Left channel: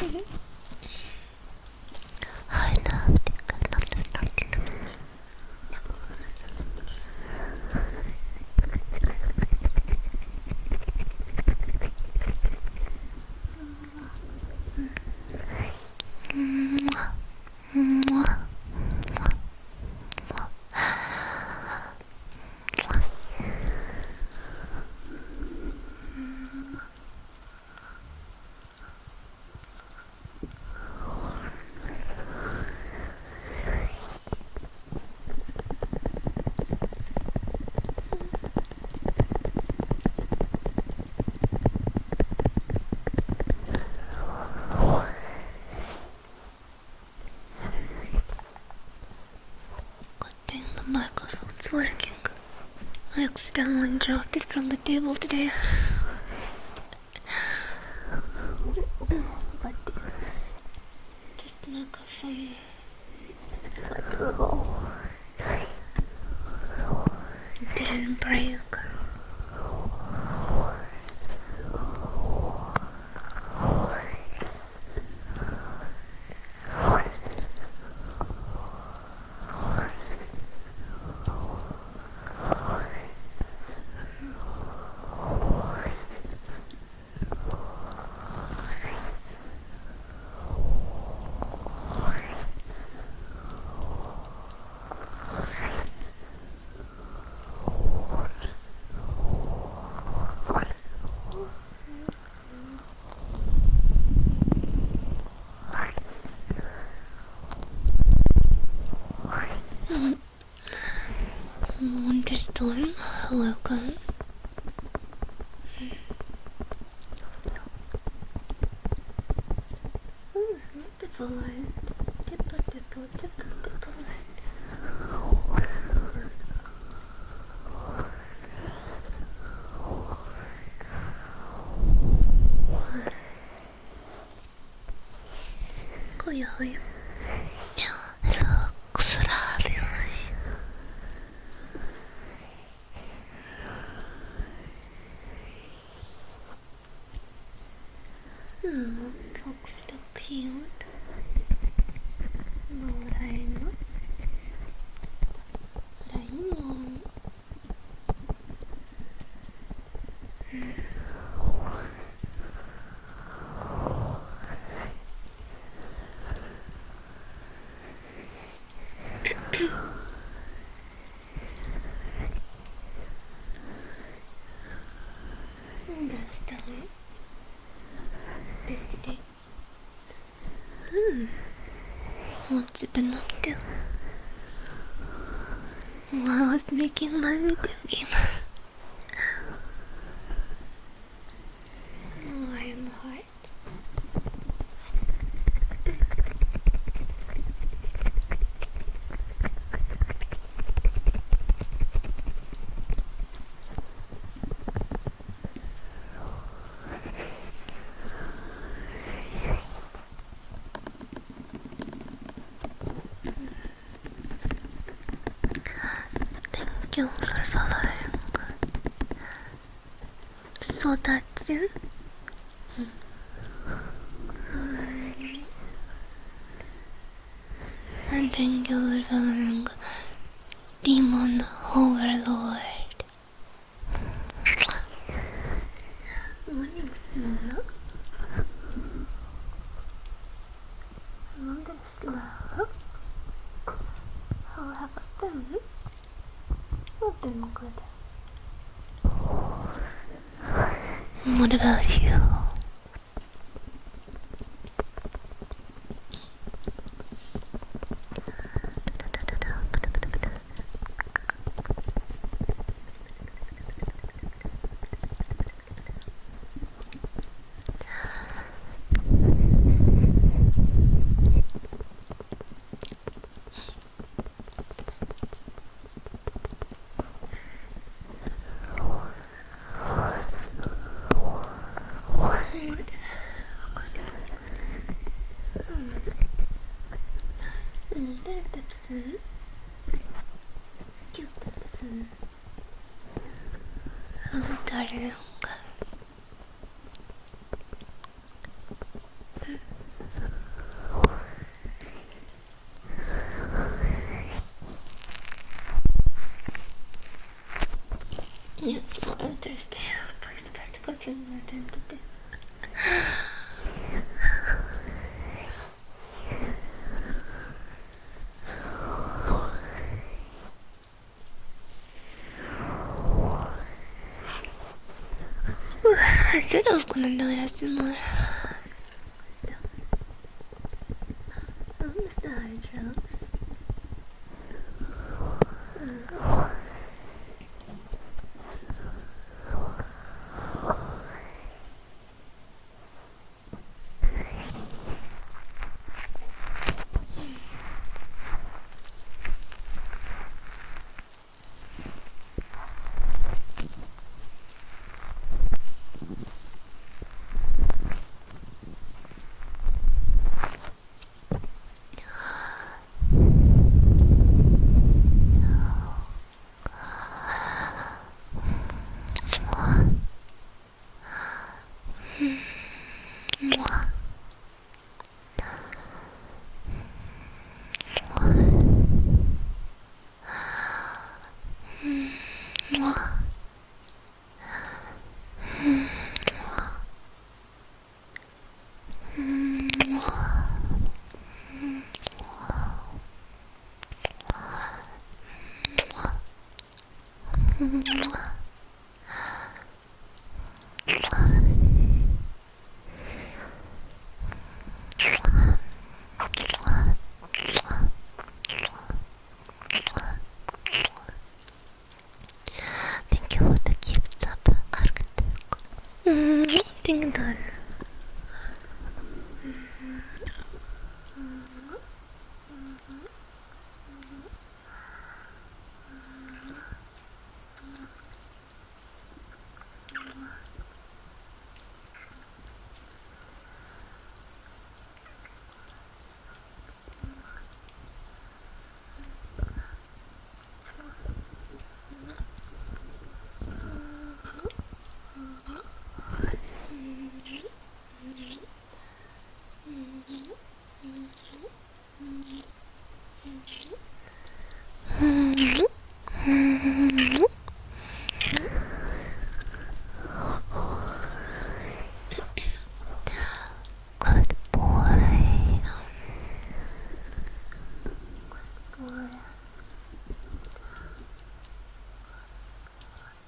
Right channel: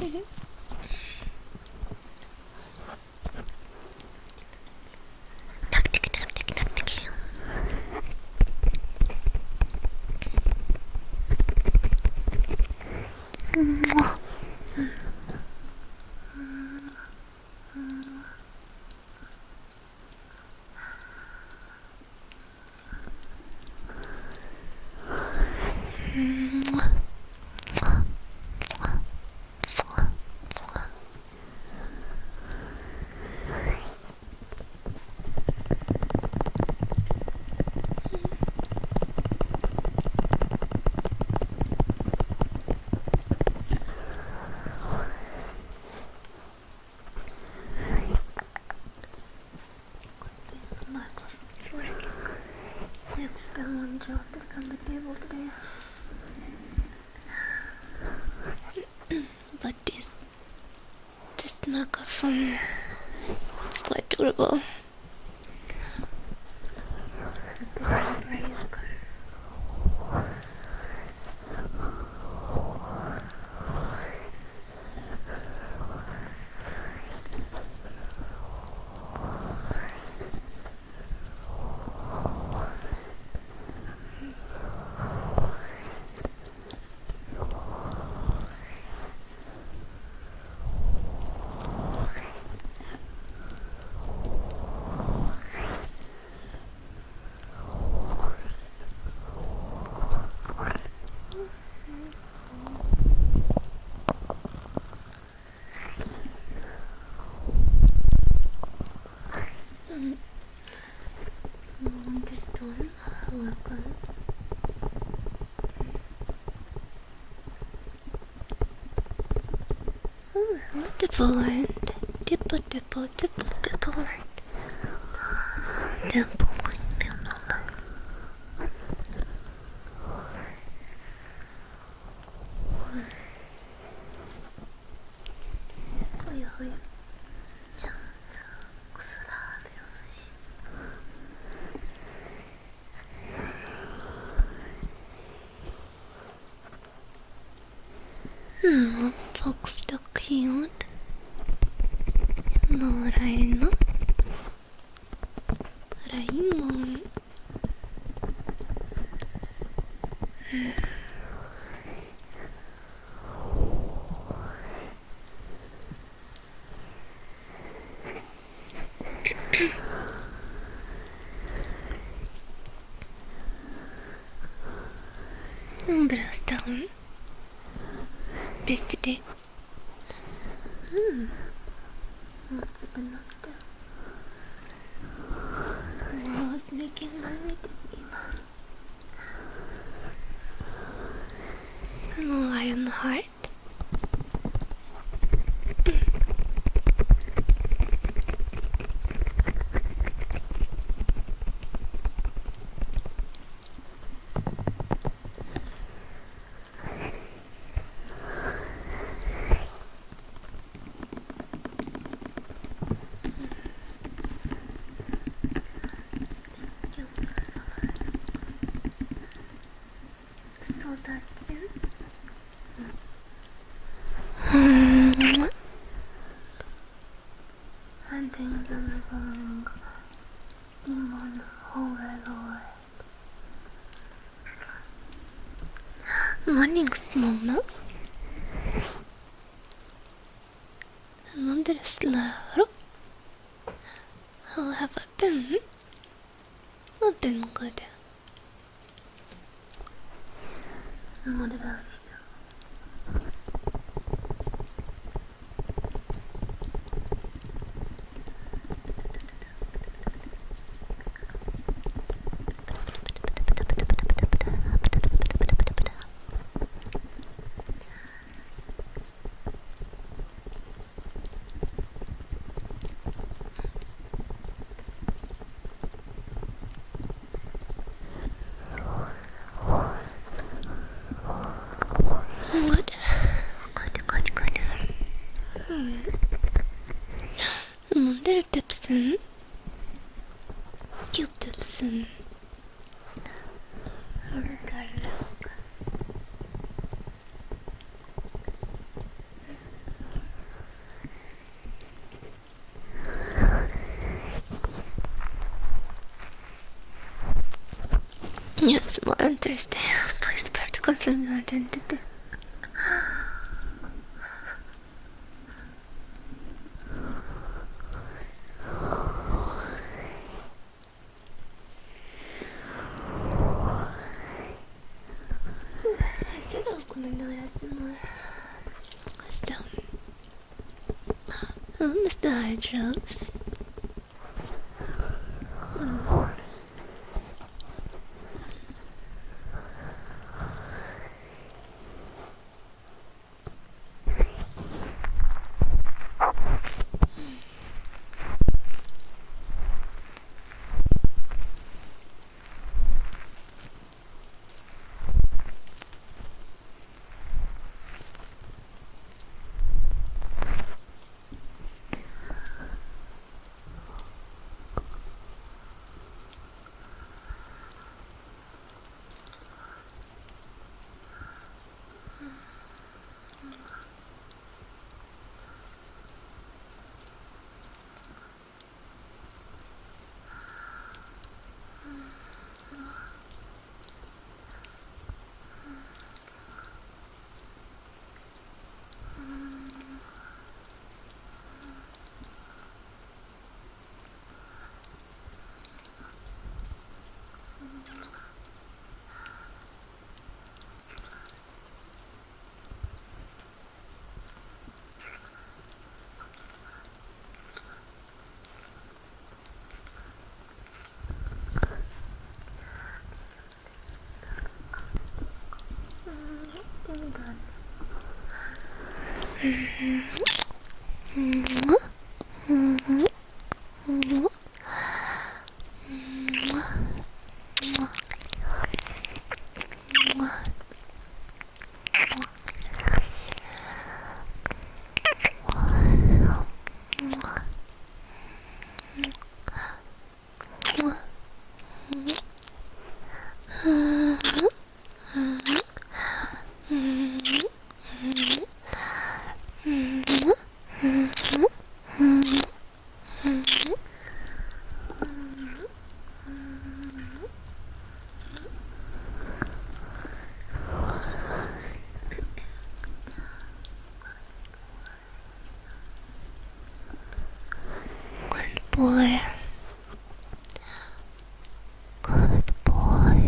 I love the microphone's working. I accidentally dropped it from the table today. But this microphone is quite durable. It didn't break. Wonderstorm, welcome. Oh, multiple line. Tipple, tipple, tipple, tipple line. Temple line, temple line. Hoya, hoya. Looks so cute. No rain. Rain. Understand? Best day. What's it been up to? I was making my video game. Lionheart. Thank you for following. So that's it. And thank you for following Demon Overlord. Morning, Snownuts. Another slow. How have I been? I've been good. What about you? Good. Mother Tipson. Cute Tipson. Ricardo. Yes, more on Thursday. Please prepare to confirm your identity. I said I was gonna do ASMR. So, Mr. Hydros. Thank you for the gift of tingle. Boy. Good boy. Good boy.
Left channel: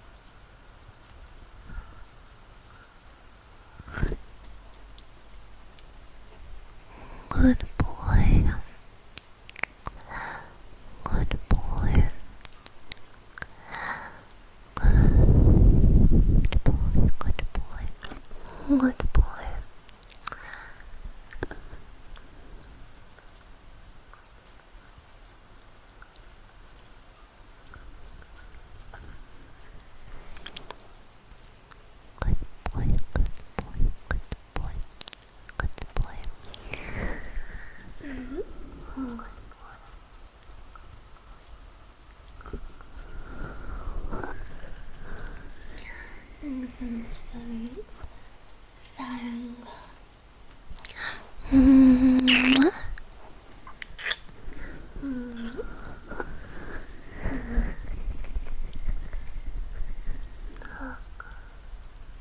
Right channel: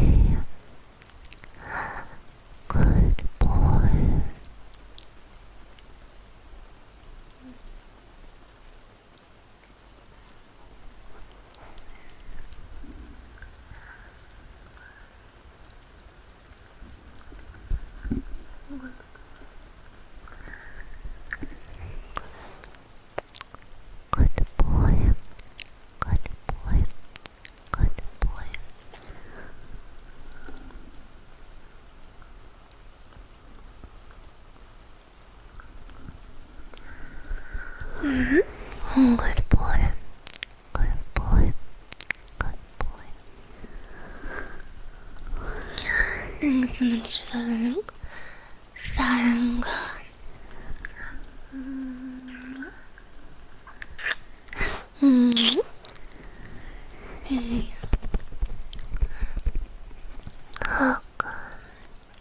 Good boy. Good boy. Good boy. Good boy. Good boy. Good boy. Good boy. Good boy. Good boy. Good boy. Good boy. Good boy. Good boy. Thanks so much for 사랑과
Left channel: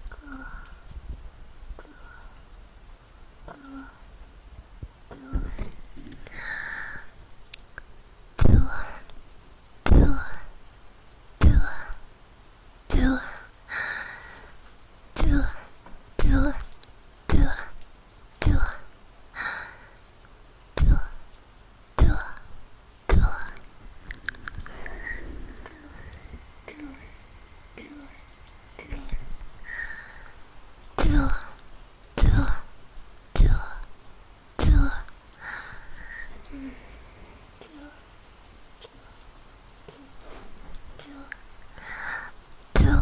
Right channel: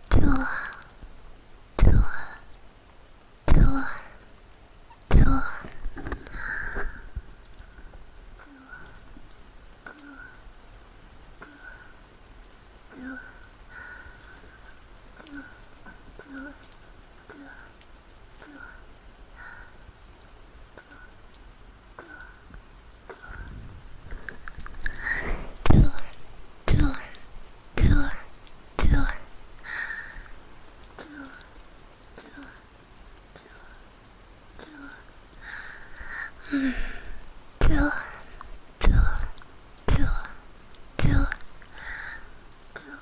좋아 좋아 좋아 좋아 좋아 좋아 좋아 좋아 좋아 좋아 좋아 좋아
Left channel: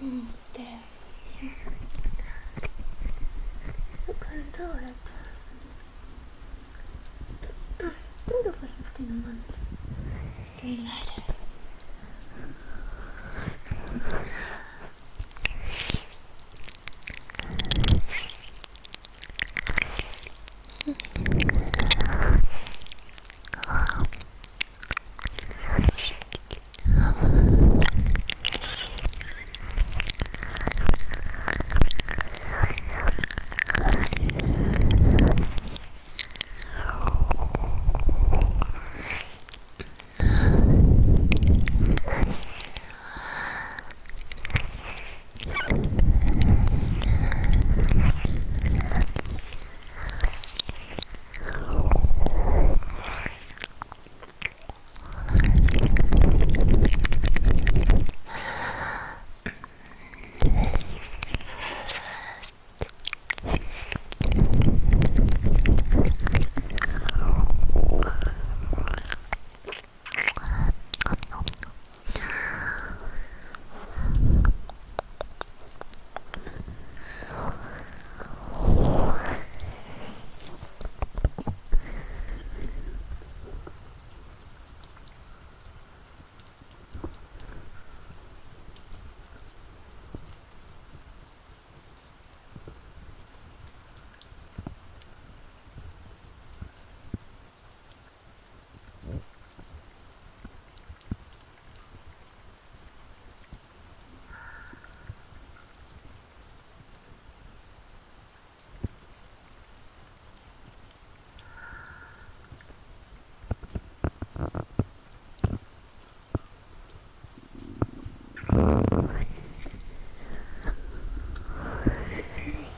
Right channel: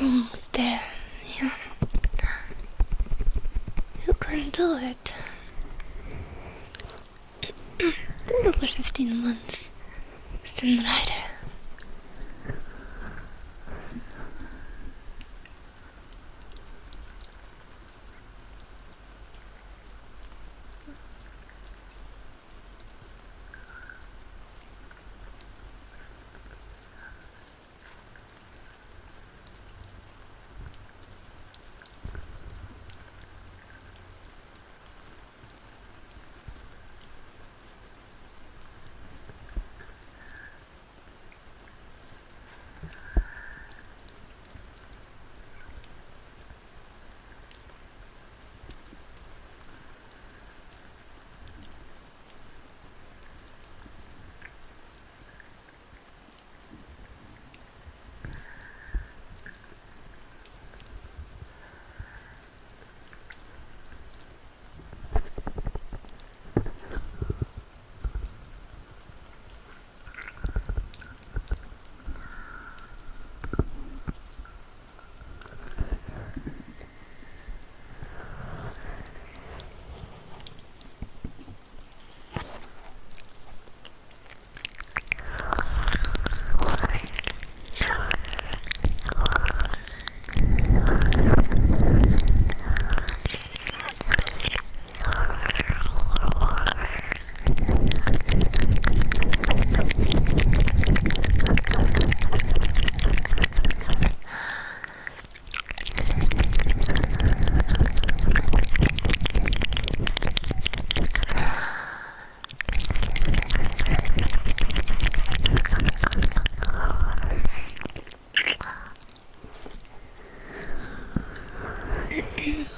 Almost there. Yeah. You can do it. Think over 15 months. Stand right.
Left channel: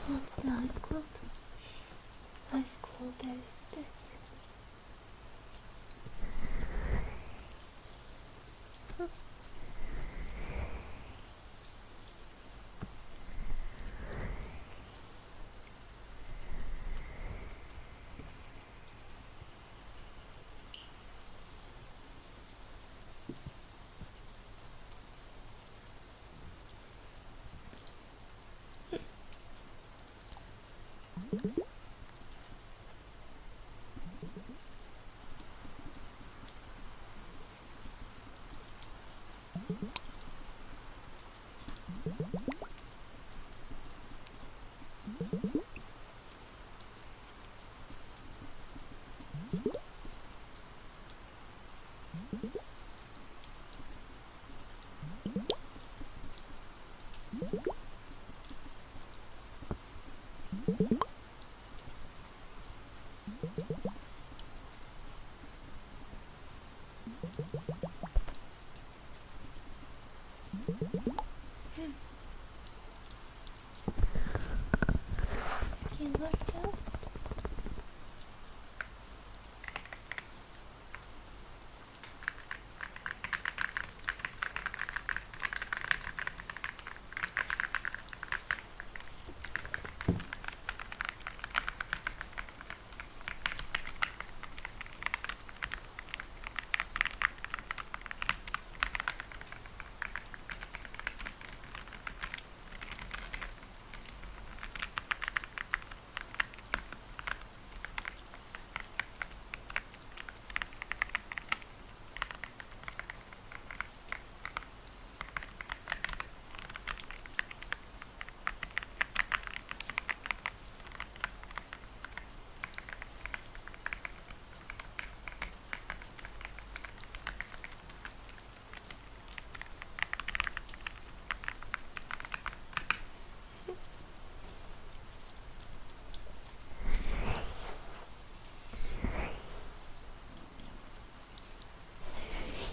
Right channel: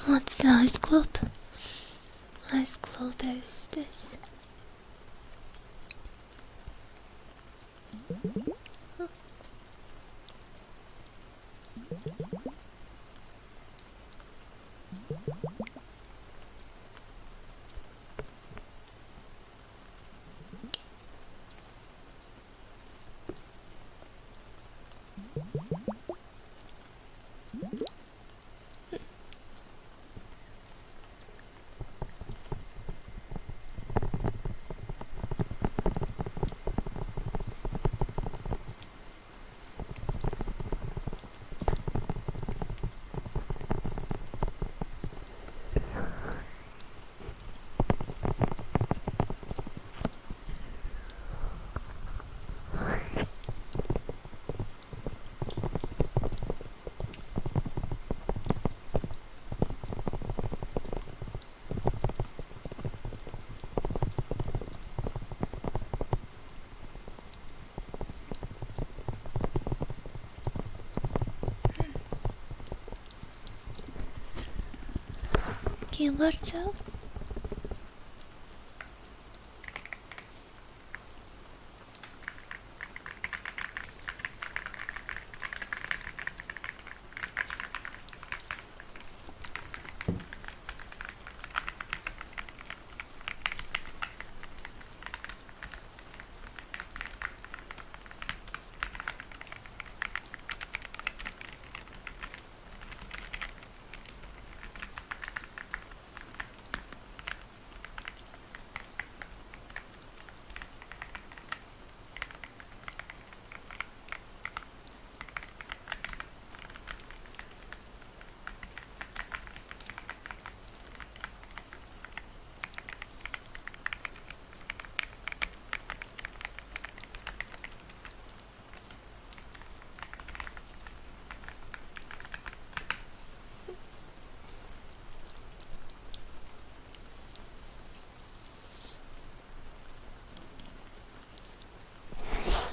What's the ice globe? Ice globe is this. Gilberto?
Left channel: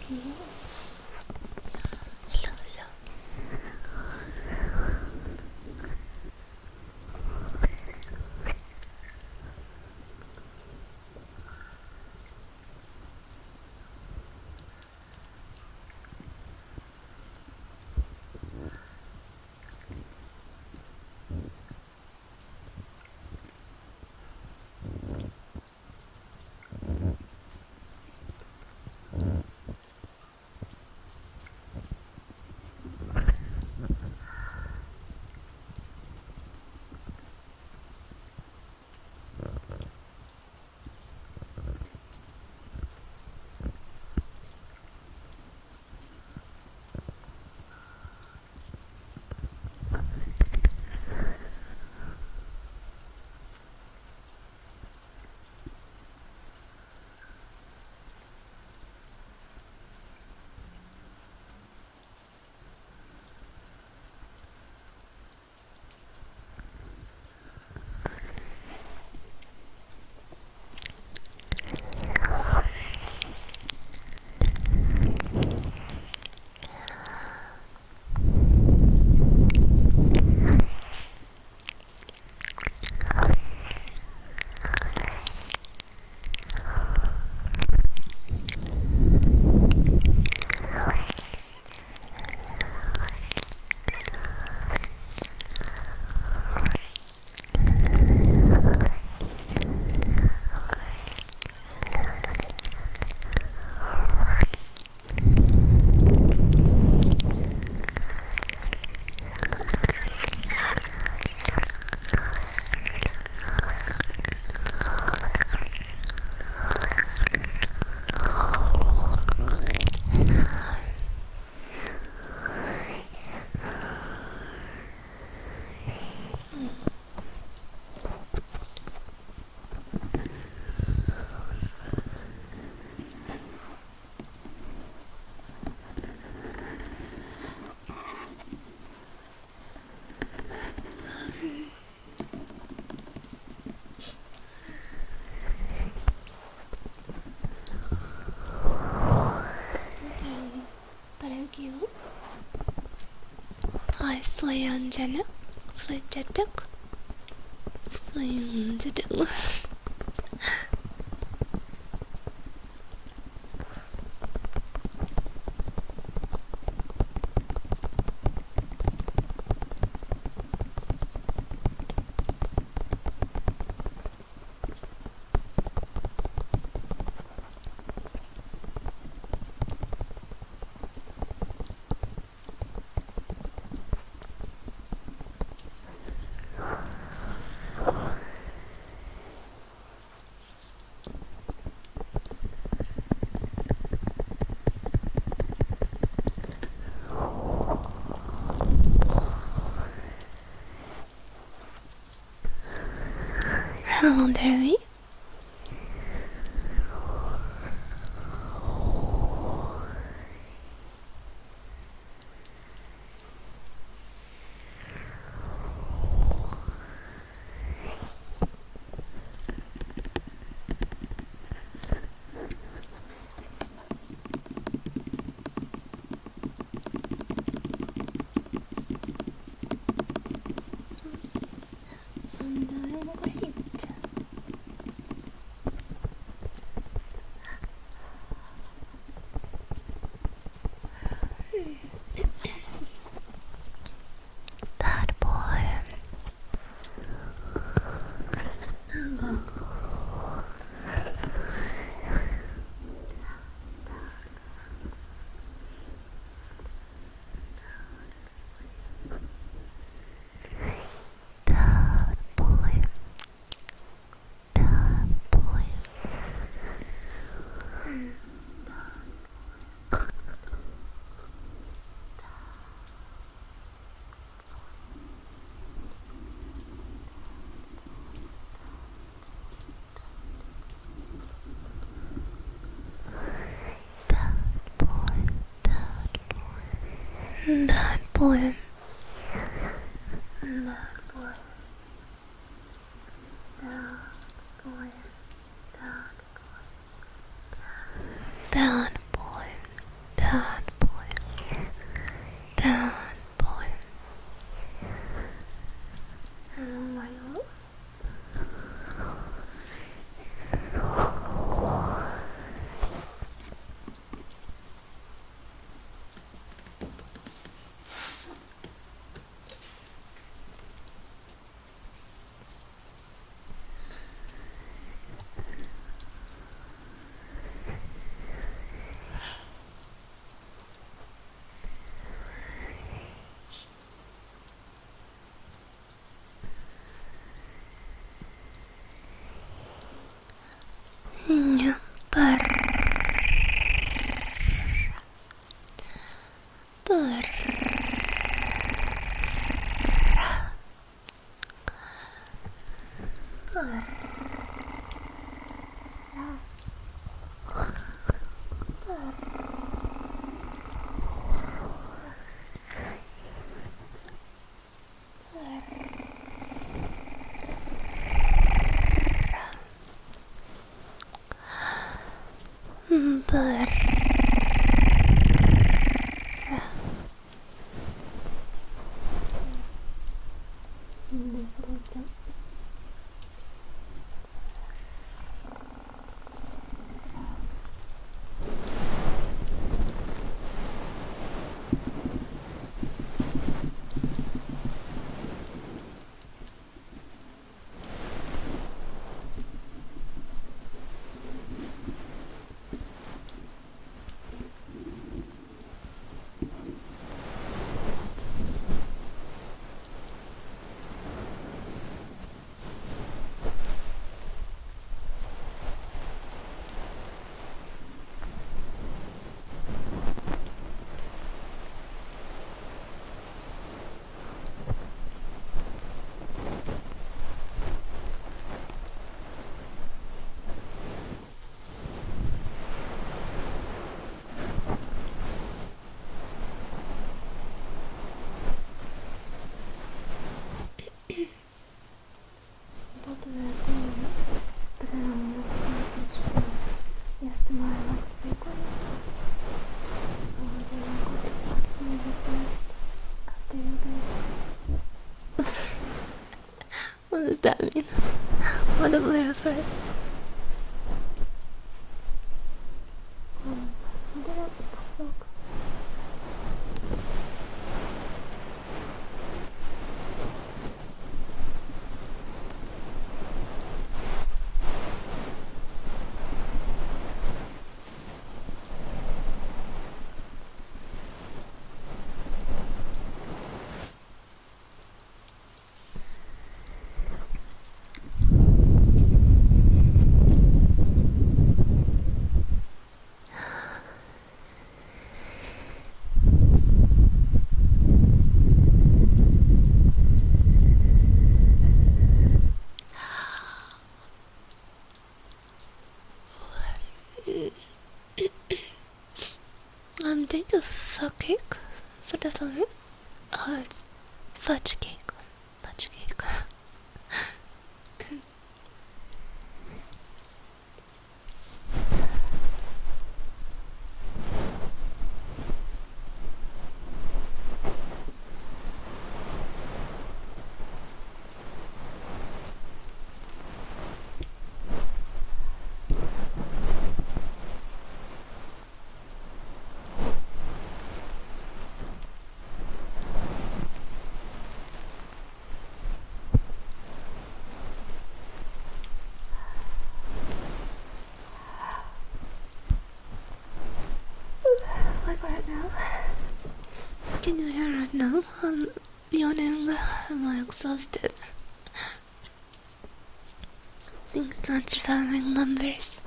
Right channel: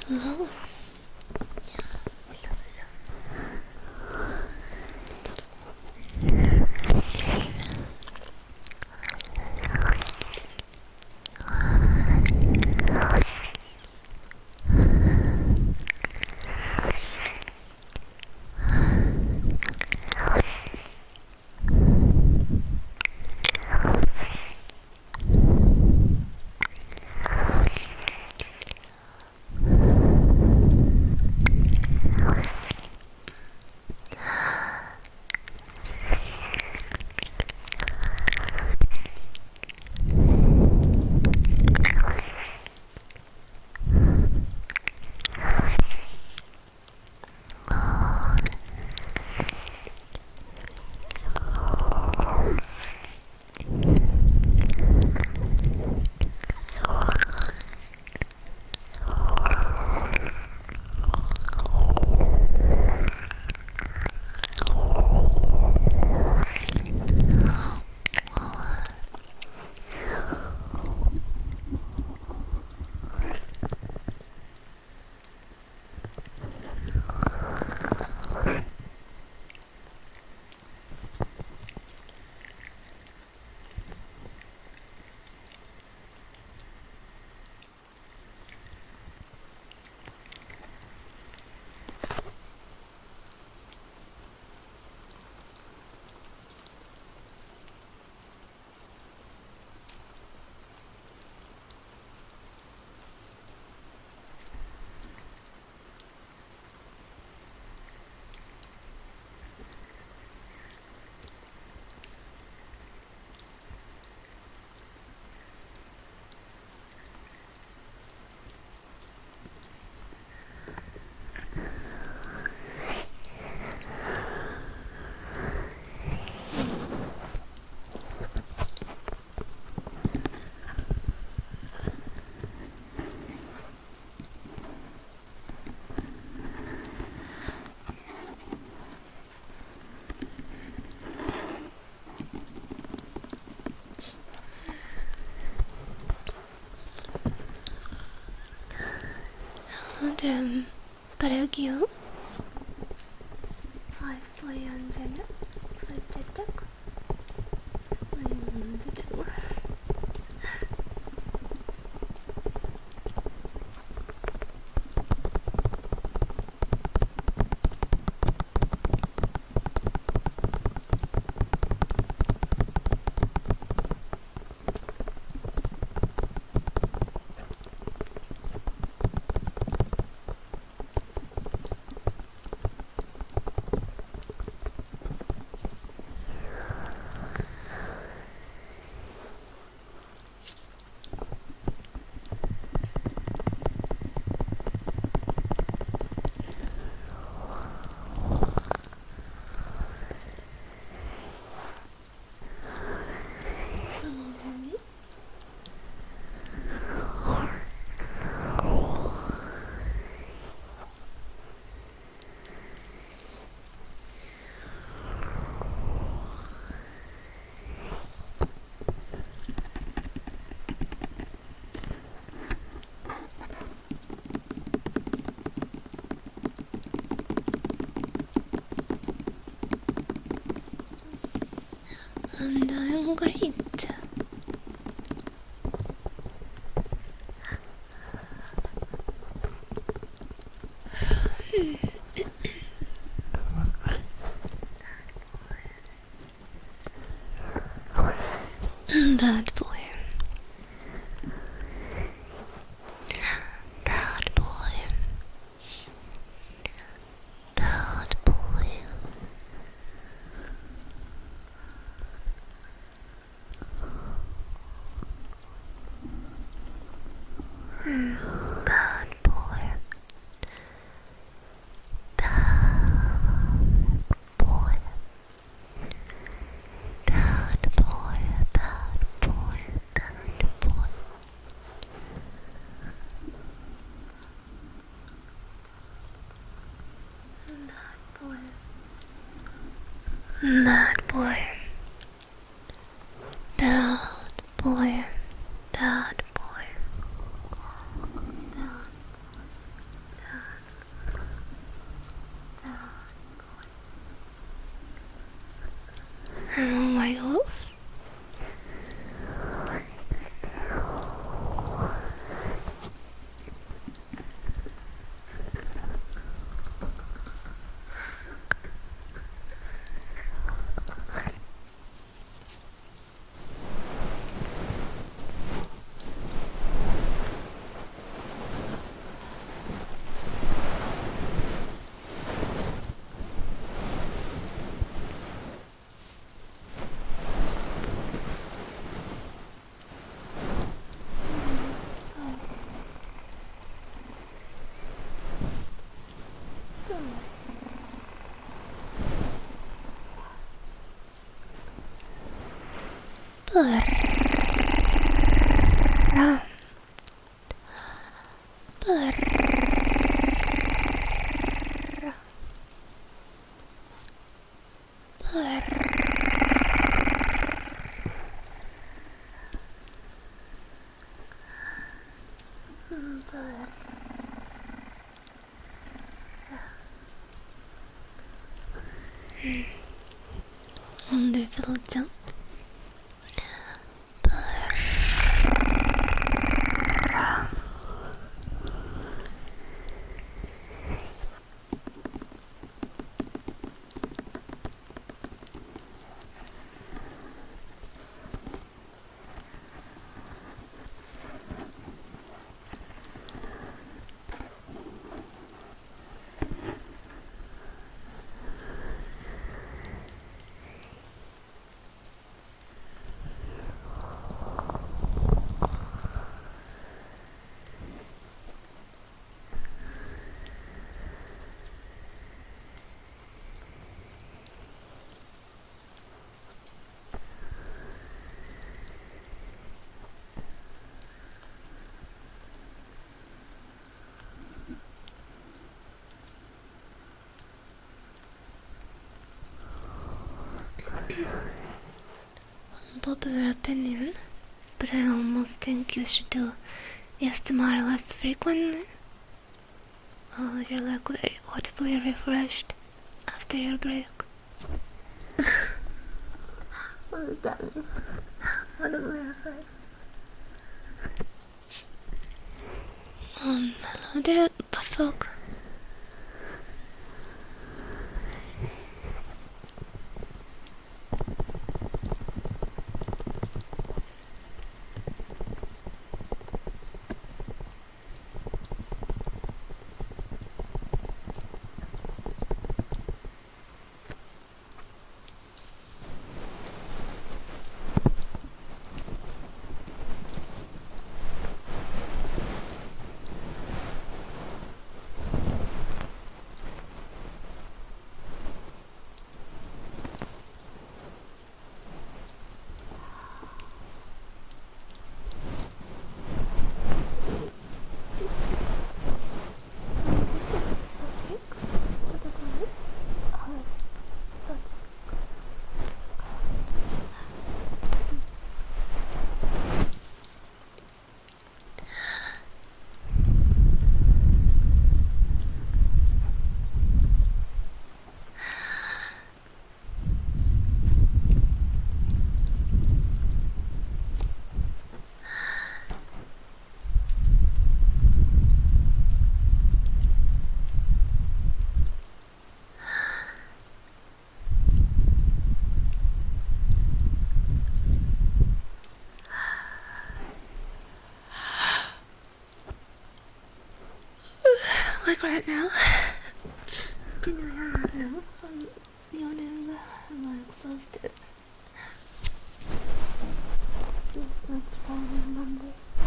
Hello? Hello, hello. 오늘은 바르기요? 아이스에 앉아는 살짝 슬링 Hello there, me. I'm doing great. Bad boy. Bad boy. Bad boy. Bad boy. Bad boy. Bad boy. Bad boy. Bad boy. Bad boy. Bad boy. Bad boy. Bad boy. Bad boy. Bad boy. Oh my god. 오늘 표정 unpopular opinion, but I almost think you should do ASMR less frequently. You're like very audibly refreshed after your break. What does that mean? What a blur for it. Hello there, buttfolk. Think of fudge cake for the phone. Oh, it's fudge cake. Fudge cake. Like right now, can you hear right now? I'm yawning, I'm exhausted. Things not surviving numbers.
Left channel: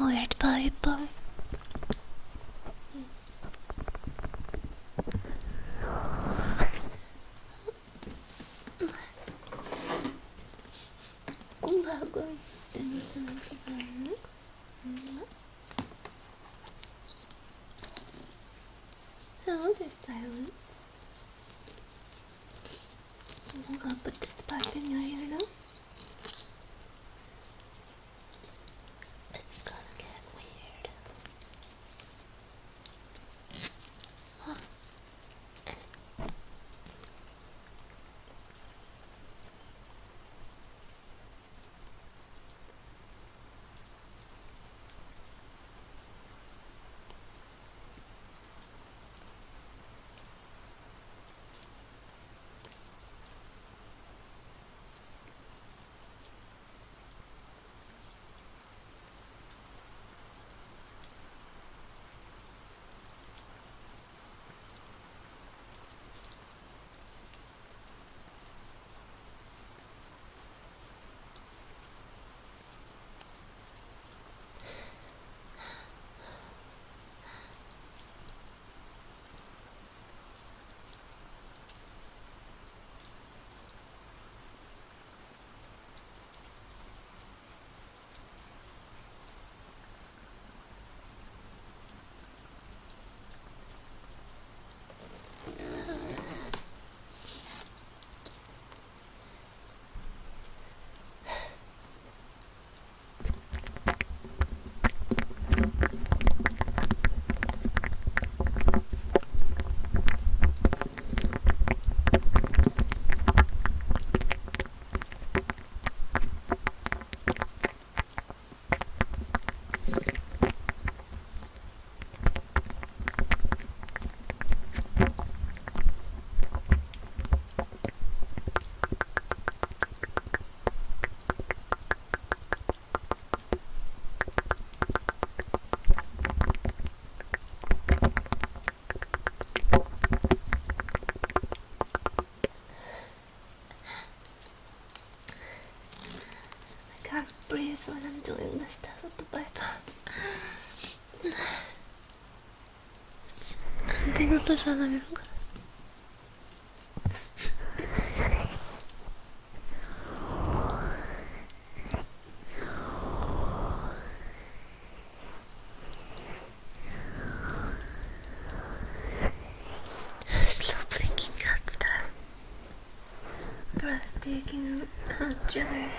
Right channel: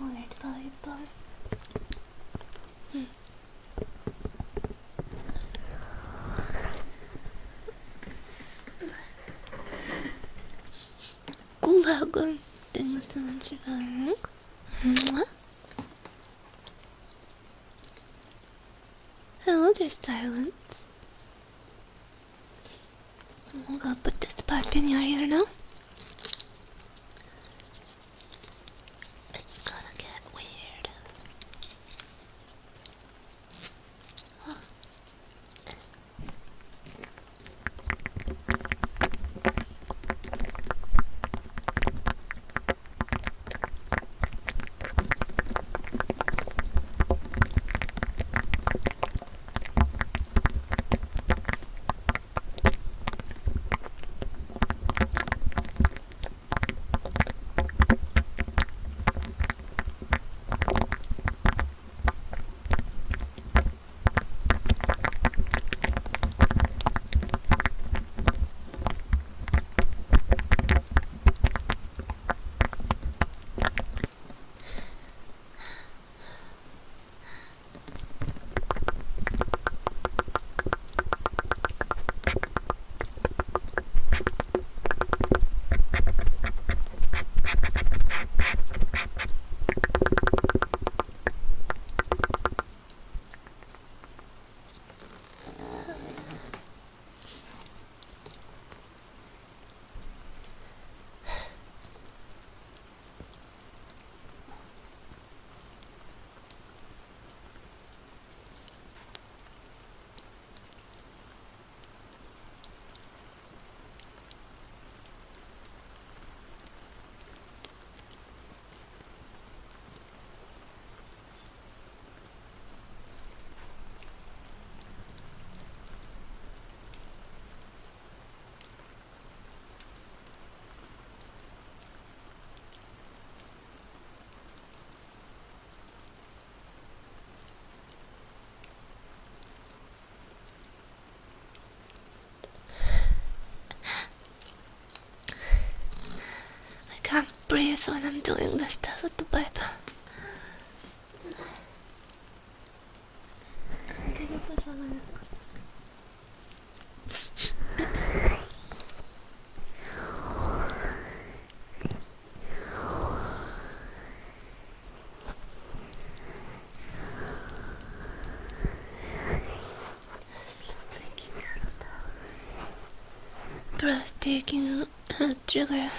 Weird Bible. Gulagon. Then someone surviving. Hello, there's silence. I'm gonna put this pipe in your ear now. It's gonna get weird. I can't breathe when I'm doing this stuff with the Bible. super following. Slow blinking cat style. Breathtaking thriller.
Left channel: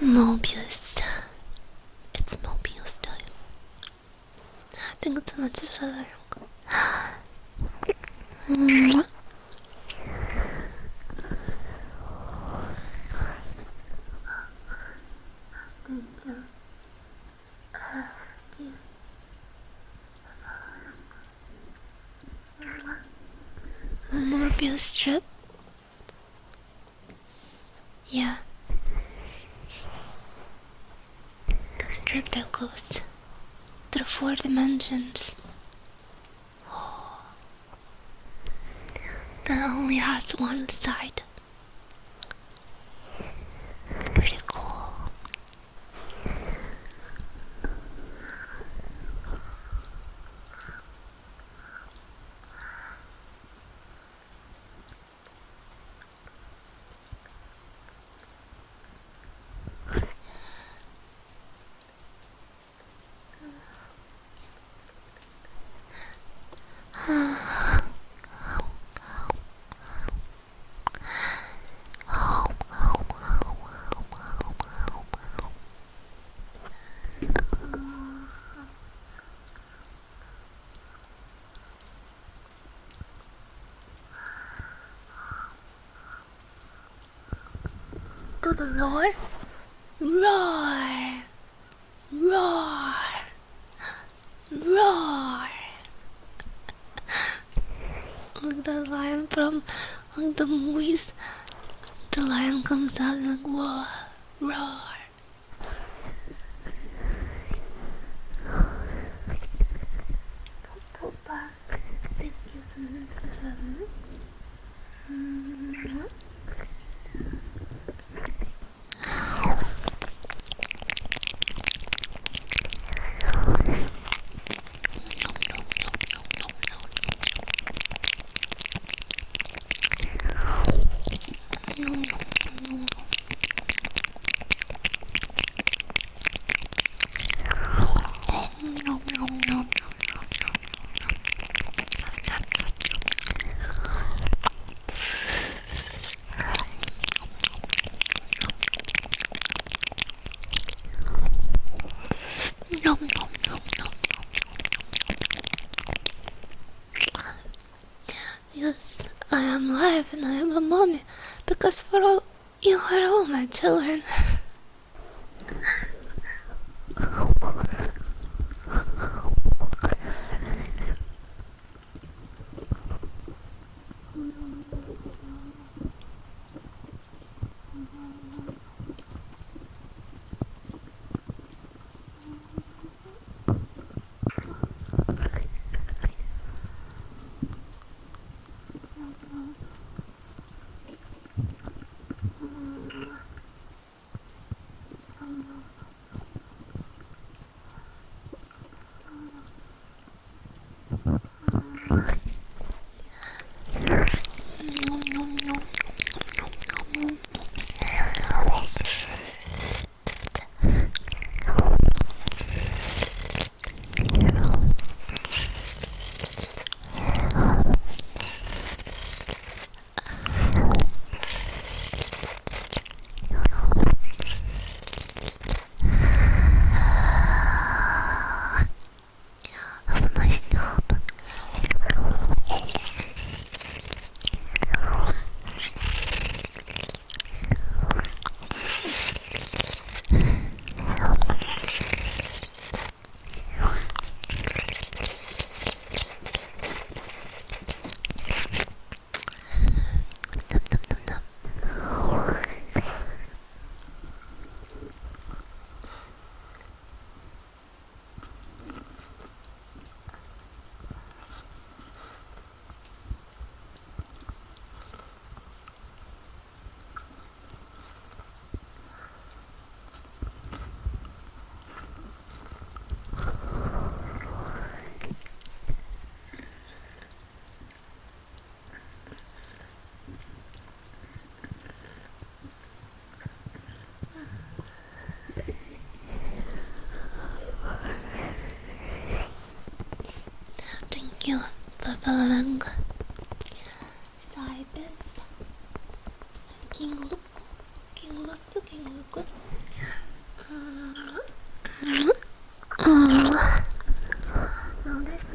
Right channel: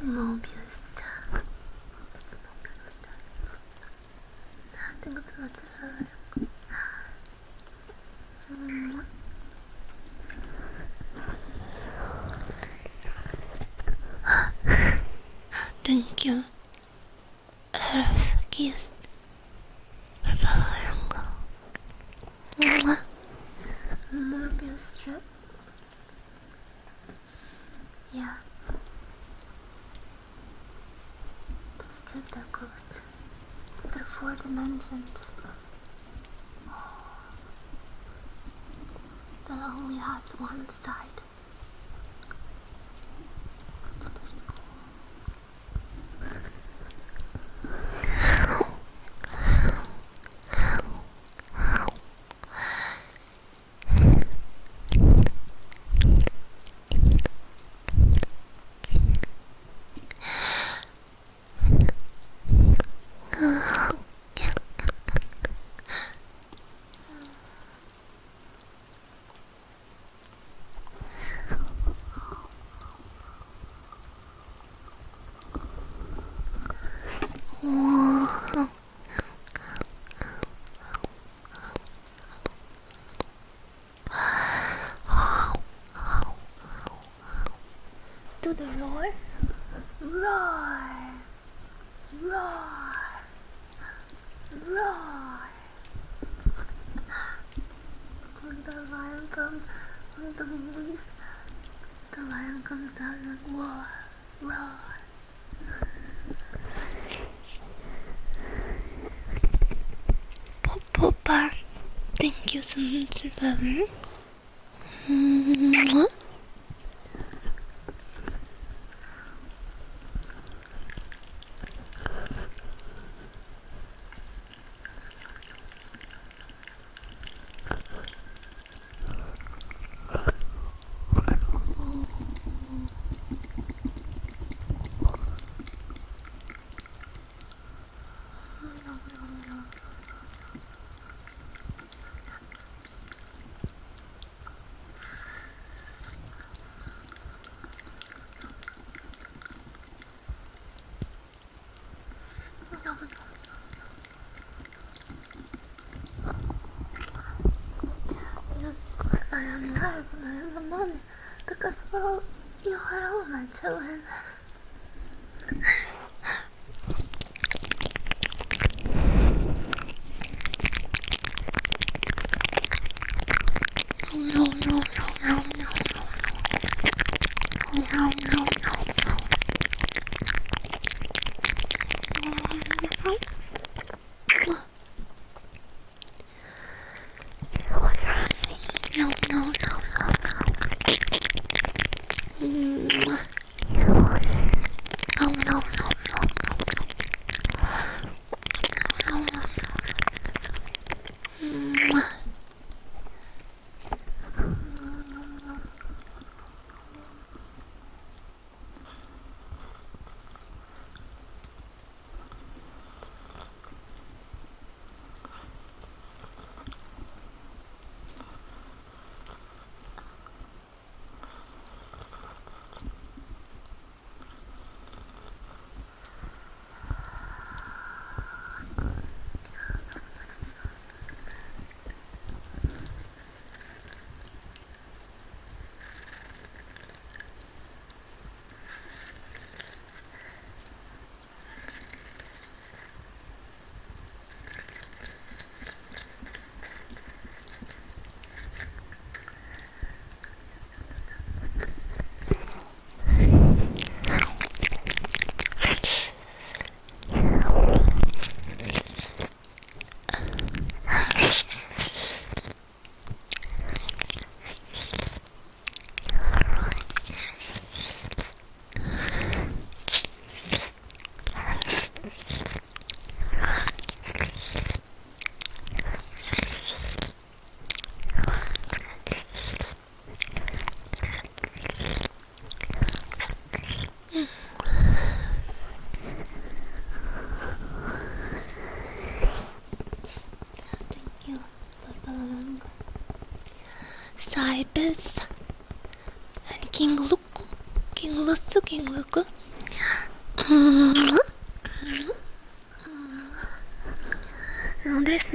Mobius. It's Mobius time. Thank you so much for following. Thank you, Kiss, for following. Mobius strip. Yeah. The strip that goes through 4 dimensions. That only has one side. It's pretty cool. To the roar, roar, roar, roar. Like the lion from the movies. The lion comes out like roar, roar. Papa, thank you so much for following. Yes, I am live and I am a mommy because for all you are all my children.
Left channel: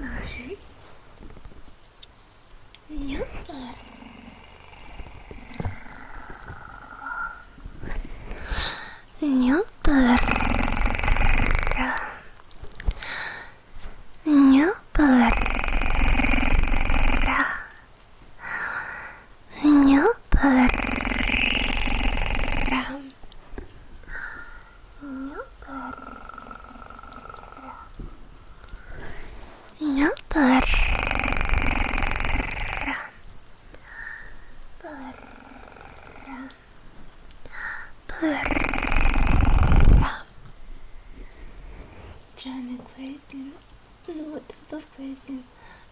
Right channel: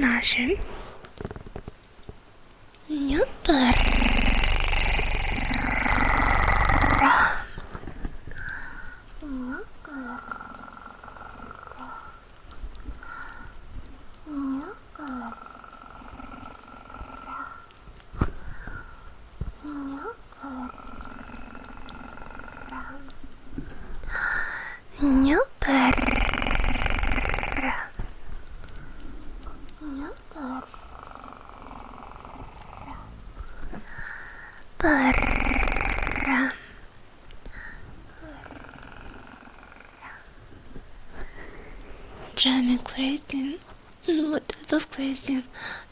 smasher. Nyupper. Nyupper. Nyupper. Nyupper. Nyupper. Nyupper. Drive me crazy. What type of crazy?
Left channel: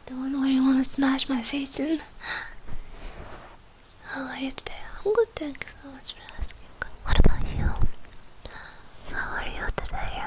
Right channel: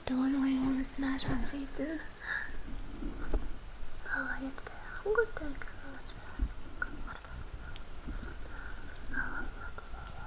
The one where you wanna smash my face in? How are you today? I'm good, thank you so much for asking. What about you? How are you today?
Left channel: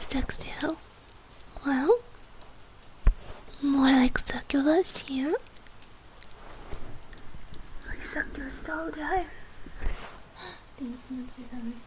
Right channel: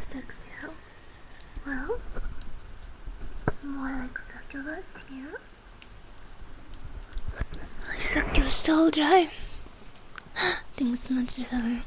Sexy, huh? Well, more like succubus here. I suck your soul dry. Thanks so much for having.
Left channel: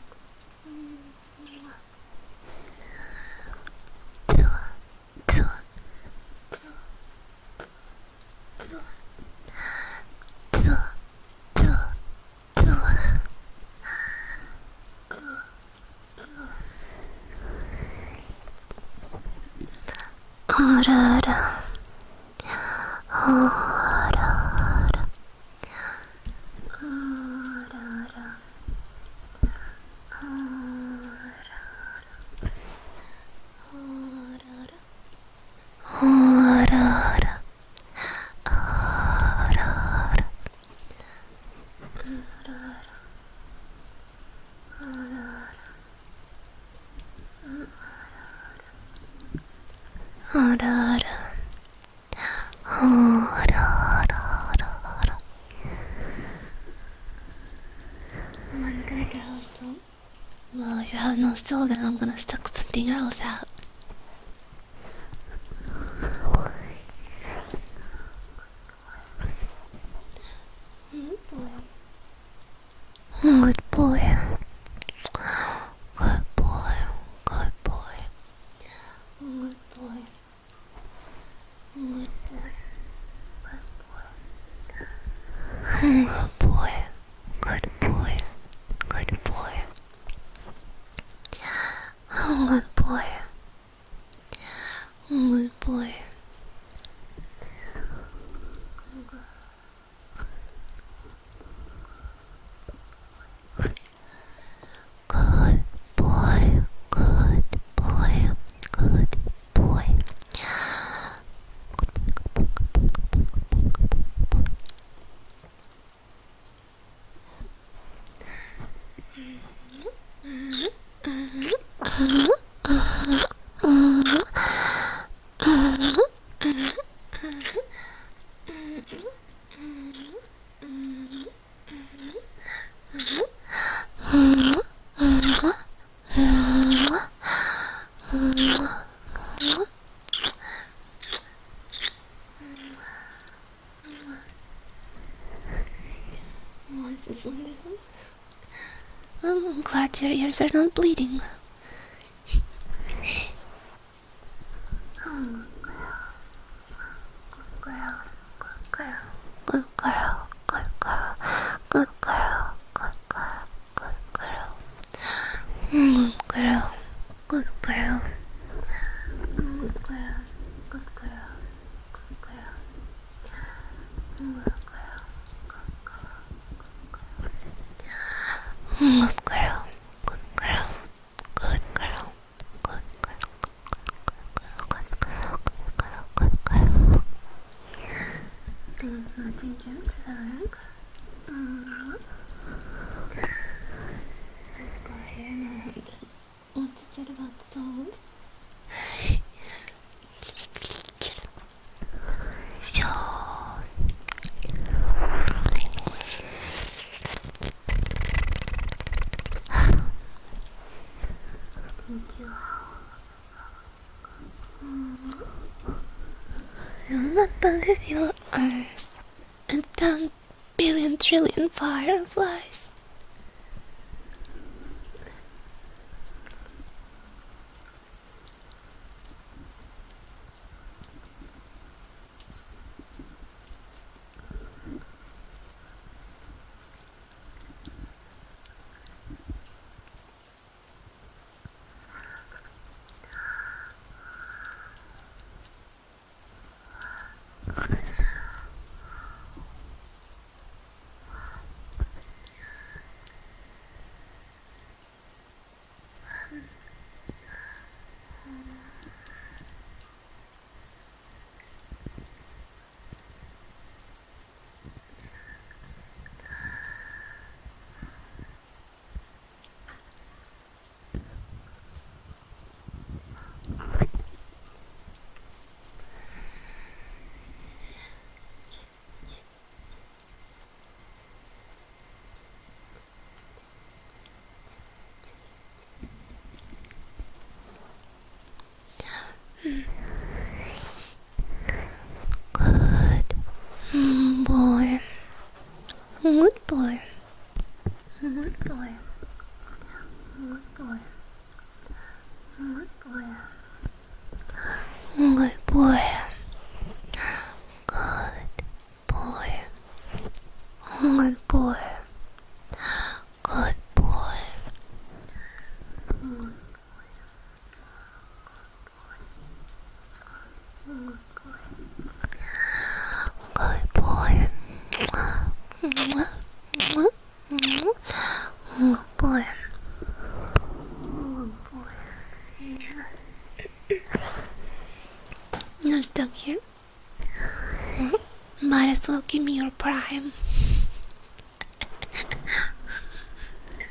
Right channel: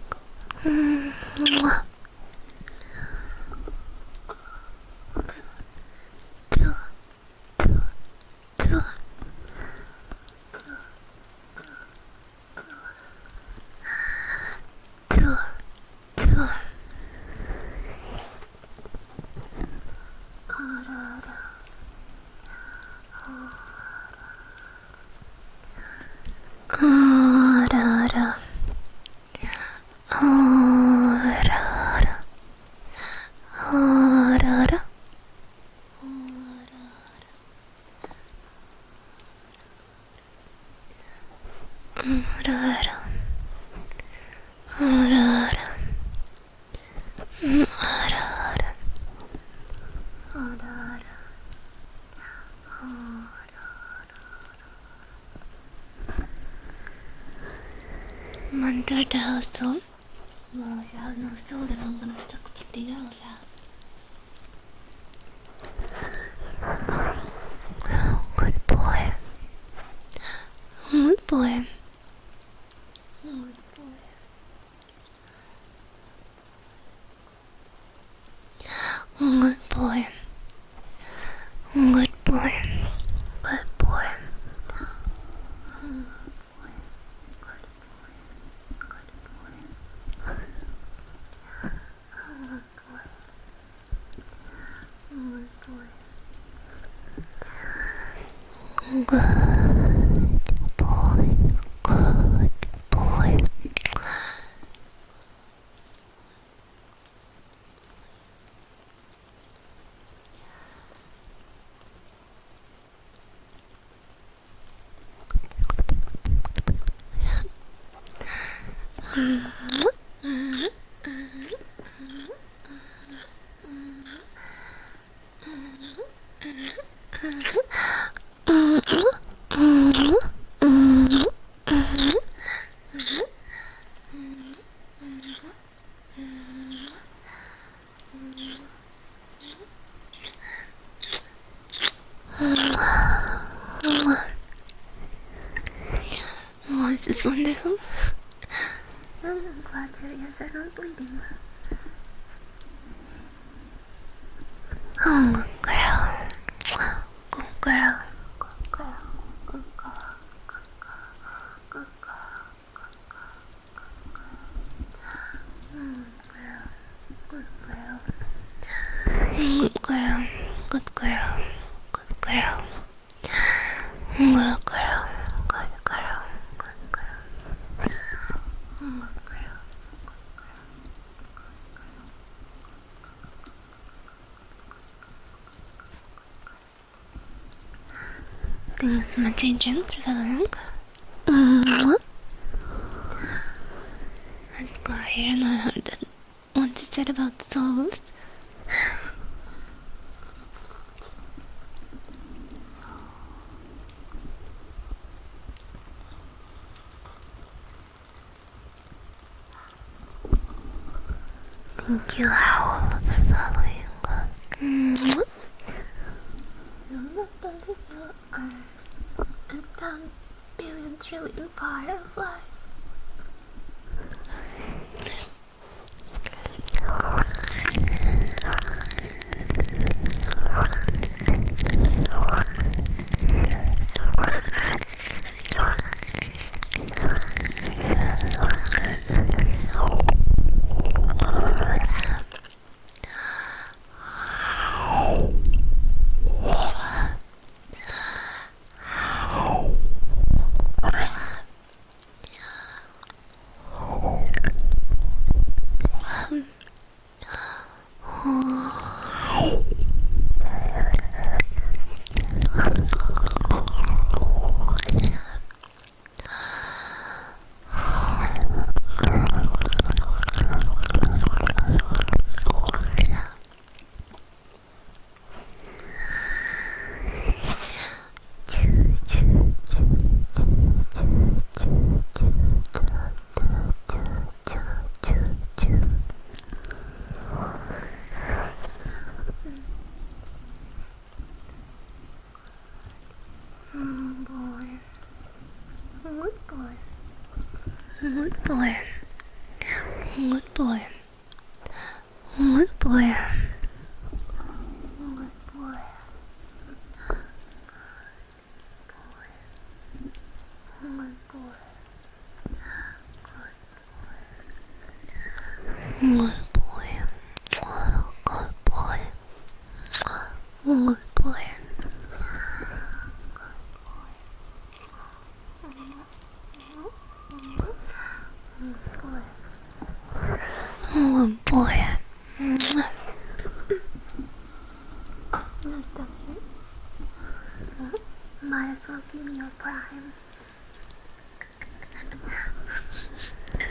One-third the house soul? Well, if you have no soul, then I'm gonna suck something else out. Good boy. Good boy. Good boy. Good boy. Good boy. Good boy. Good boy. Good boy. Good boy. Good boy. Good boy. Good boy. Good boy. Good boy. Good boy. Good boy. Good boy. Good boy. glad your ears are not bleeding. Oh, girl. Good girl. Good girl. Good girl. Good girl. Good girl. Good girl. Good girl. Good girl. Good girl. Good girl. Good girl. Good girl. Good girl. Good girl. Good girl. Good girl. Good girl. Good girl. Good girl. Things my children prevalent. Let's go here and I heard that what you said about souls. So thank you, Owl, for following. You'll not believe your eyes. And 10 billion trillion fireflies. Good boy. Good boy. Good boy. Good boy. Good boy. Good boy. Good boy. Good boy. Good boy. Good boy. Good boy. Good boy. Good boy. Good boy. You're stuck here? Might as well give me your prime.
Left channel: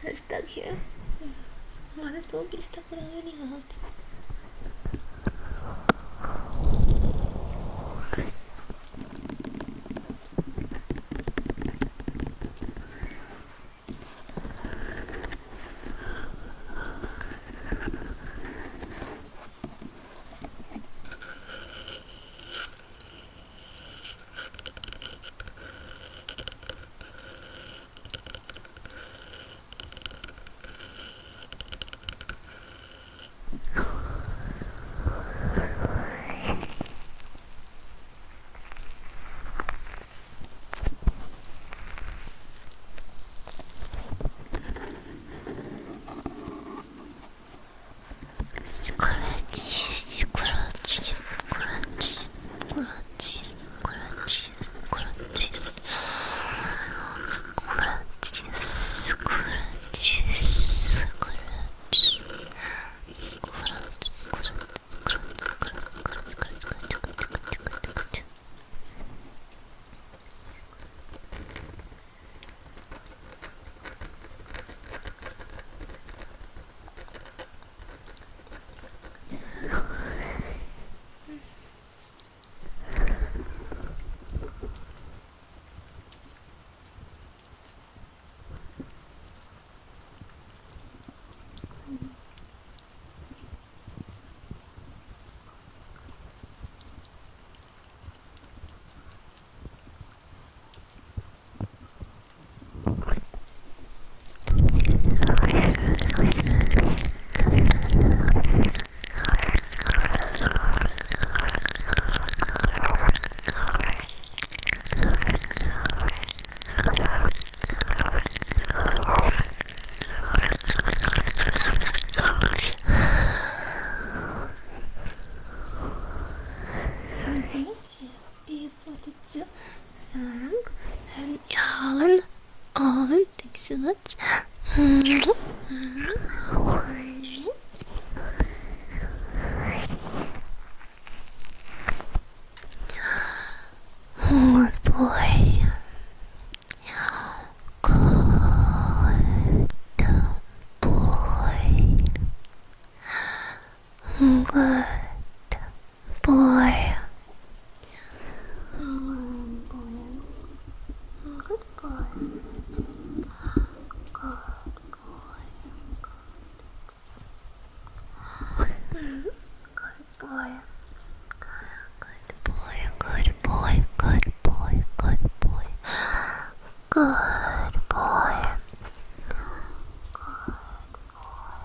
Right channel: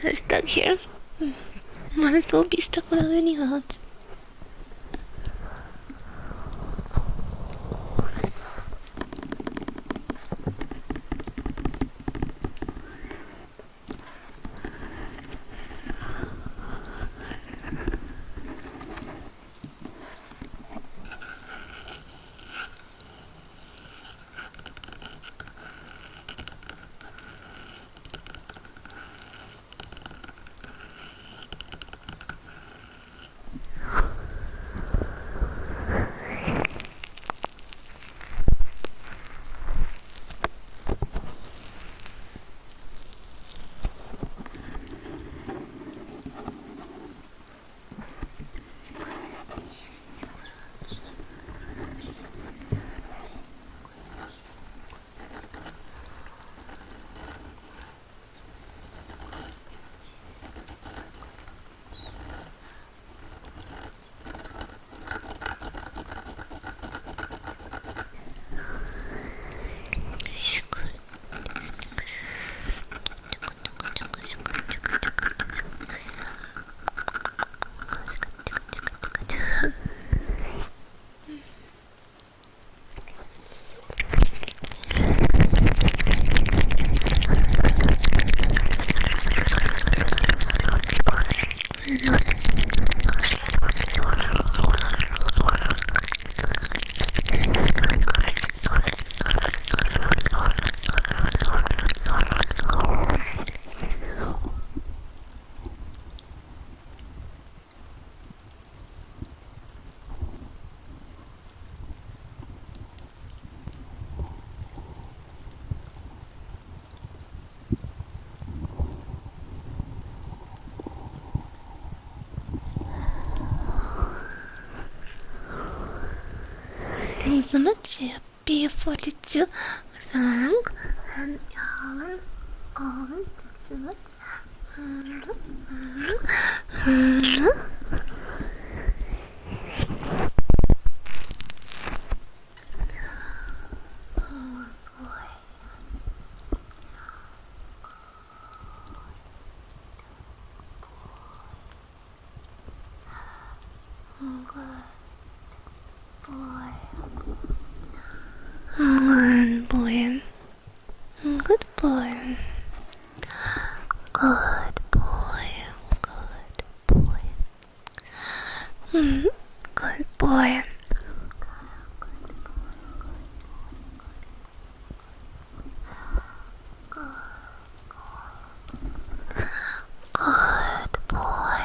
You're stuck here? Might as well be stuck without any odds. B42 and Alan, thank you so much. Oh boy. Good boy. Good boy. Good boy. Good boy. Good boy. Good boy. Good boy. Good boy. Good boy. Good boy. Good boy. Good boy. Good boy.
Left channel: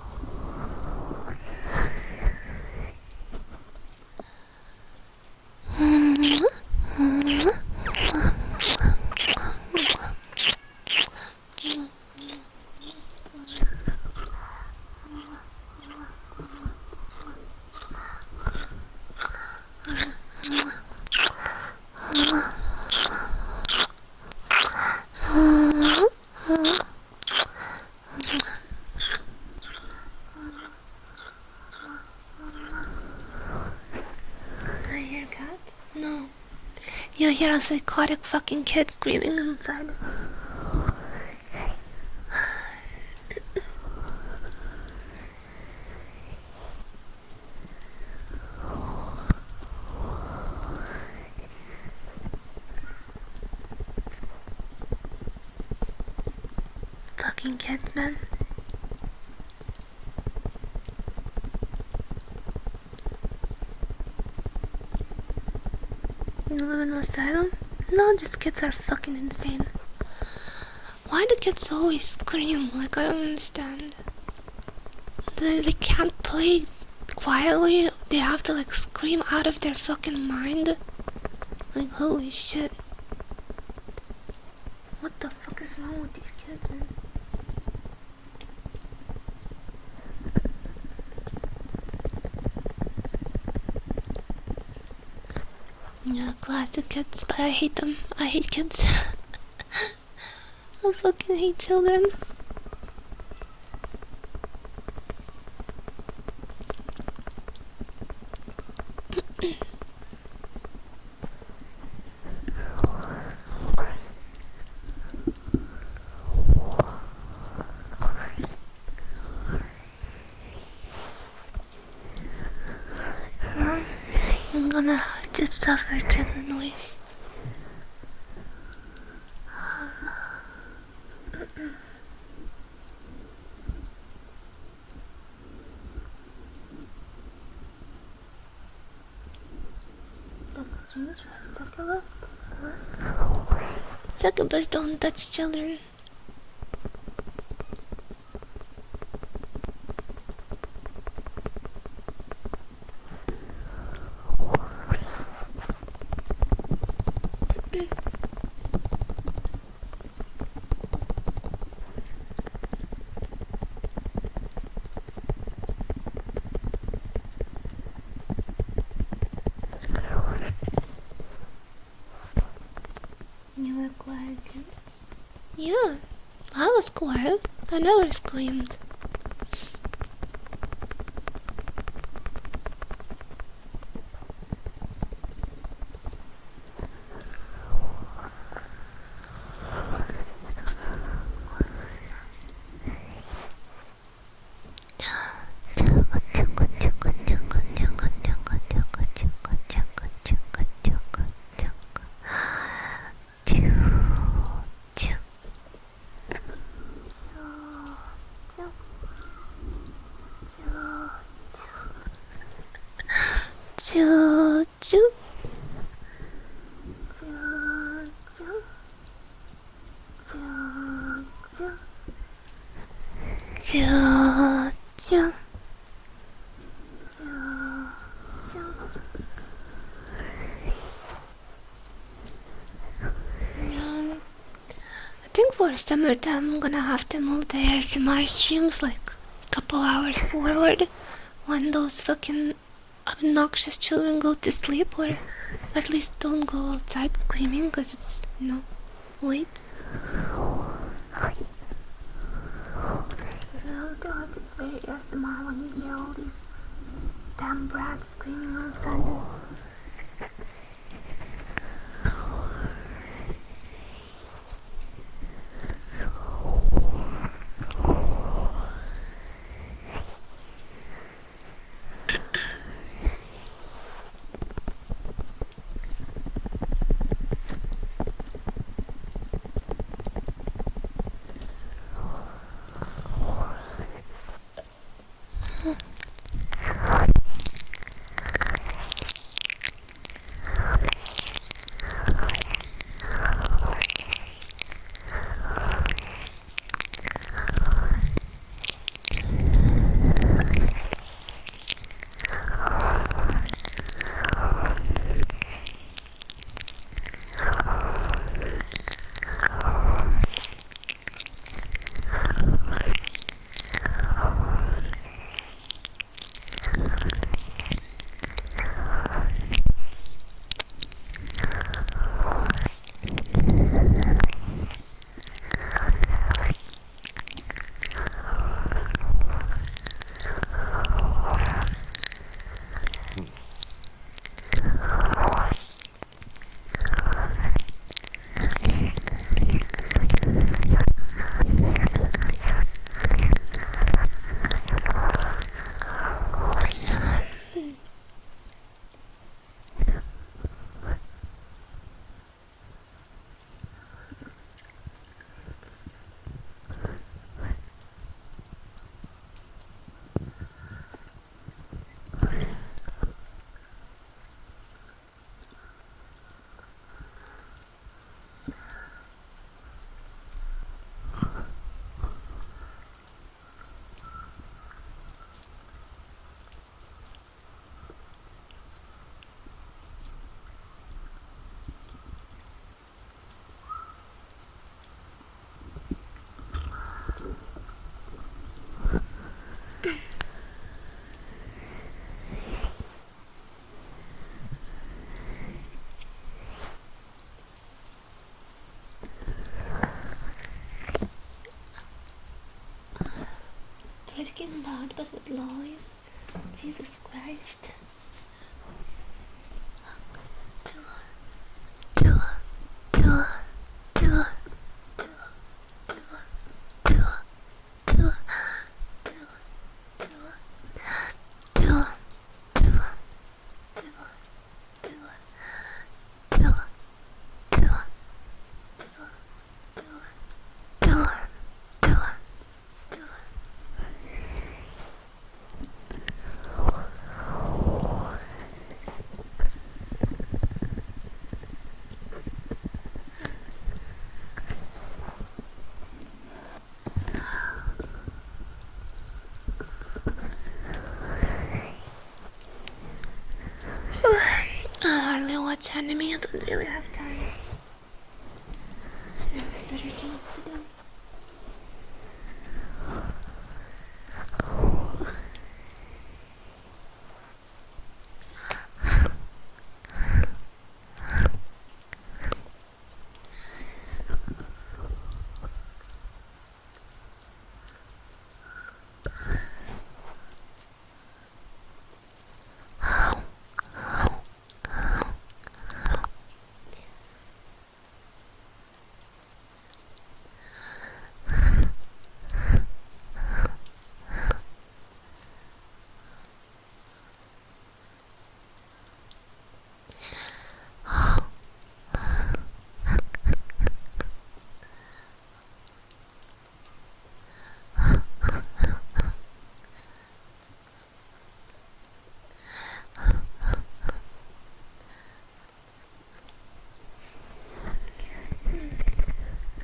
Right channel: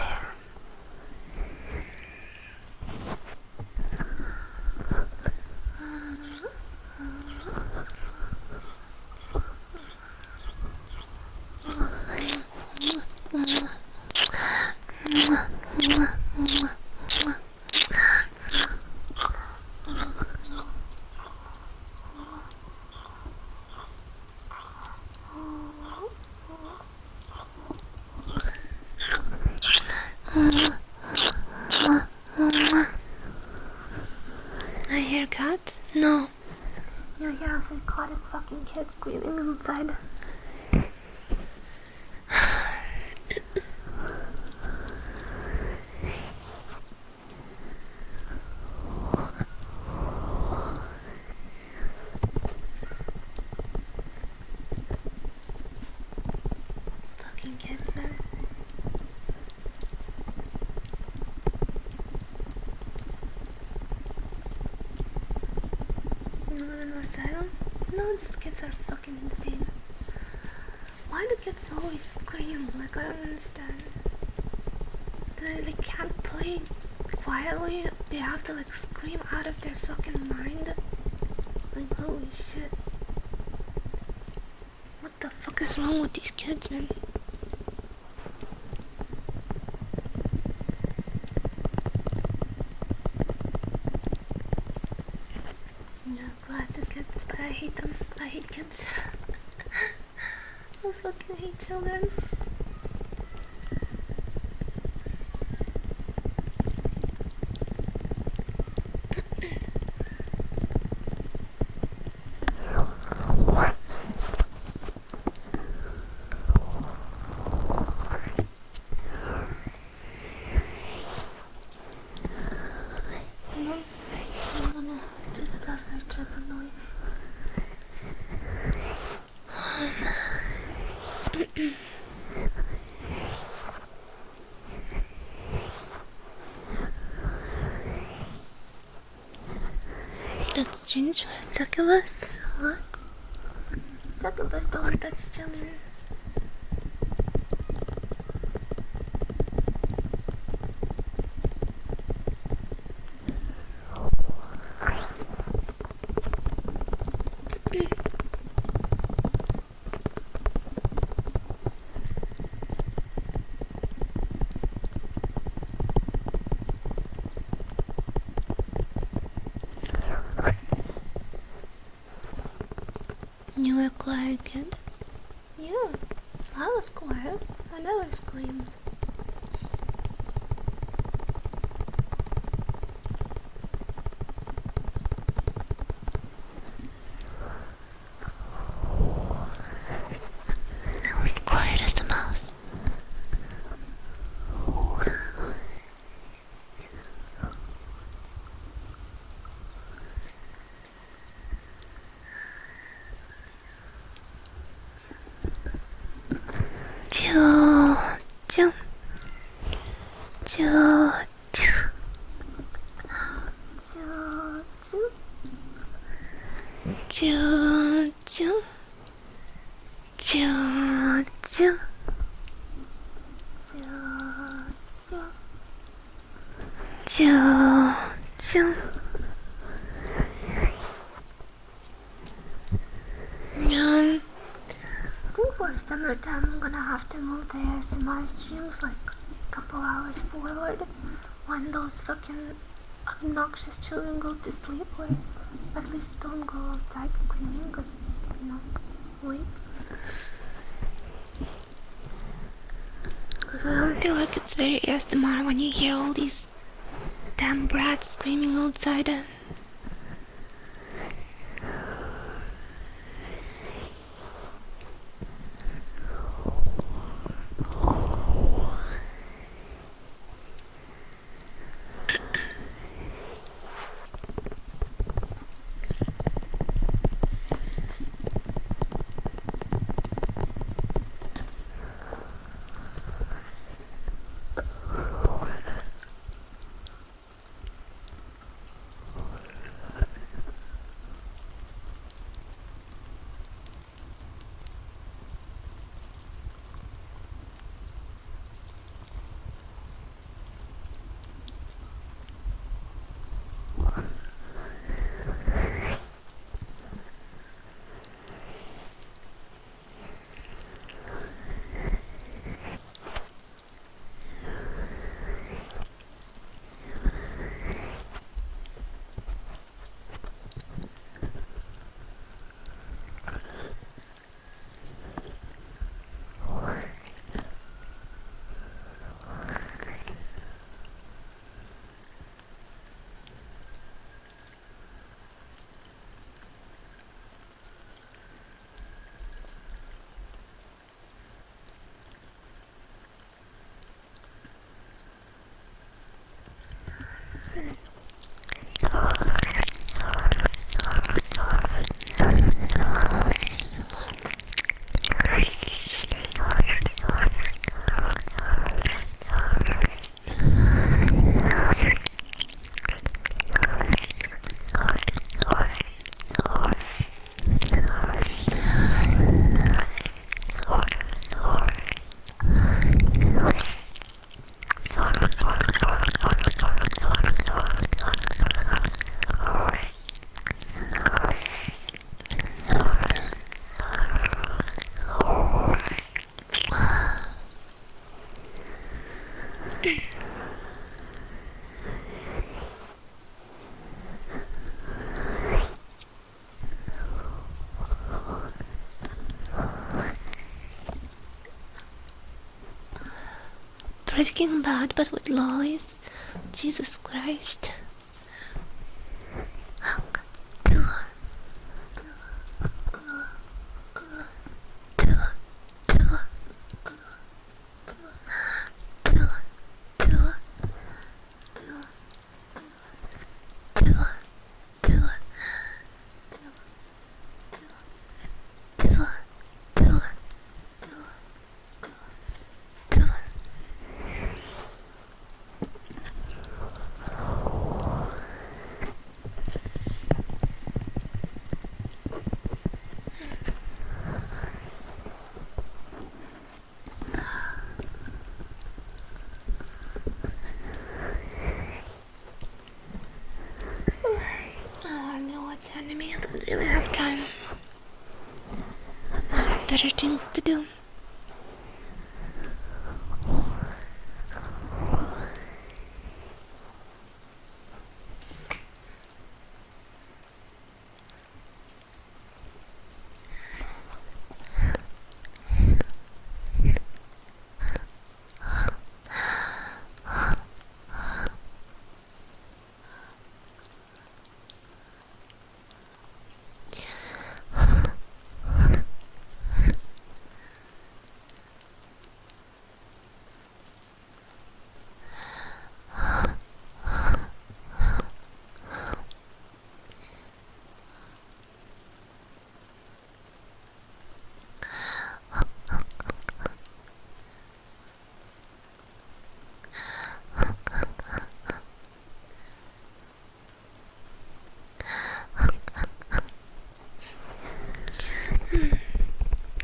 I hear cat? No. You hear a psychotic fucking kid screaming inside. Fucking kids, man. You live in an asylum? No, just kids are fucking insane. Why do kids always scream? Like, I don't understand. They can't play quietly. They have to like scream out of their fucking mind. Like, holy shit. What the fuck is wrong with these kids, man? Yeah, classic kids, but I hate them. I hate kids. I fucking hate children. I'm gonna have to suffer through the noise. That's strange for a succubus. What? Succubus don't touch children. You were a quiet kid? Yeah, I was quiet. I never screamed. I was quiet as a mouse. I think for summertime I'm gonna have to move the ASMR streams like a couple hours forward when those fucking obnoxious children go to sleep, or at least don't go outside screaming because it's, late. I don't feel like it's very ASMR when you hear all these damn brats screaming outside. Freaking bad, but with lollies. Jesus Christ. I hardly watch anime, I don't really have time. I have better things to do.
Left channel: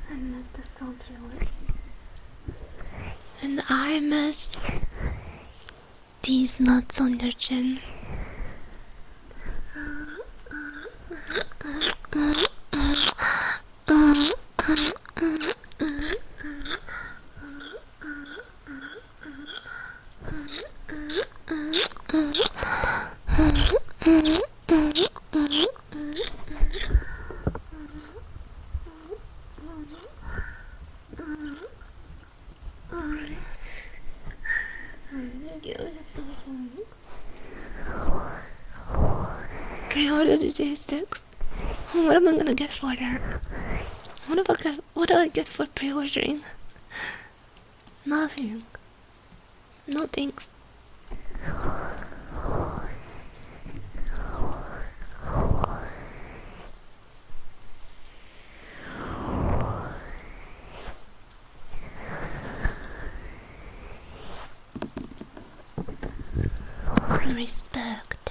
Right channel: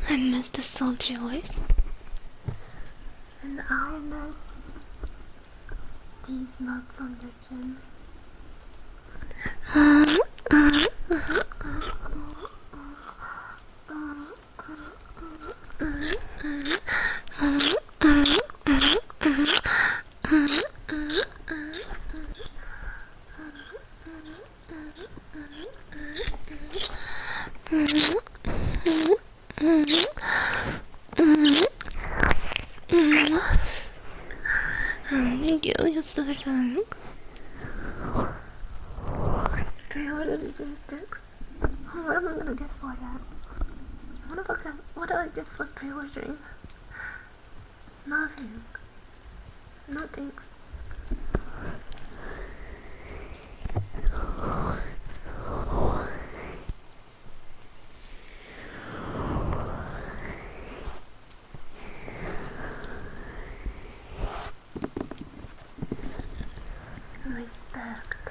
I miss the sultry voice. And I miss these nuts on your chin. you. It's the feeling. Pre-order the J6. What am I gonna get for that? What do I get for pre-ordering? Nothing. No thanks. Respect.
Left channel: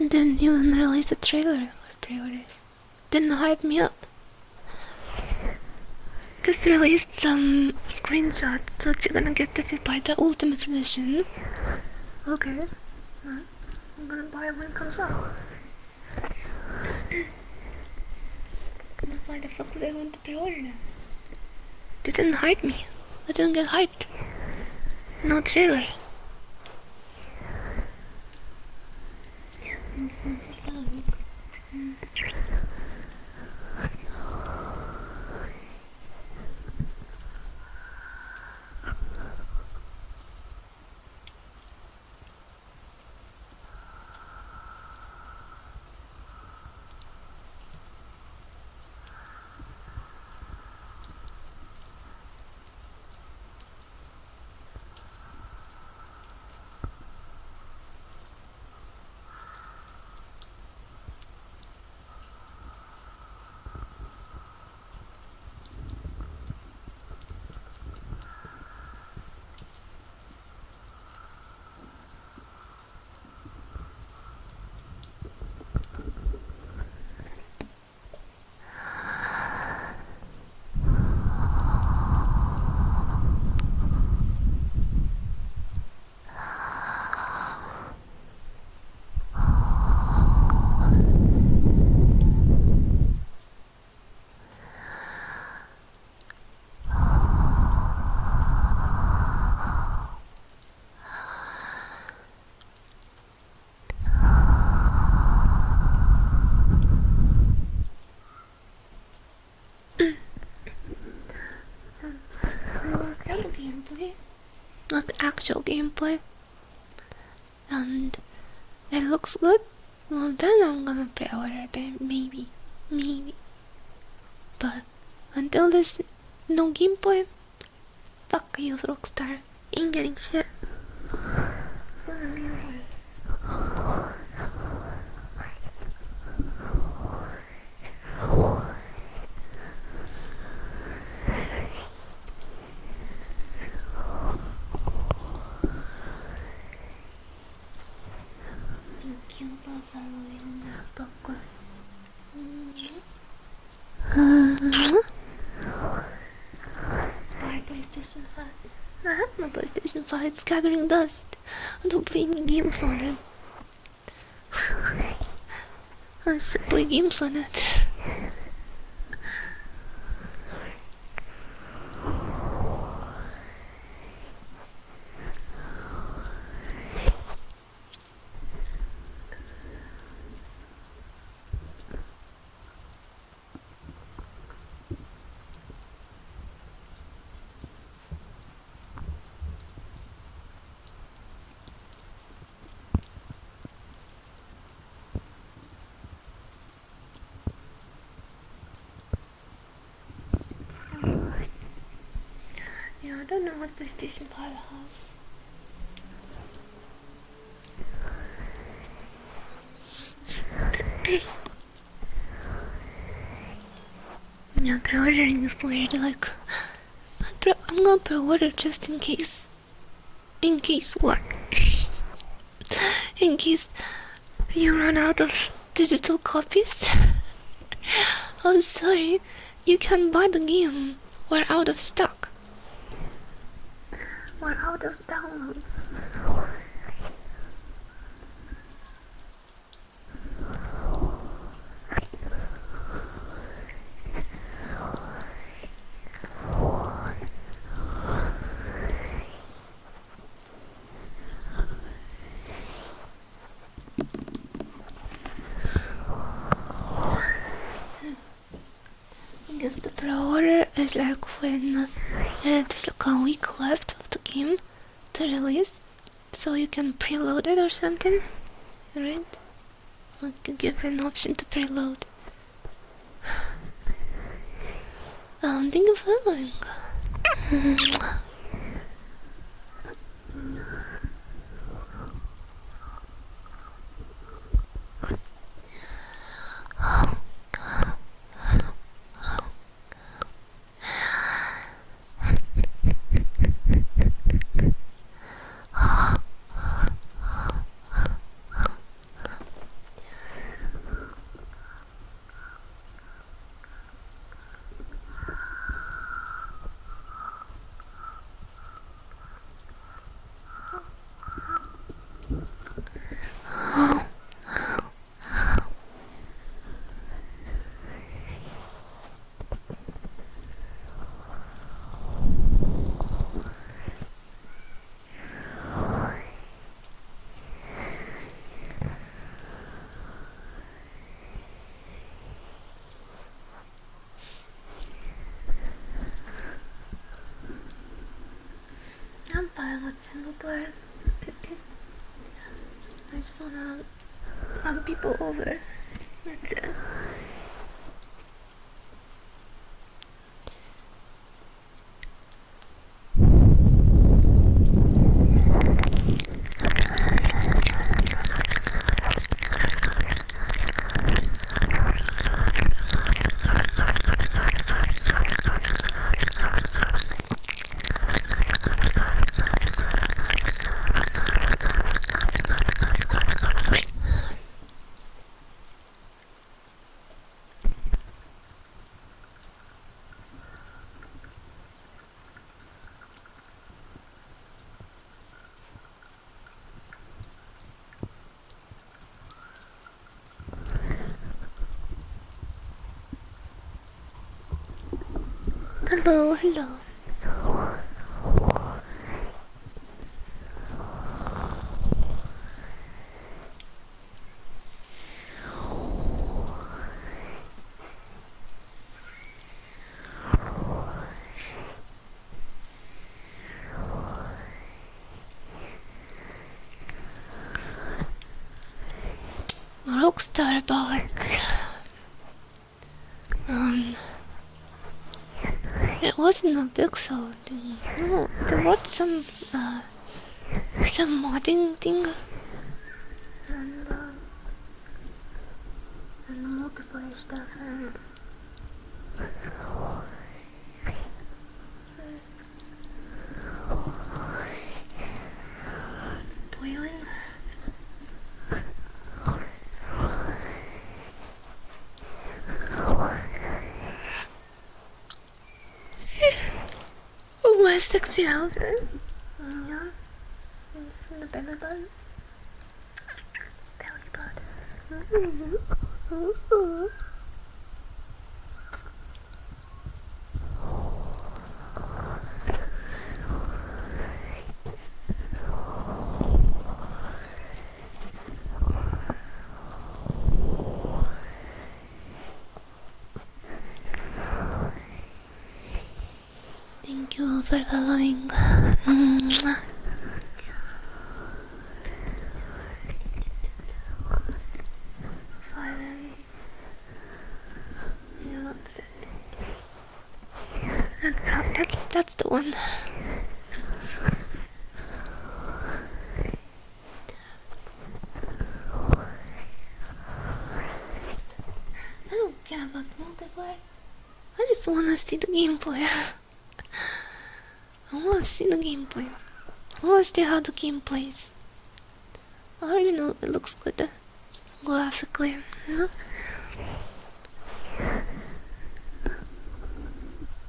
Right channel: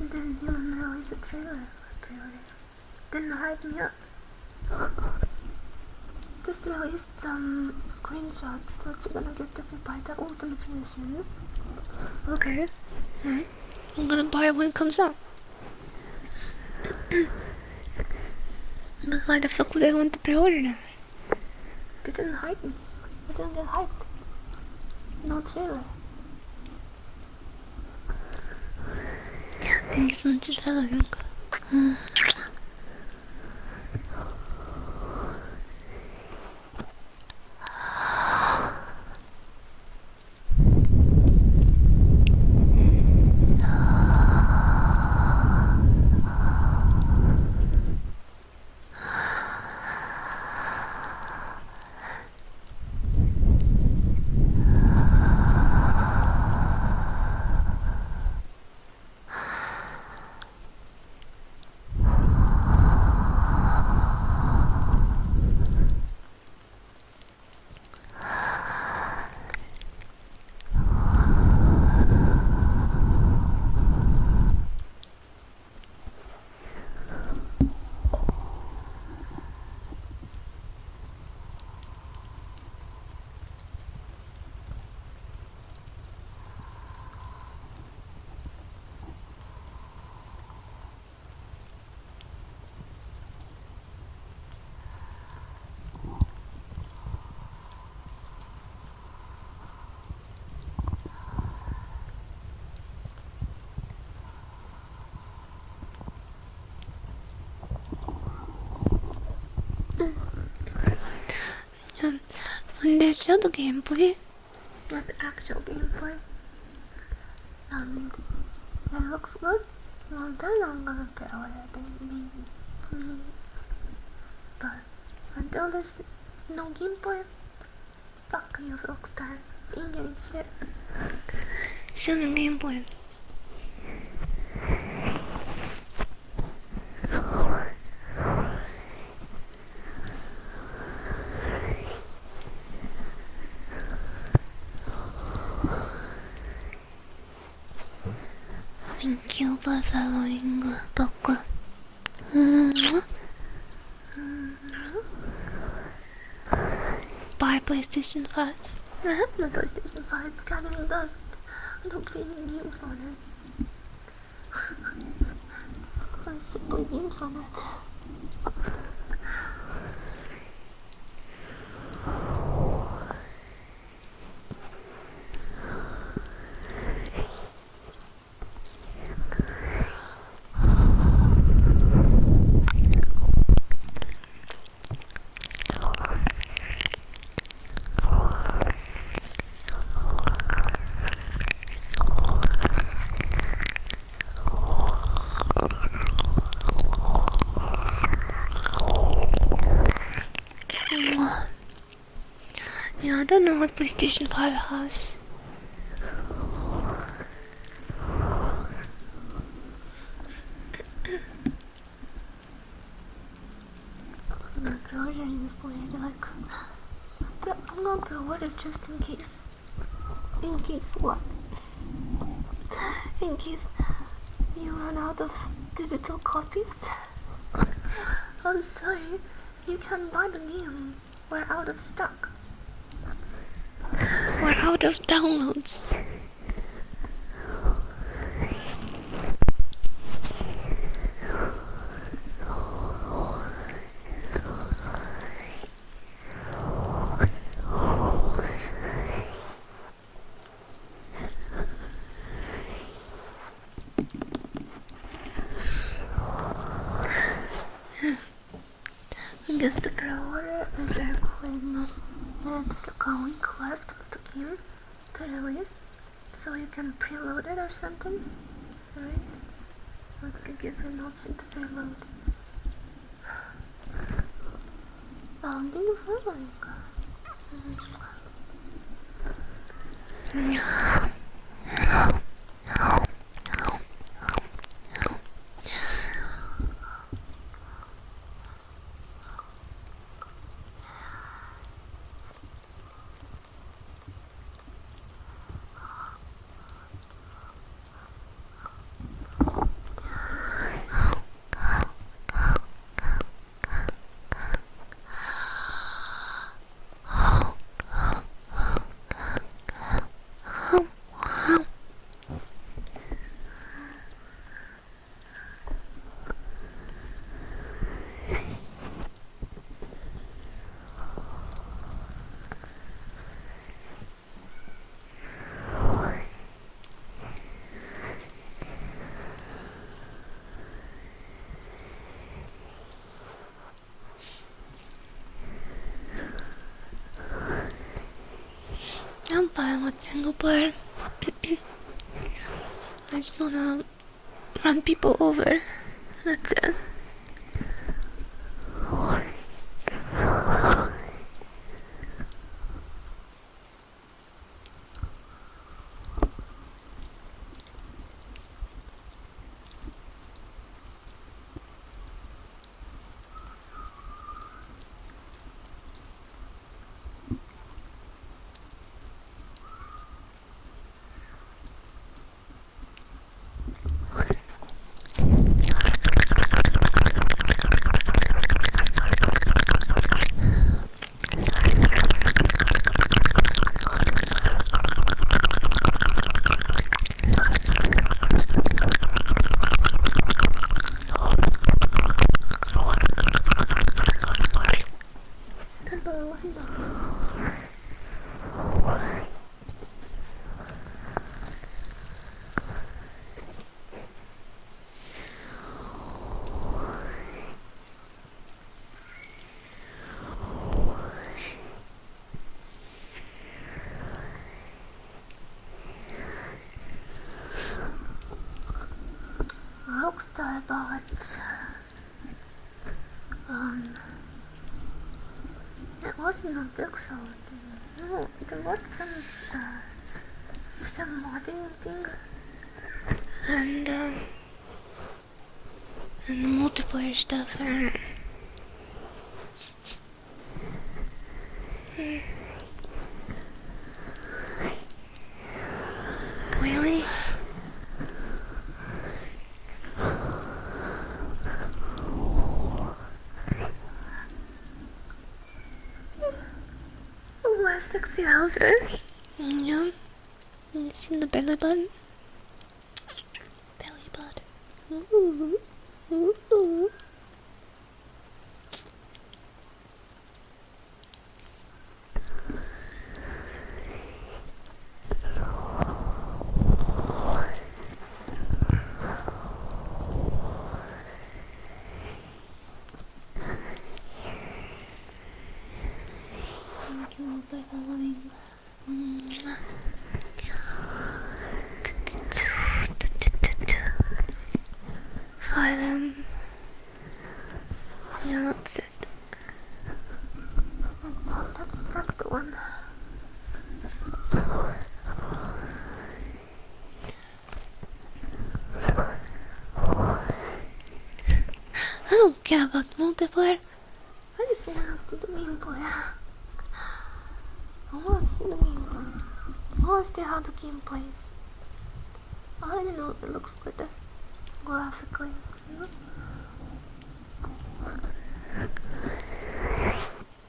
Didn't even release a trailer for pre-orders. Didn't hype me up. Just released some screenshots that you're gonna get if you buy the Ultimate Edition. Okay. I'm gonna buy it when it comes out. But why the fuck would I want to pre-order them? They didn't hype me. I didn't get hyped. No trailer. Thank you so much for following. When they show the gameplay, like actual gameplay, and it looks good, well then I'm gonna pre-order it, maybe. But until there's no gameplay, fuck you, Rockstar. Ain't getting shit. Show me gameplay. Thank you for following Boku. Buy PlayStation 5. I have my PlayStation 5, it's gathering dust. I don't play any games on it. I should play games on it. Yeah, I don't know what PlayStation 5 has. Yeah, pre-ordering is weird, like... I'm gonna pre-order just in case. In case what? In case you run out of digital copies? I'm sorry, you can't buy the game. We're out of stock. or out of downloads. I guess the pre-order is like when there's like a week left of the game to release, so you can preload it or something, right? Like you give an option to preload. Thank you for following. I'm fine with single player. I just wanna run people over. That's it. Hello, hello. Rockstar about it wasn't a pixel thing. No, there was some modding thing and multiplayer stuff. Wailing. My sexy outfit. Yeah. You seen the belly button? Belly button. Ooh. Ooh. Thank you for following. Yeah, that's it. That's the one. I don't care about multiplayer. I just wanna see the gameplay. I wanna see the gameplay. I wanna see how the game plays. I already know it looks good graphically, you know?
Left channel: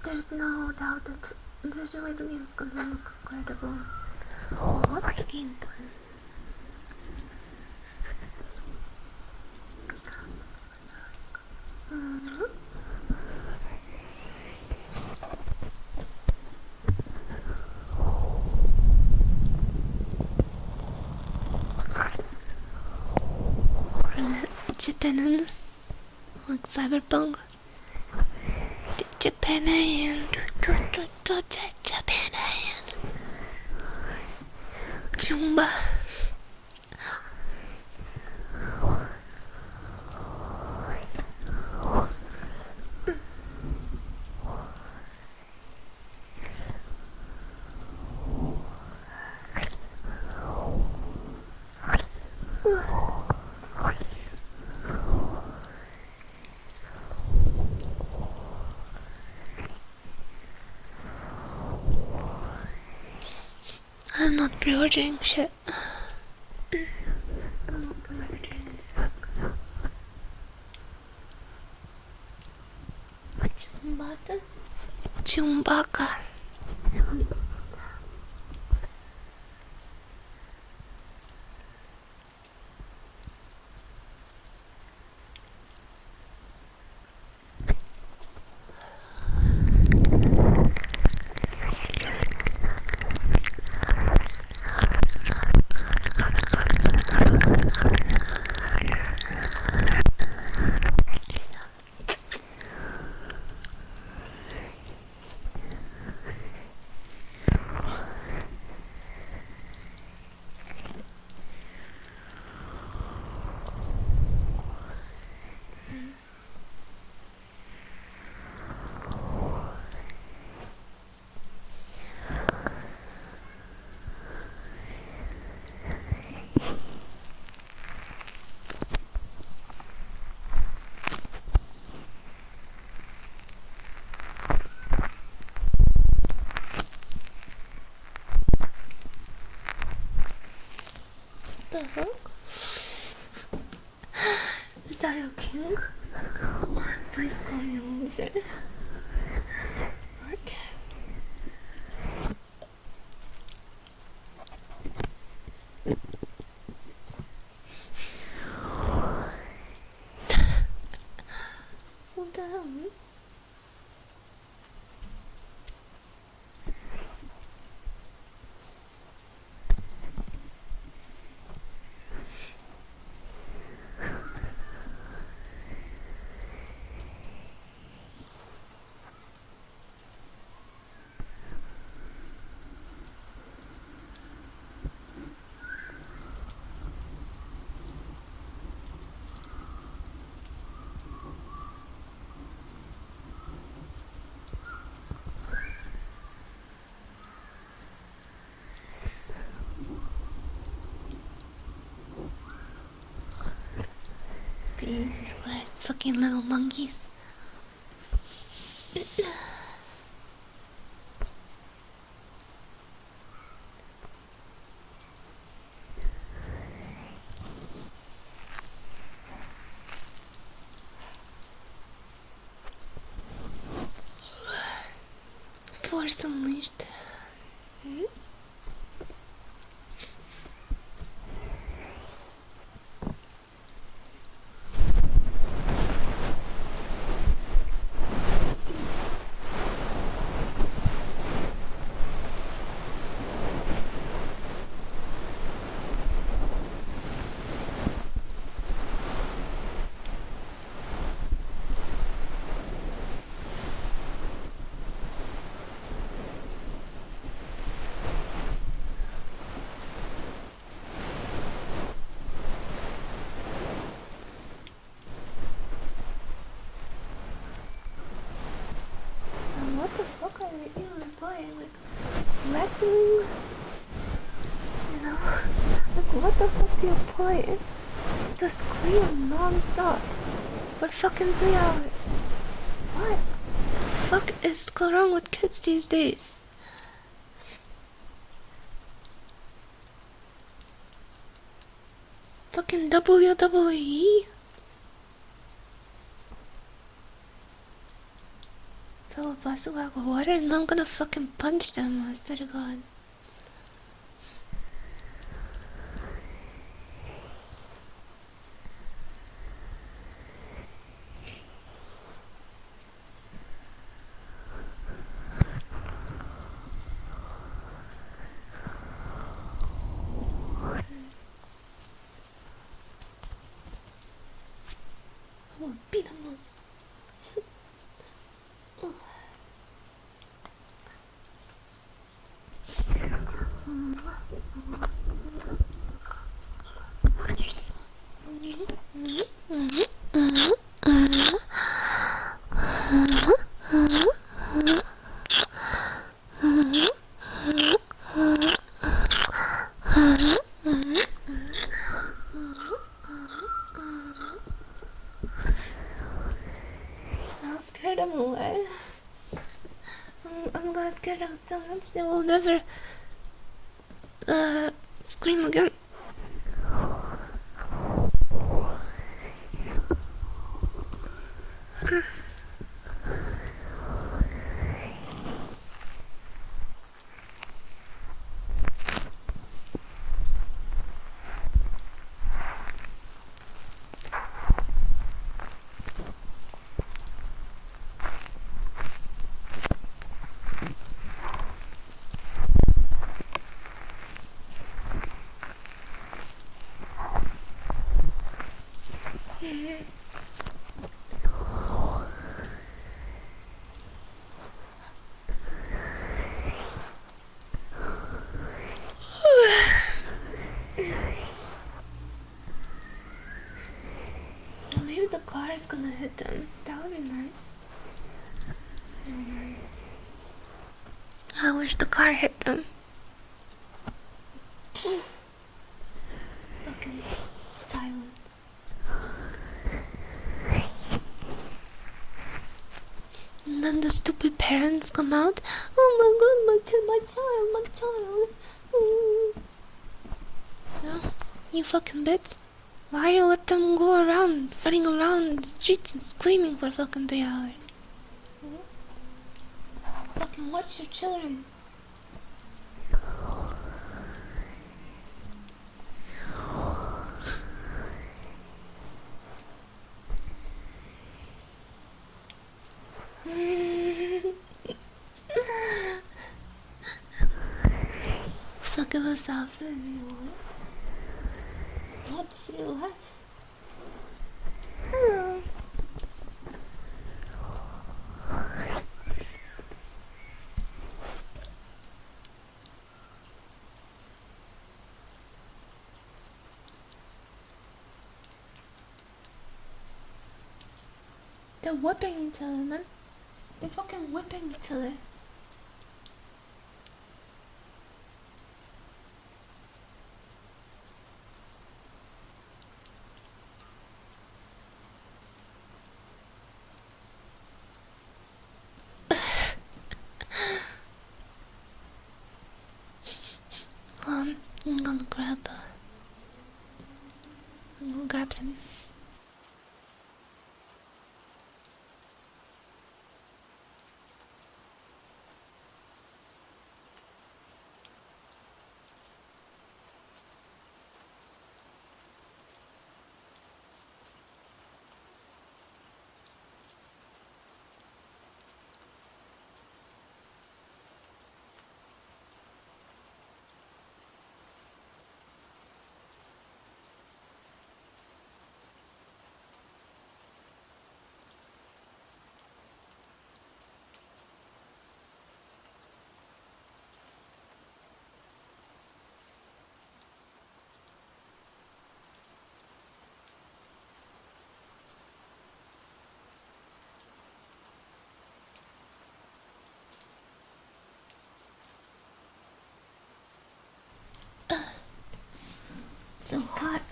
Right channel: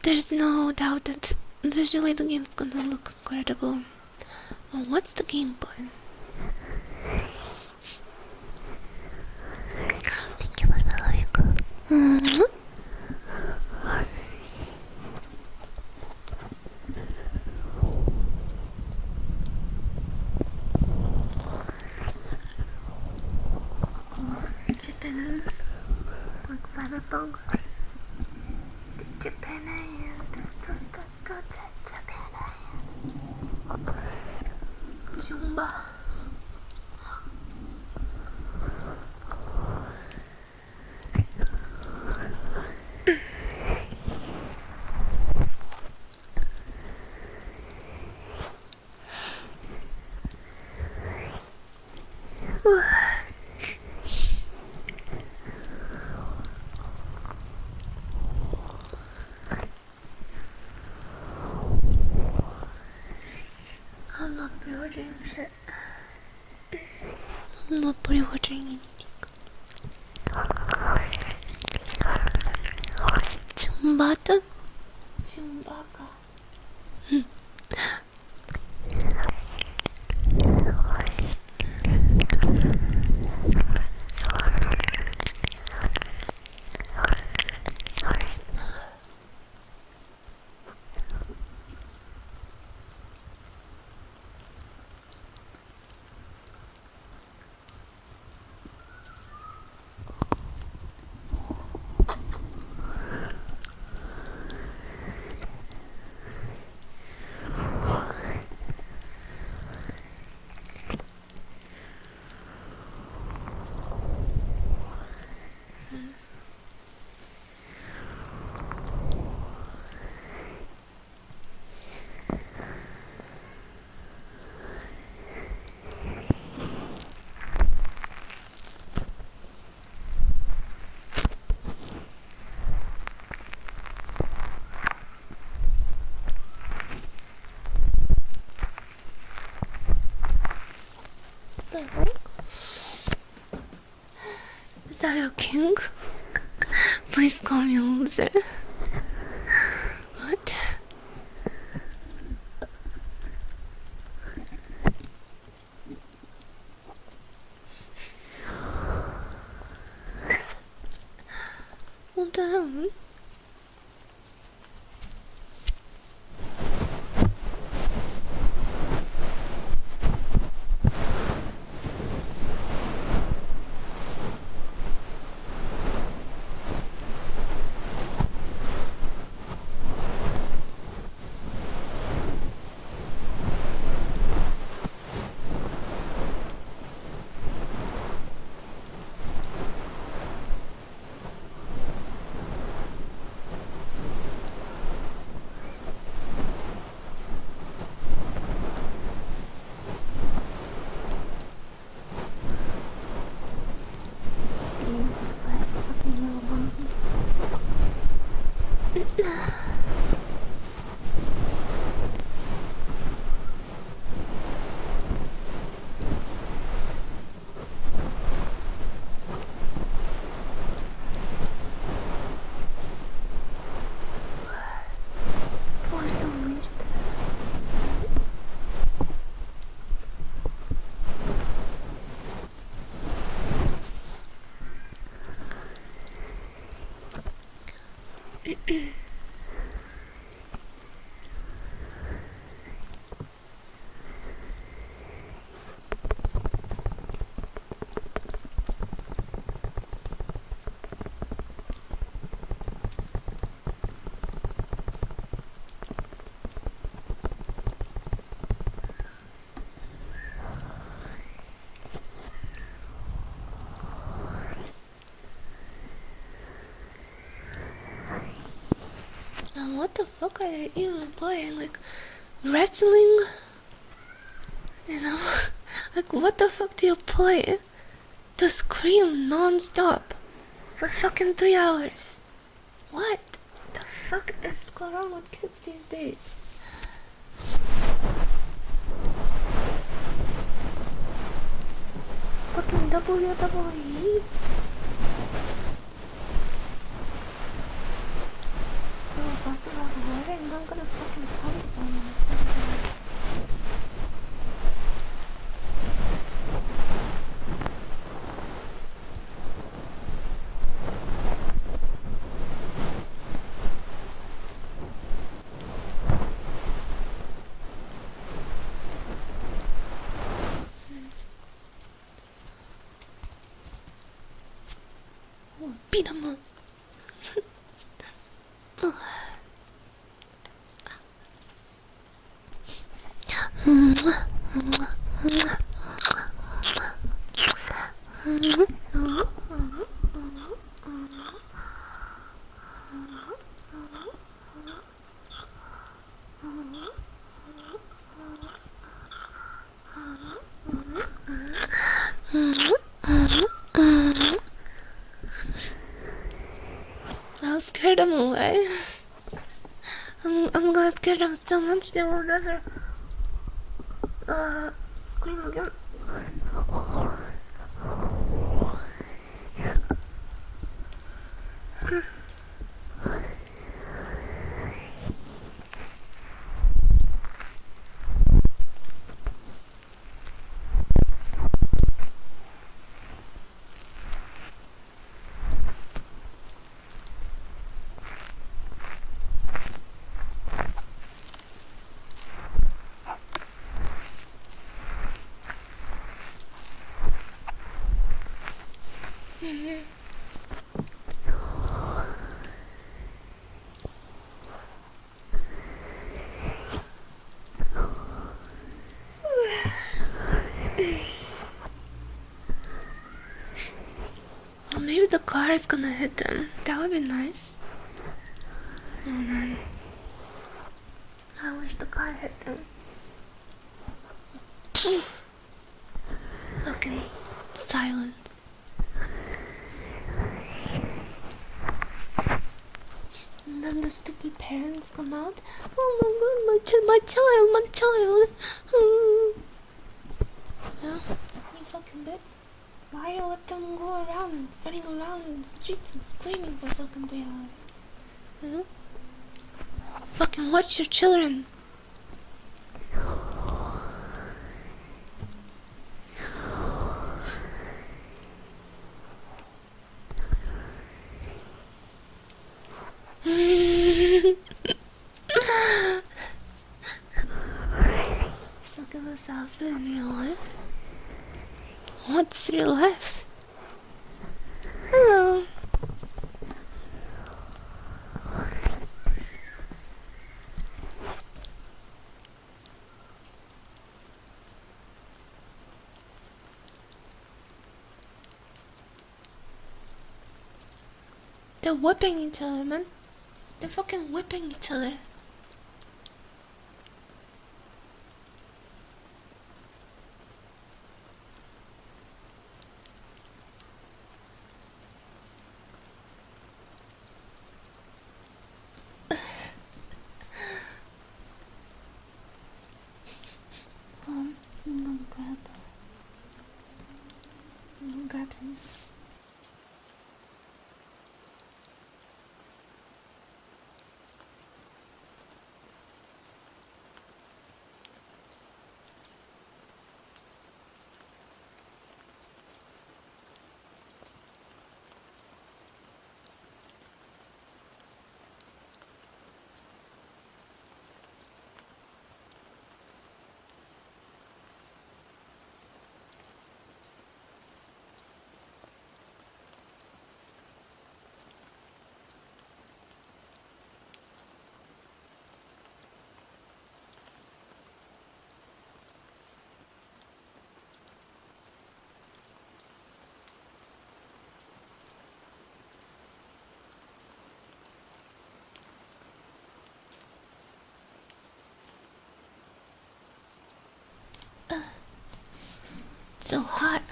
There's no doubt that visually the game's gonna look incredible. Well, what's the gameplay? Thank you for following. Japan, like cyberpunk. Japan, Japan, Jumba. I'm not pre-ordering shit. I'm not pre-ordering anything. Chumbata? Chumbaka. The heck? Is that your king? Please call me a loser. What? What the hell? Jesus Christ, fucking little monkeys. Force unleashed. What the fuck are they even playing? Like, wrestling? You know? Like, what the fuck do you play? To scream non-stop for fucking 3 hours? What the fuck is going wrong with kids these days? Fucking WWE? glass of hot water and I'm gonna fucking punch them instead of that. Oh, beat him up. I'll scare them away. I'm gonna scare them so much they will never scream again. Maybe the car is gonna hit them. That would be nice. Oh man. I wish the car hit them. Fucking silence. And then the stupid parents come out. Oh my god, my child. Yeah, you fucking bitch. Why you let them go around, running around the streets and screaming for fucking 3 hours? You know? Fucking watch your children. So give us off in real life. What's real life? Hello. They're whipping each other, man. They're fucking whipping each other. I'm gonna grab some. So hot.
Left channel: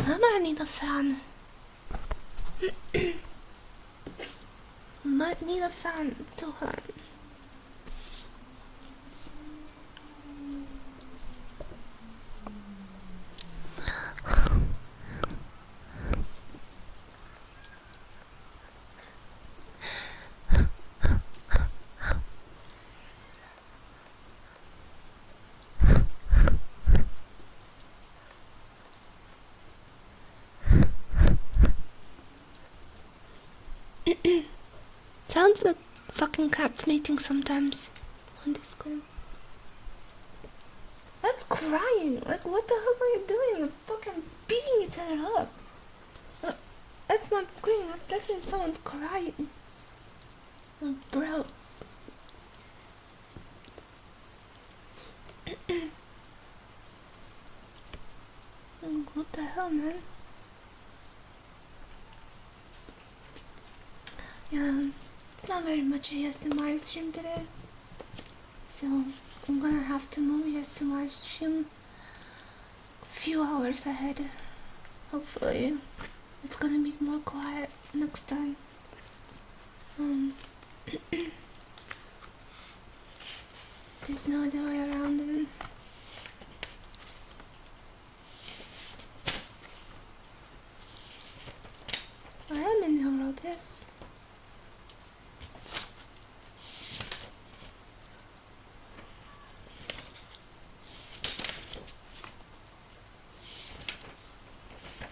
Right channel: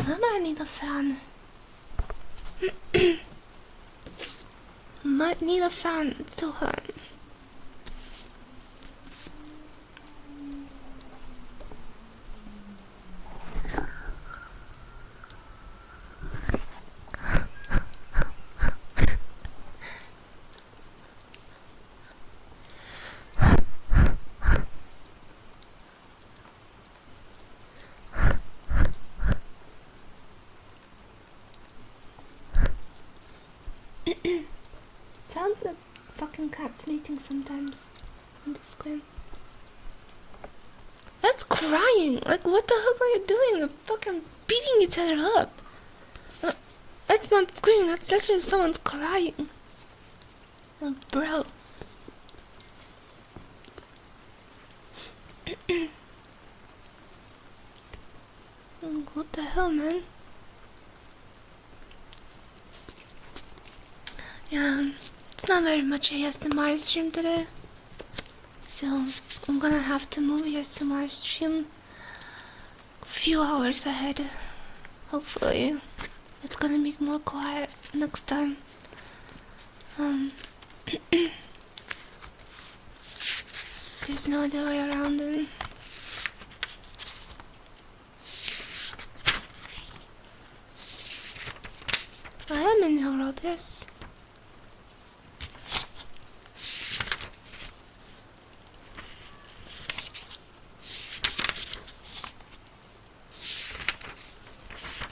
I might need a fan. Might need a fan. It's so hot. it's mating sometimes on this game. That's crying. Like, what the heck are you doing? You're fucking beating each other up. That's not screaming. That's literally someone's crying. Like, bro. What the hell, man? Yeah, it's not very much ASMR stream today. So, I'm gonna have to move ASMR stream a few hours ahead. Hopefully, it's gonna be more quiet next time. There's no other way around it. I am in Europe, yes.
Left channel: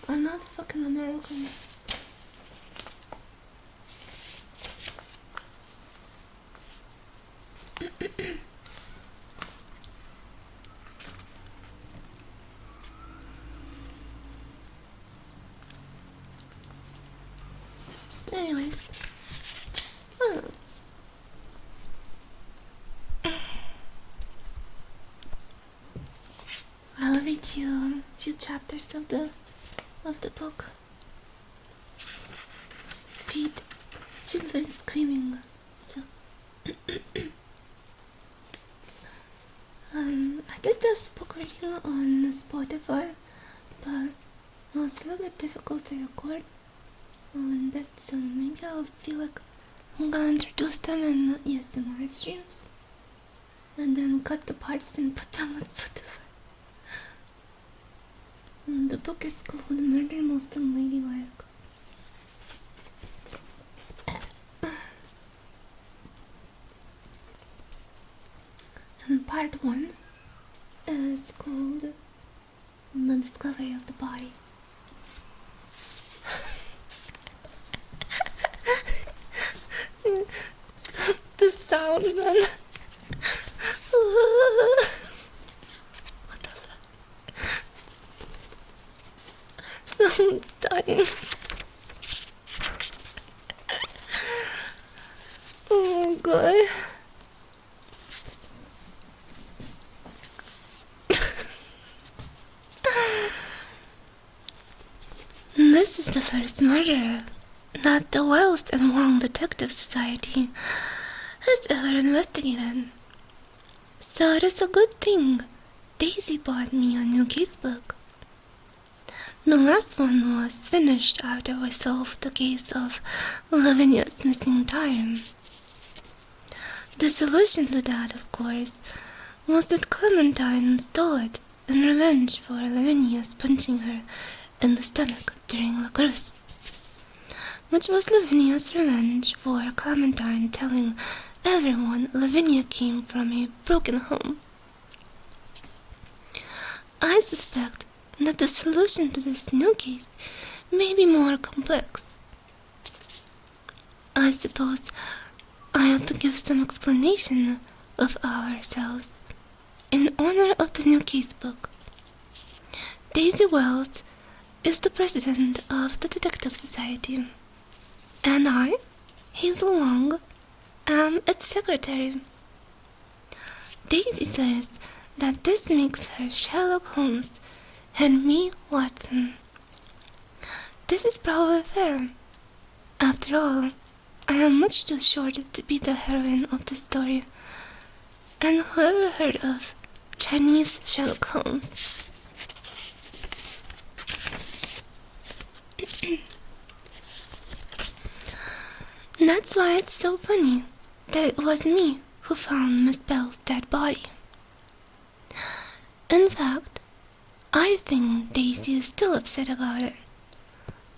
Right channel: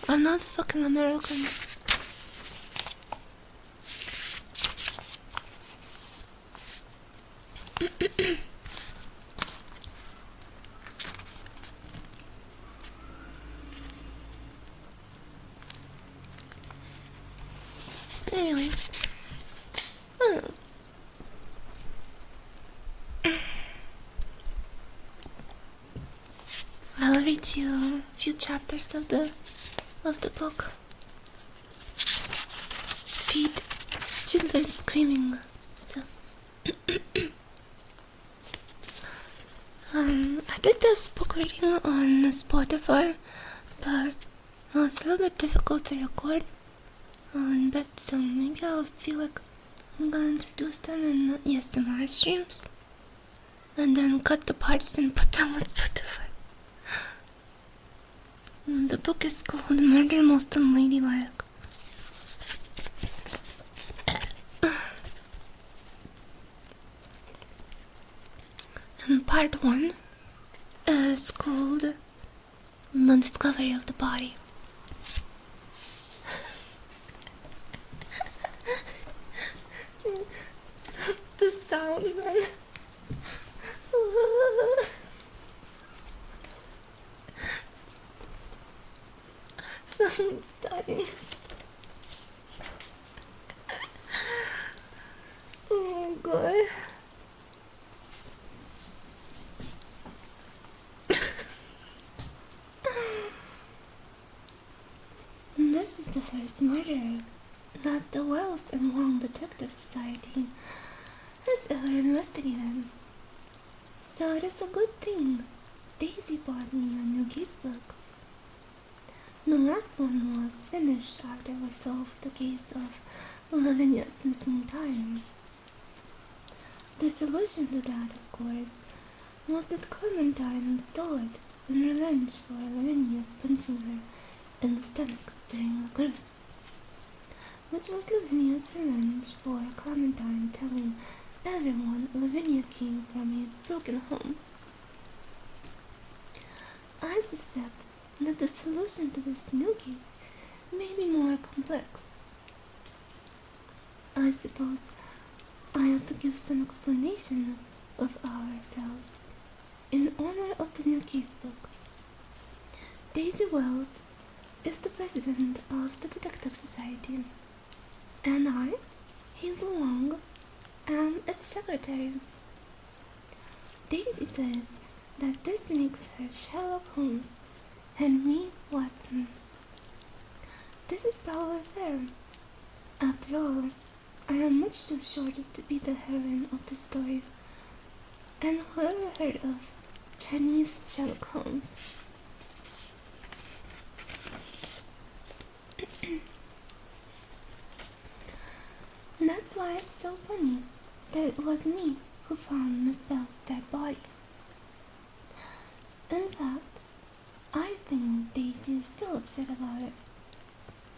I'm not fucking American. Anyways. I'll read you a few chapters of the book. Feed children screaming. So I did this book reading on Spotify, but it was a little bit difficult to record in bed, so maybe I'll feel like I'm gonna introduce them in ASMR streams and then cut the parts and put them on Spotify. The book is called Murder Most Unladylike. And part 1 is called The Discovery of the Body. The sound, man. Someone's dying. Oh my god. This is the first murder that the Wells and Wong Detective Society has ever investigated. So it is a good thing Daisy bought me a new casebook. The last one was finished after we solved the case of Lavinia's missing time. The solution to that, of course, was that Clementine stole it in revenge for Lavinia's punching her in the stomach during La Cruz, which was Lavinia's revenge for Clementine telling everyone Lavinia came from a broken home. I suspect that the solution to this new case may be more complex. I suppose I ought to give some explanation of ourselves in honor of the new casebook. Daisy Wells is the president of the Detective Society, and I, Hazel Wong, am its secretary. Daisy says that this makes her Sherlock Holmes and me Watson. This is probably fair. After all, I am much too short to be the heroine of the story. And whoever heard of Chinese Sherlock Holmes? That's why it's so funny that it was me who found Miss Bell's dead body. In fact, I think Daisy is still upset about it,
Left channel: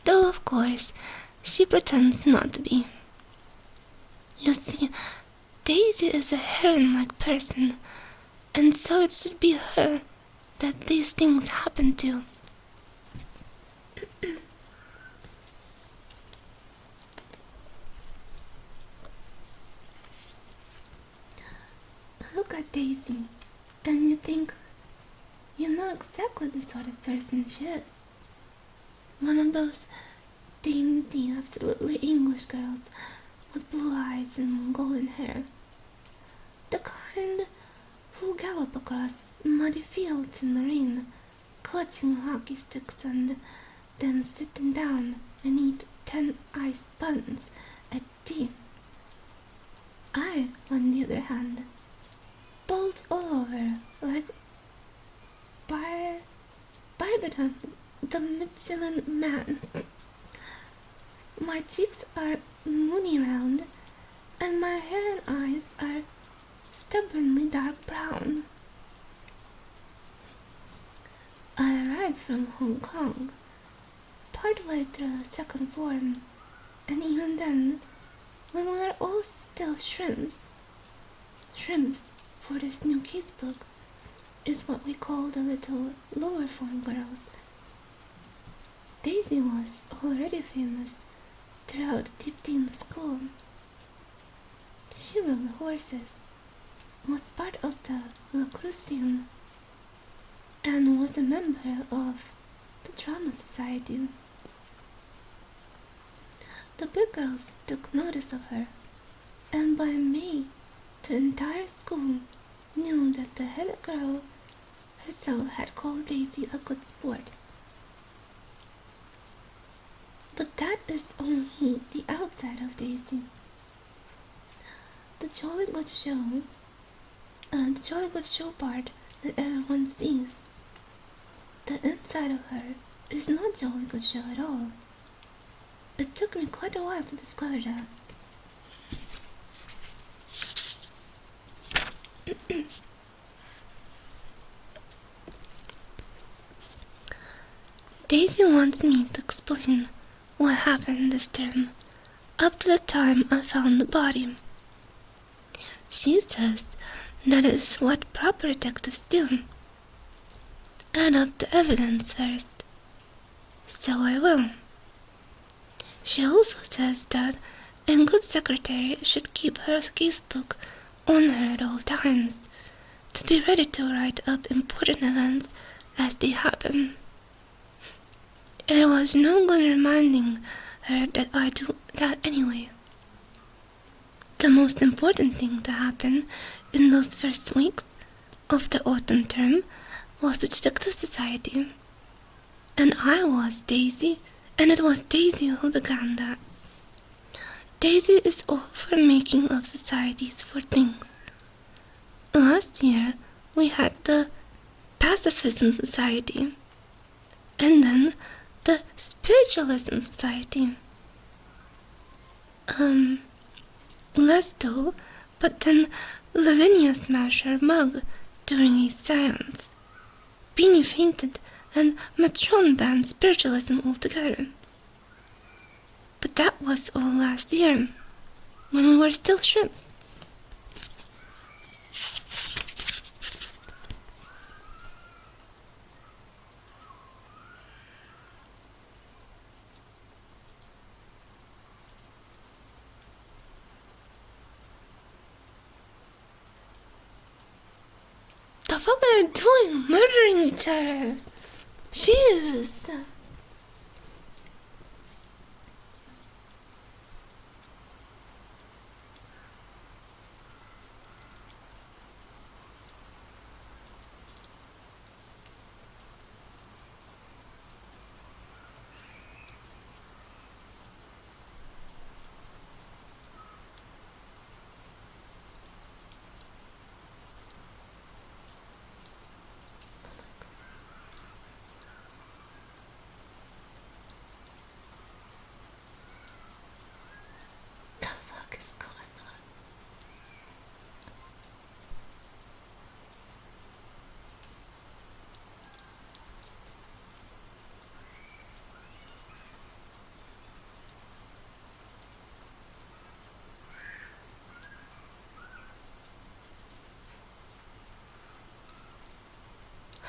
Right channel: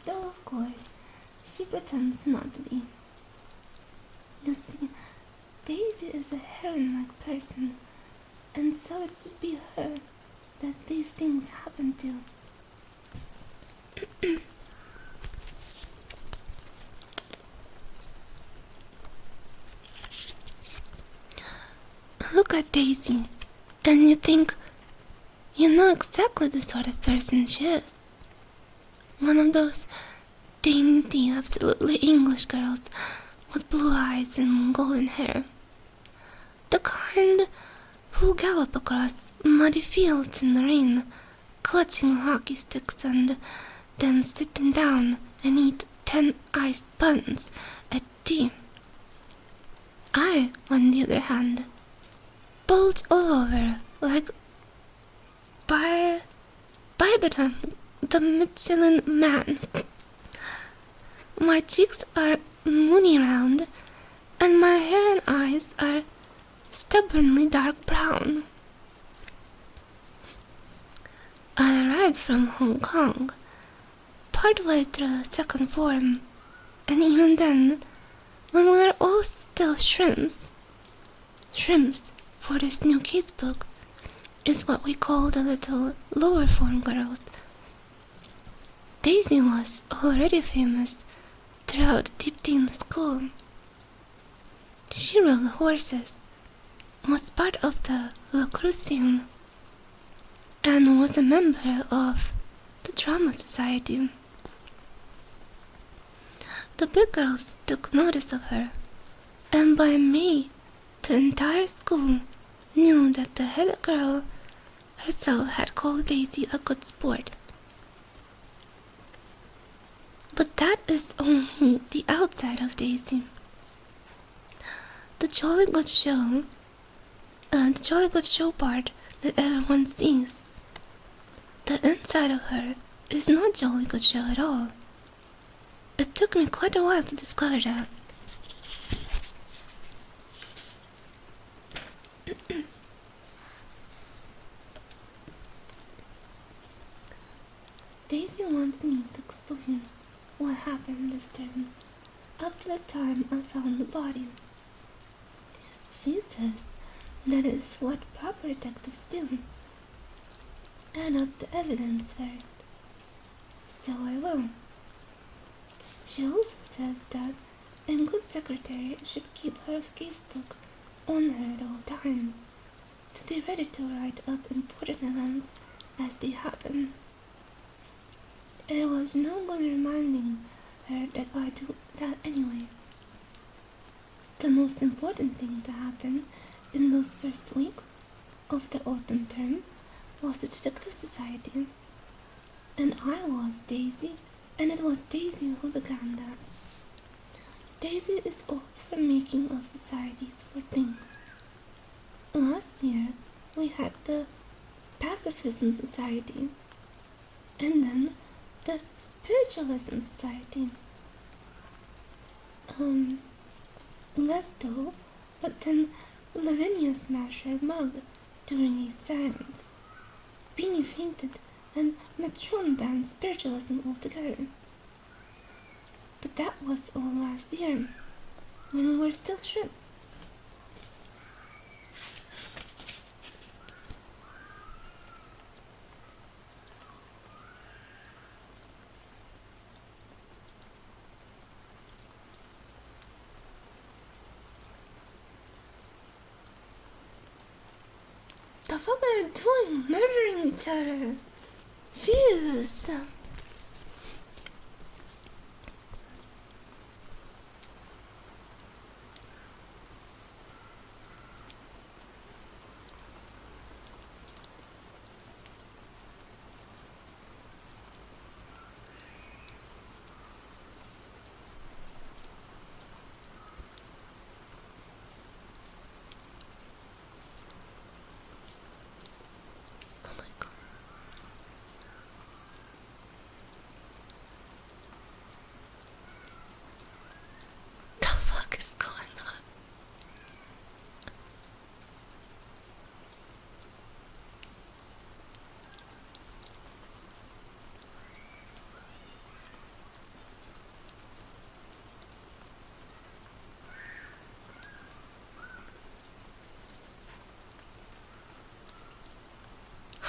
though of course she pretends not to be. You see, Daisy is a heroine-like person, and so it should be her that these things happen to. look at Daisy and you think you know exactly the sort of person she is. One of those dainty, absolutely English girls with blue eyes and golden hair. The kind who gallop across muddy fields in the rain, clutching hockey sticks and then sit them down and eat 10 iced buns at tea. I, on the other hand, bulge all over like Bibedam, the Michelin man. My cheeks are moony round, and my hair and eyes are stubbornly dark brown. I arrived from Hong Kong, partway through second form, and even then, when we were all still shrimps for this new casebook is what we call the little lower form girls. Daisy was already famous throughout deep teen school. She rode horses, was part of the lacrosse team, and was a member of the drama society. The big girls took notice of her, and by May, the entire school knew that the head girl herself had called Daisy a good sport. But that is only the outside of Daisy. The jolly good show part that everyone sees. The inside of her is not jolly good show at all. It took me quite a while to discover that. Daisy wants me to explain what happened this term up to the time I found the body. She says that is what proper detectives do. Add up the evidence first. So I will. She also says that a good secretary should keep her casebook on her at all times, to be ready to write up important events as they happen. It was no good reminding her that I do that anyway. The most important thing to happen in those first weeks of the autumn term was the Detective Society. And I was Daisy, and it was Daisy who began that. Daisy is all for making up societies for things. Last year, we had the Pacifism Society, and then the Spiritualism Society. Less dull, but then Lavinia smashed her mug during a seance. Beanie fainted, and Matron banned spiritualism altogether. But that was all last year, when we were still shrimps. The fuck are they doing? Murdering each other? Jesus.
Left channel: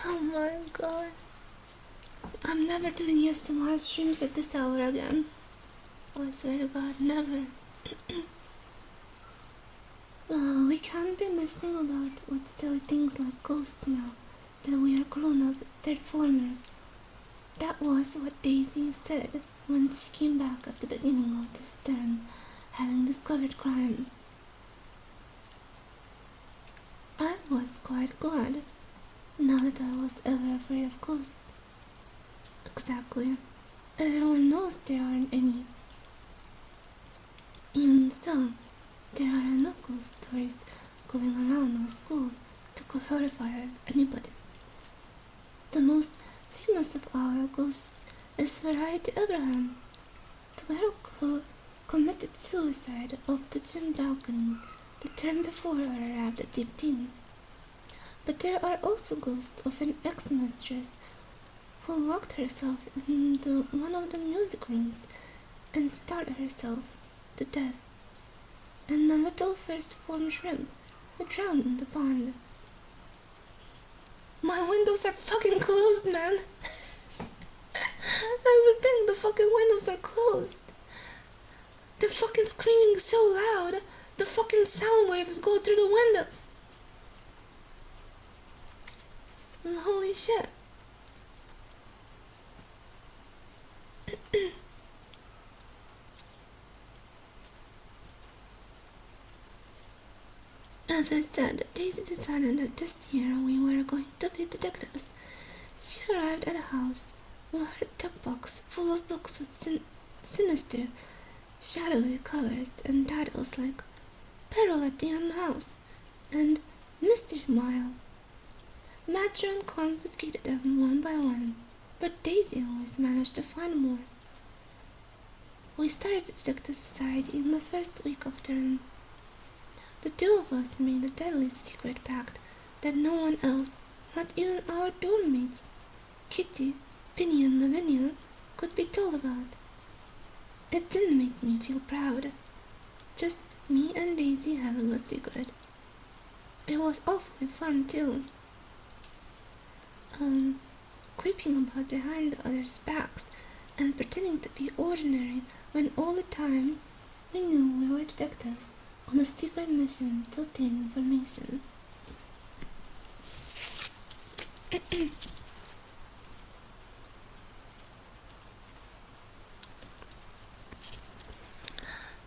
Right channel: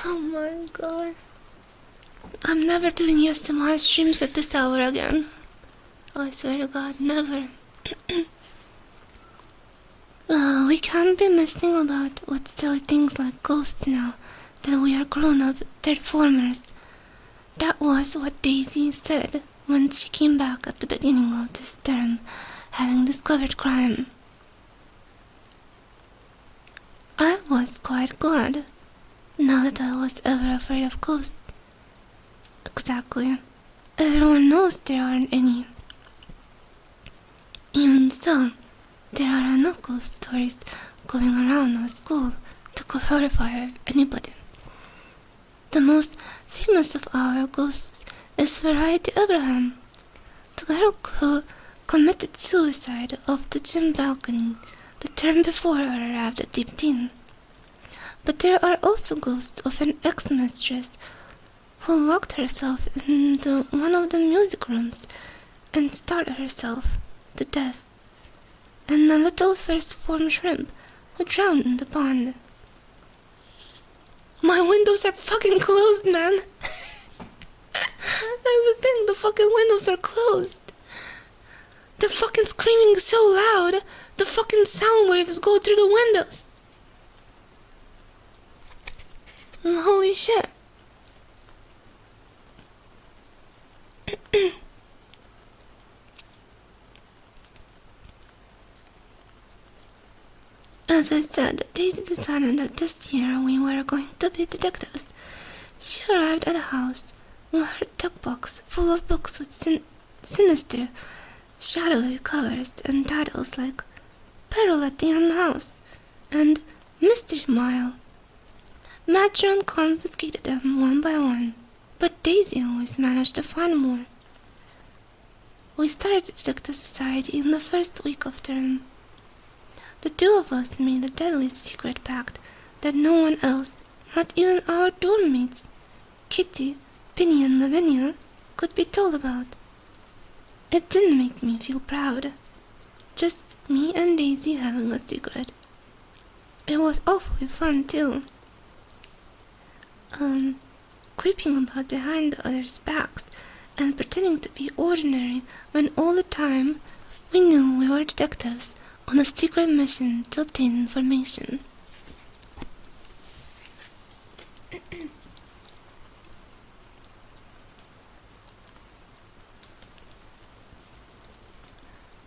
Oh my god. I'm never doing ASMR streams at this hour again. I swear to god, never. We can't be messing about with silly things like ghosts now that we are grown-up third-formers. That was what Daisy said when she came back at the beginning of this term, having discovered crime. I was quite glad, not that I was ever afraid of ghosts. Exactly. Everyone knows there aren't any. Even so, there are enough ghost stories going around our school to horrify anybody. The most famous of our ghosts is Fakyra Abraham, the girl who committed suicide off the gym balcony the term before I arrived at Deep Teen. But there are also ghosts of an ex-mistress who locked herself into one of the music rooms and starved herself to death, and a little first-form shrimp who drowned in the pond. My windows are fucking closed, man. That's the thing, the fucking windows are closed. They're fucking screaming so loud, the fucking sound waves go through the windows. Holy shit. As I said, Daisy decided that this year we were going to be detectives. She arrived at a house with her tuck box full of books with sinister, shadowy covers and titles like Peril at the Unhouse and Mystery Mile. Matron confiscated them one by one, but Daisy always managed to find more. We started the Detective Society in the first week of term. The two of us made a deadly secret pact that no one else, not even our dorm mates, Kitty, Penny, and Lavinia, could be told about. It didn't make me feel proud. Just me and Daisy having a secret. It was awfully fun too. Creeping about behind the others' backs and pretending to be ordinary when all the time we knew we were detectives on a secret mission to obtain information.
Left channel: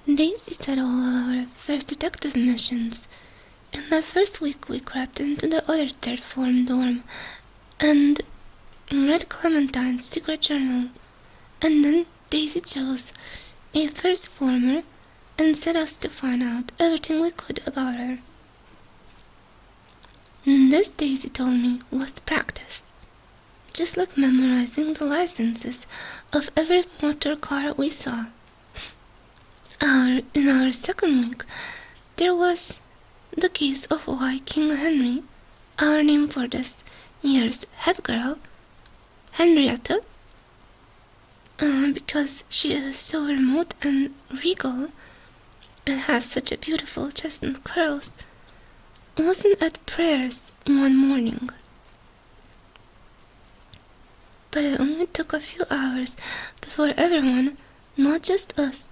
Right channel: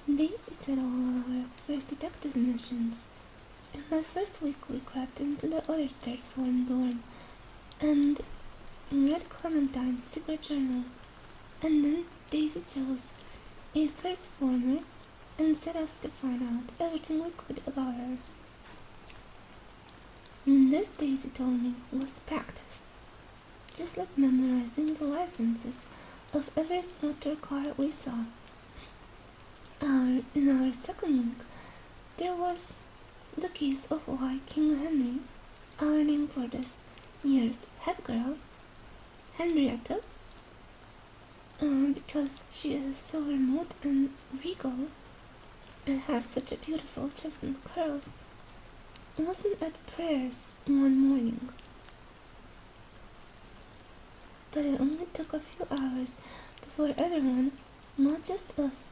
Daisy said all of our first detective missions. In that first week we crept into the other third form dorm and read Clementine's secret journal, and then Daisy chose a first former and set us to find out everything we could about her. This, Daisy told me, was practice, just like memorizing the licenses of every motor car we saw. In our second week, there was the case of why King Henry, our name for this year's head girl, Henrietta, because she is so remote and regal and has such a beautiful chestnut curls, wasn't at prayers one morning. But it only took a few hours before everyone, not just us,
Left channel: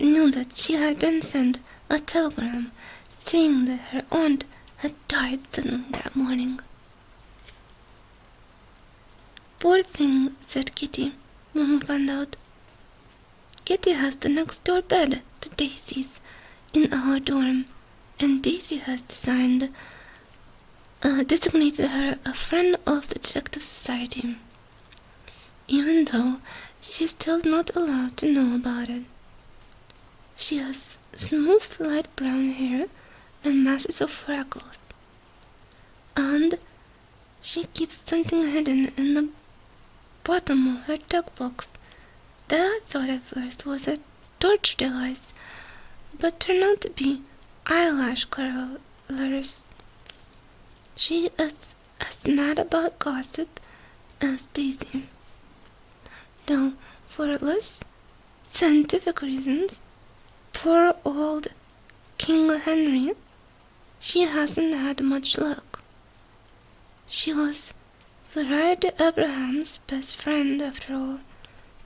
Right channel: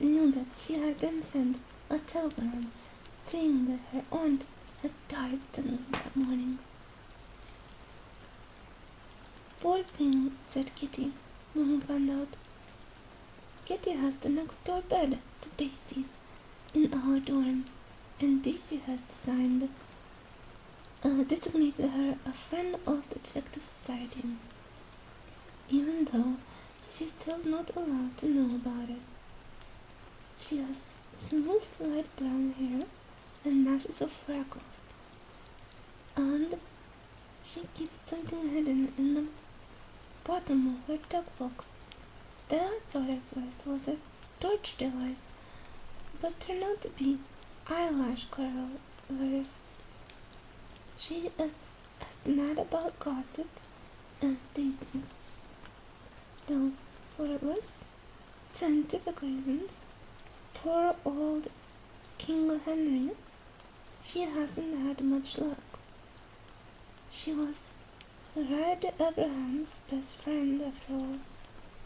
knew that she had been sent a telegram saying that her aunt had died suddenly that morning. Poor thing, said Kitty, when we found out. Kitty has the next door bed to Daisy's in our dorm, and Daisy has designated her a friend of the Detective Society, even though she is still not allowed to know about it. She has smooth light brown hair and masses of freckles, and she keeps something hidden in the bottom of her tuck box that I thought at first was a torture device, but turned out to be eyelash curlers. She is as mad about gossip as Daisy, though for less scientific reasons. Poor old King Henry, she hasn't had much luck. She was Fakyra Abraham's best friend after all,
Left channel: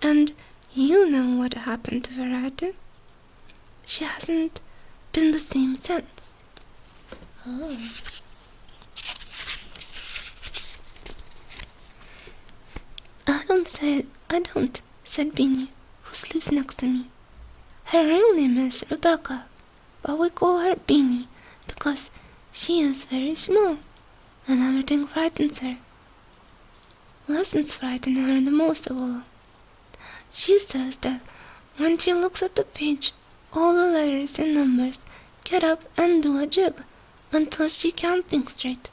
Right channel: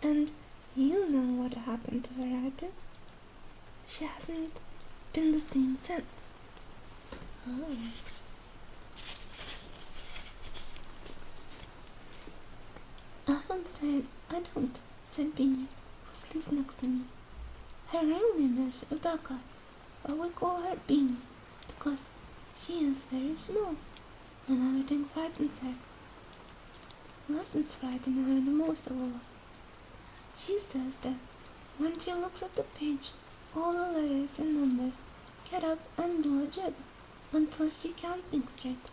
and you know what happened to Fakyra. She hasn't been the same since. Oh. I don't, said Beanie, who sleeps next to me. Her real name is Rebecca, but we call her Beanie because she is very small and everything frightens her. Lessons frighten her the most of all. She says that when she looks at the page, all the letters and numbers get up and do a jig until she can't think straight.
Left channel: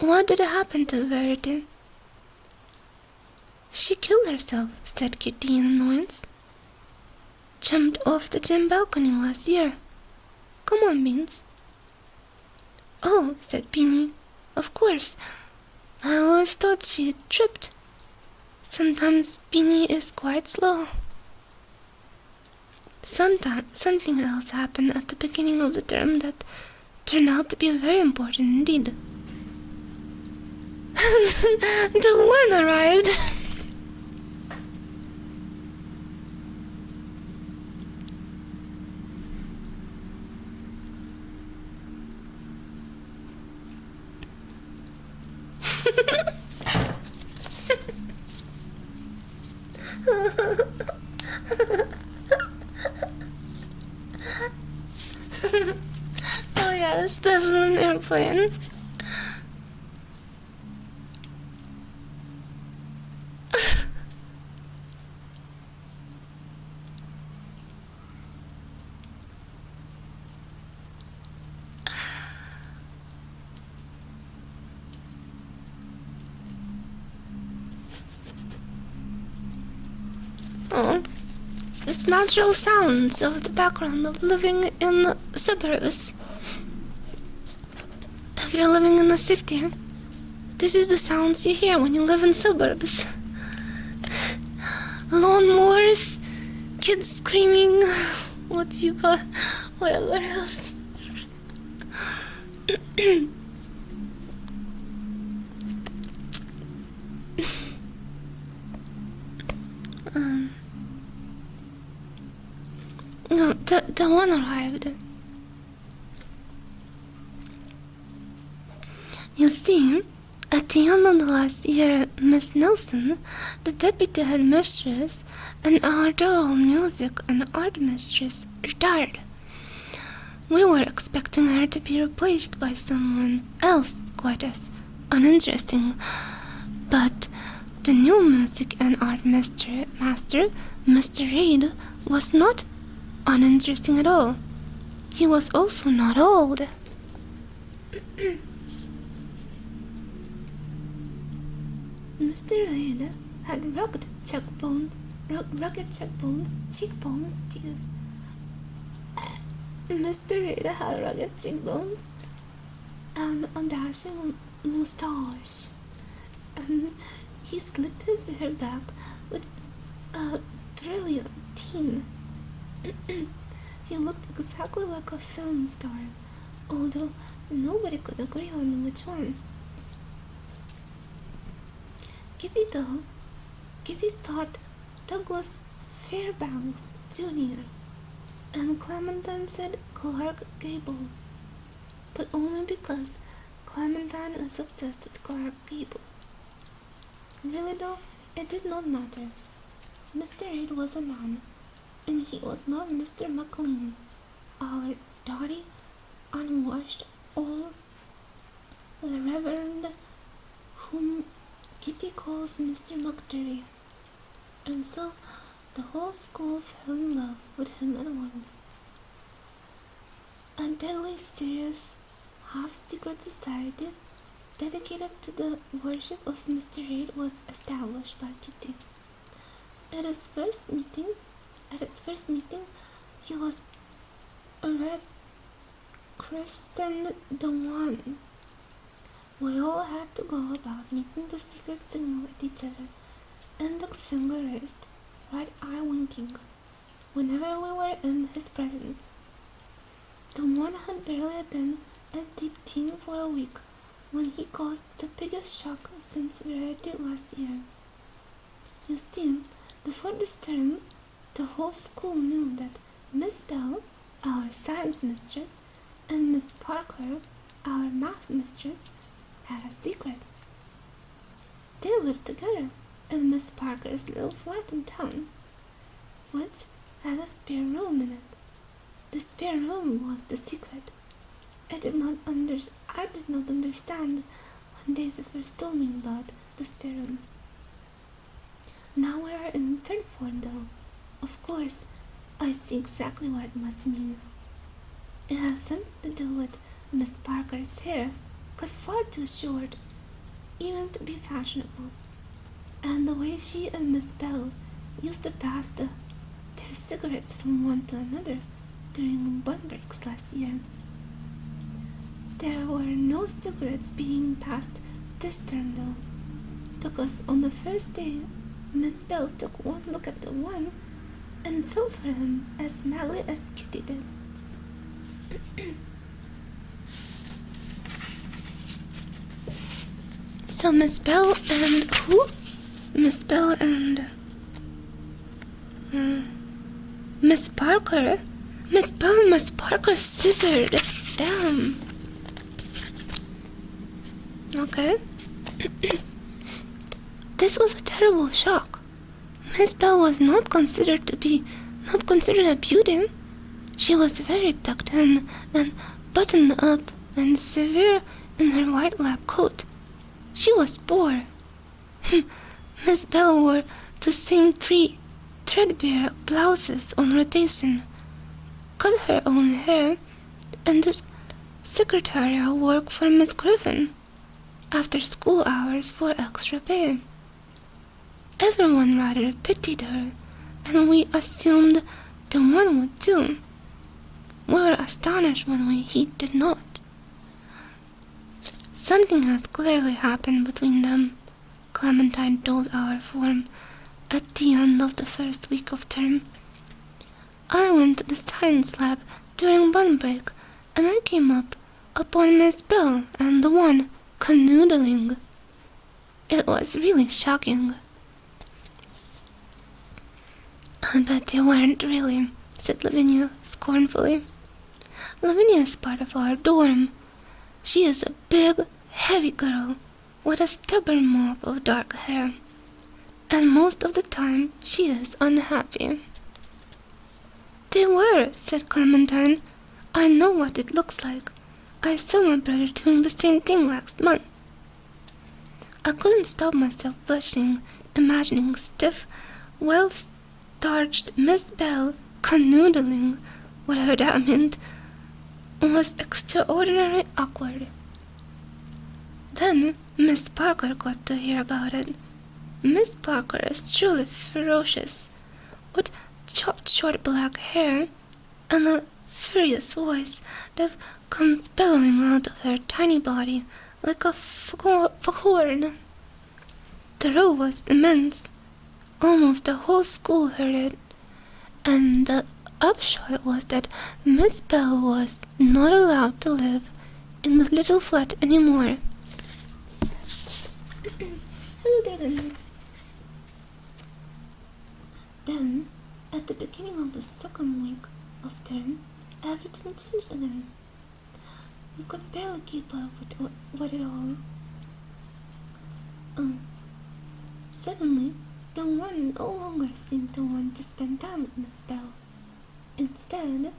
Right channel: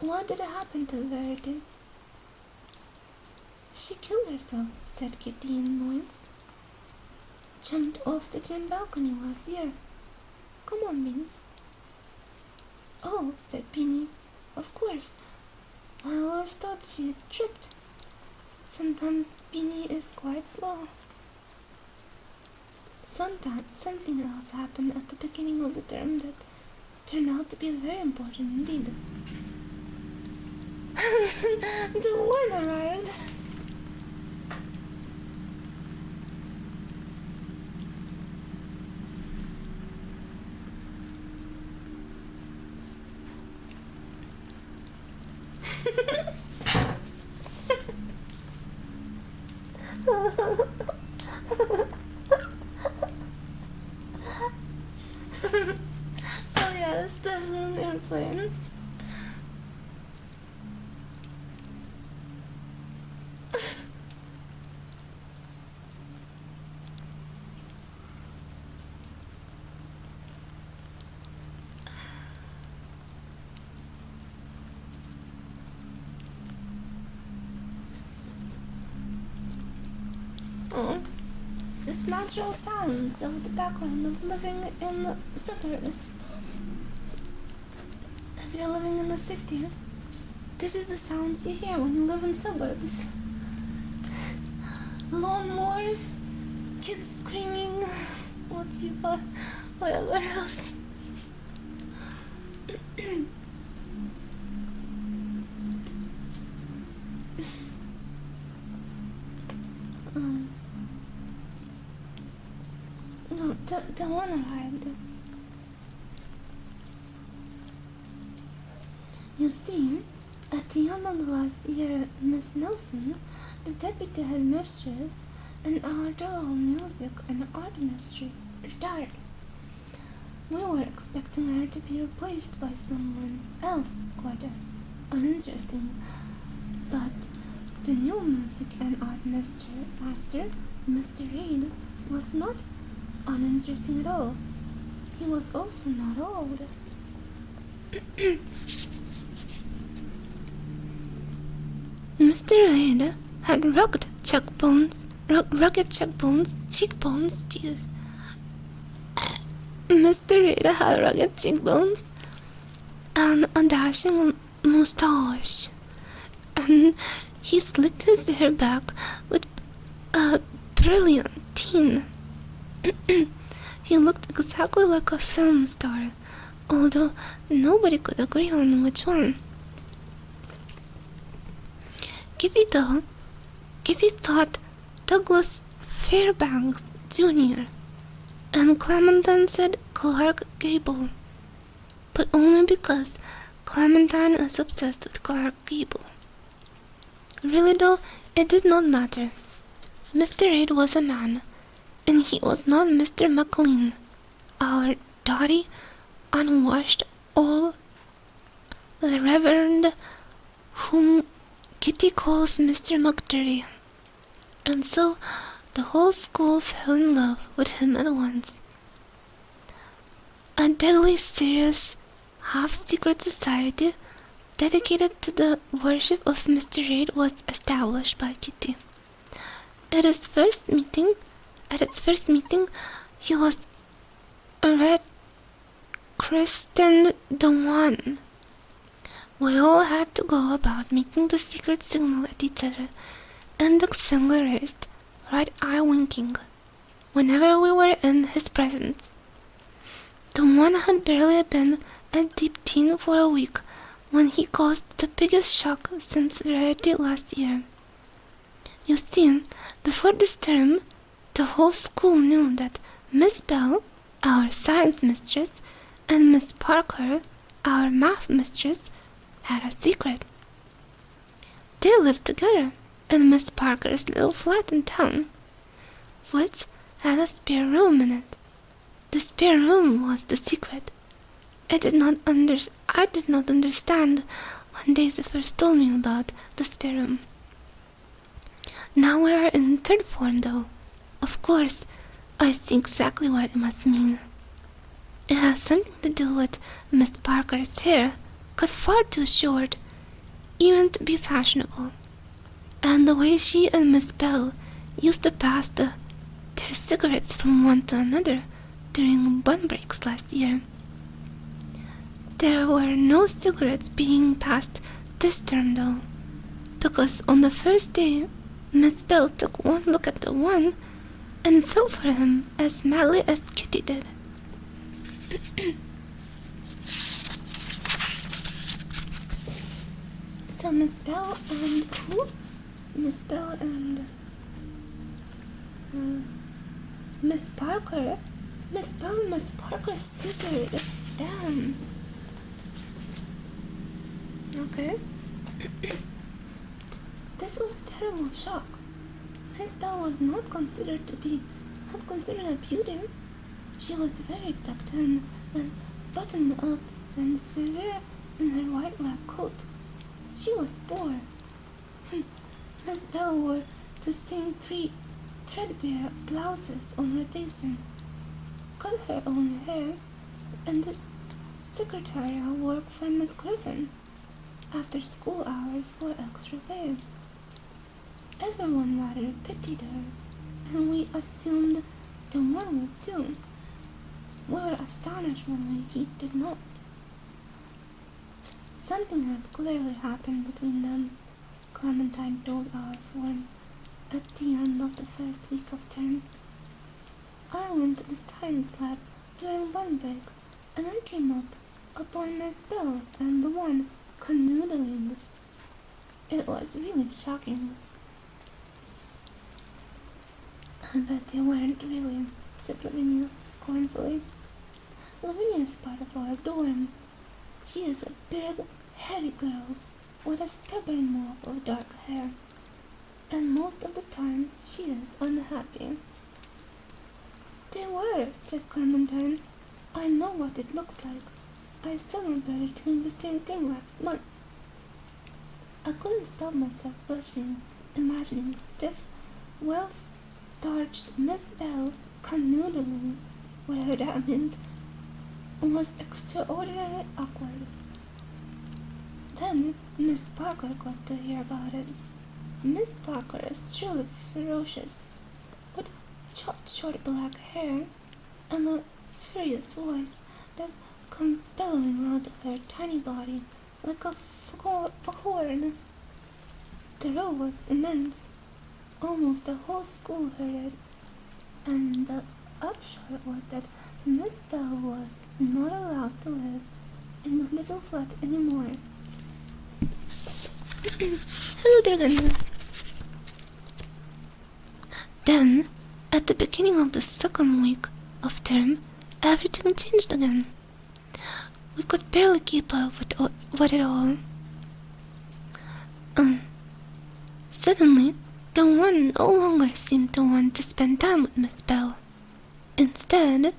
What did happen to Verity? She killed herself, said Kitty in annoyance. Jumped off the gym balcony last year. Come on, Beans. Oh, said Beanie. Of course. I always thought she had tripped. Sometimes Beanie is quite slow. Sometimes something else happened at the beginning of the term that turned out to be very important indeed. The one arrived. Oh yeah, it's definitely an airplane. Oh, it's natural sounds of the background of living in the suburbs. If you're living in the city, this is the sounds you hear when you live in suburbs. Lawnmowers, kids screaming, what you got, whatever else. No, the one arrived. You see, at the end of the last year, Miss Nelson, the deputy headmistress, and our adorable music and art mistress retired. We were expecting her to be replaced by someone else quite as uninteresting, but the new music and art master, Mr. Reid, was not uninteresting at all. He was also not old. Mr. Reid had rugged cheekbones, Jesus. Mr. Reid had rugged cheekbones and a dashing moustache, and he slicked his hair back with a brilliant teen. He looked exactly like a film star, although nobody could agree on which one. Gippy thought Douglas Fairbanks Jr., and Clementine said Clark Gable, but only because Clementine is obsessed with Clark Gable. Really though, it did not matter. Mr. Reid was a man, and he was not Mr. McLean, our doughty, unwashed old Reverend whom Kitty calls Mr. McDurry, and so the whole school fell in love with him at once. A deadly serious, half-secret society dedicated to the worship of Mr. Reid was established by Kitty. At its first meeting, he was christened the One. We all had to go about making the secret signal at each other, index finger raised, right eye winking, whenever we were in his presence. The One had barely been a deep teen for a week when he caused the biggest shock since Variety last year. You see, before this term, the whole school knew that Miss Bell, our science mistress, and Miss Parker, our math mistress, had a secret. They lived together in Miss Parker's little flat in town, which had a spare room in it. The spare room was the secret. I did not understand when Daisy first told me about the spare room. Now we are in third form, though. Of course, I see exactly what it must mean. It has something to do with Miss Parker's hair, cut far too short, even to be fashionable, and the way she and Miss Bell used to pass their cigarettes from one to another during bun breaks last year. There were no cigarettes being passed this term, though, because on the first day, Miss Bell took one look at the one and fell for him as madly as Kitty did. So Miss Bell and who? Miss Bell and Miss Parker? Miss Bell and Miss Parker scissored. Damn. Okay. This was a terrible shock. Miss Bell was not considered a beauty. She was very tucked in and buttoned up and severe in her white lab coat. She was poor. Miss Bell wore the same 3 threadbare blouses on rotation, cut her own hair, and did secretarial work for Miss Griffin after school hours for extra pay. Everyone rather pitied her, and we assumed the one would too. We were astonished when he did not. Something has clearly happened between them, Clementine told our form at the end of the first week of term. I went to the science lab during bun break, and I came upon Miss Bell and the one canoodling. It was really shocking. I bet they weren't really, said Lavinia scornfully. Lavinia is part of our dorm. She is a big, heavy girl with a stubborn mop of dark hair, and most of the time she is unhappy. They were, said Clementine. I know what it looks like. I saw my brother doing the same thing last month. I couldn't stop myself blushing, imagining stiff, well-starched Miss Bell canoodling, whatever that meant, was extraordinarily awkward. Then Miss Parker got to hear about it. Miss Parker is truly ferocious, with chopped short black hair and a furious voice that comes bellowing out of her tiny body like a foghorn. The row was immense. Almost the whole school heard it, and the upshot was that Miss Bell was not allowed to live in the little flat anymore. Hello, Dragon. Then, at the beginning of the second week of term, everything changed again. We could barely keep up with it all. Suddenly, the one no longer seemed to want to spend time with Miss Bell. Instead,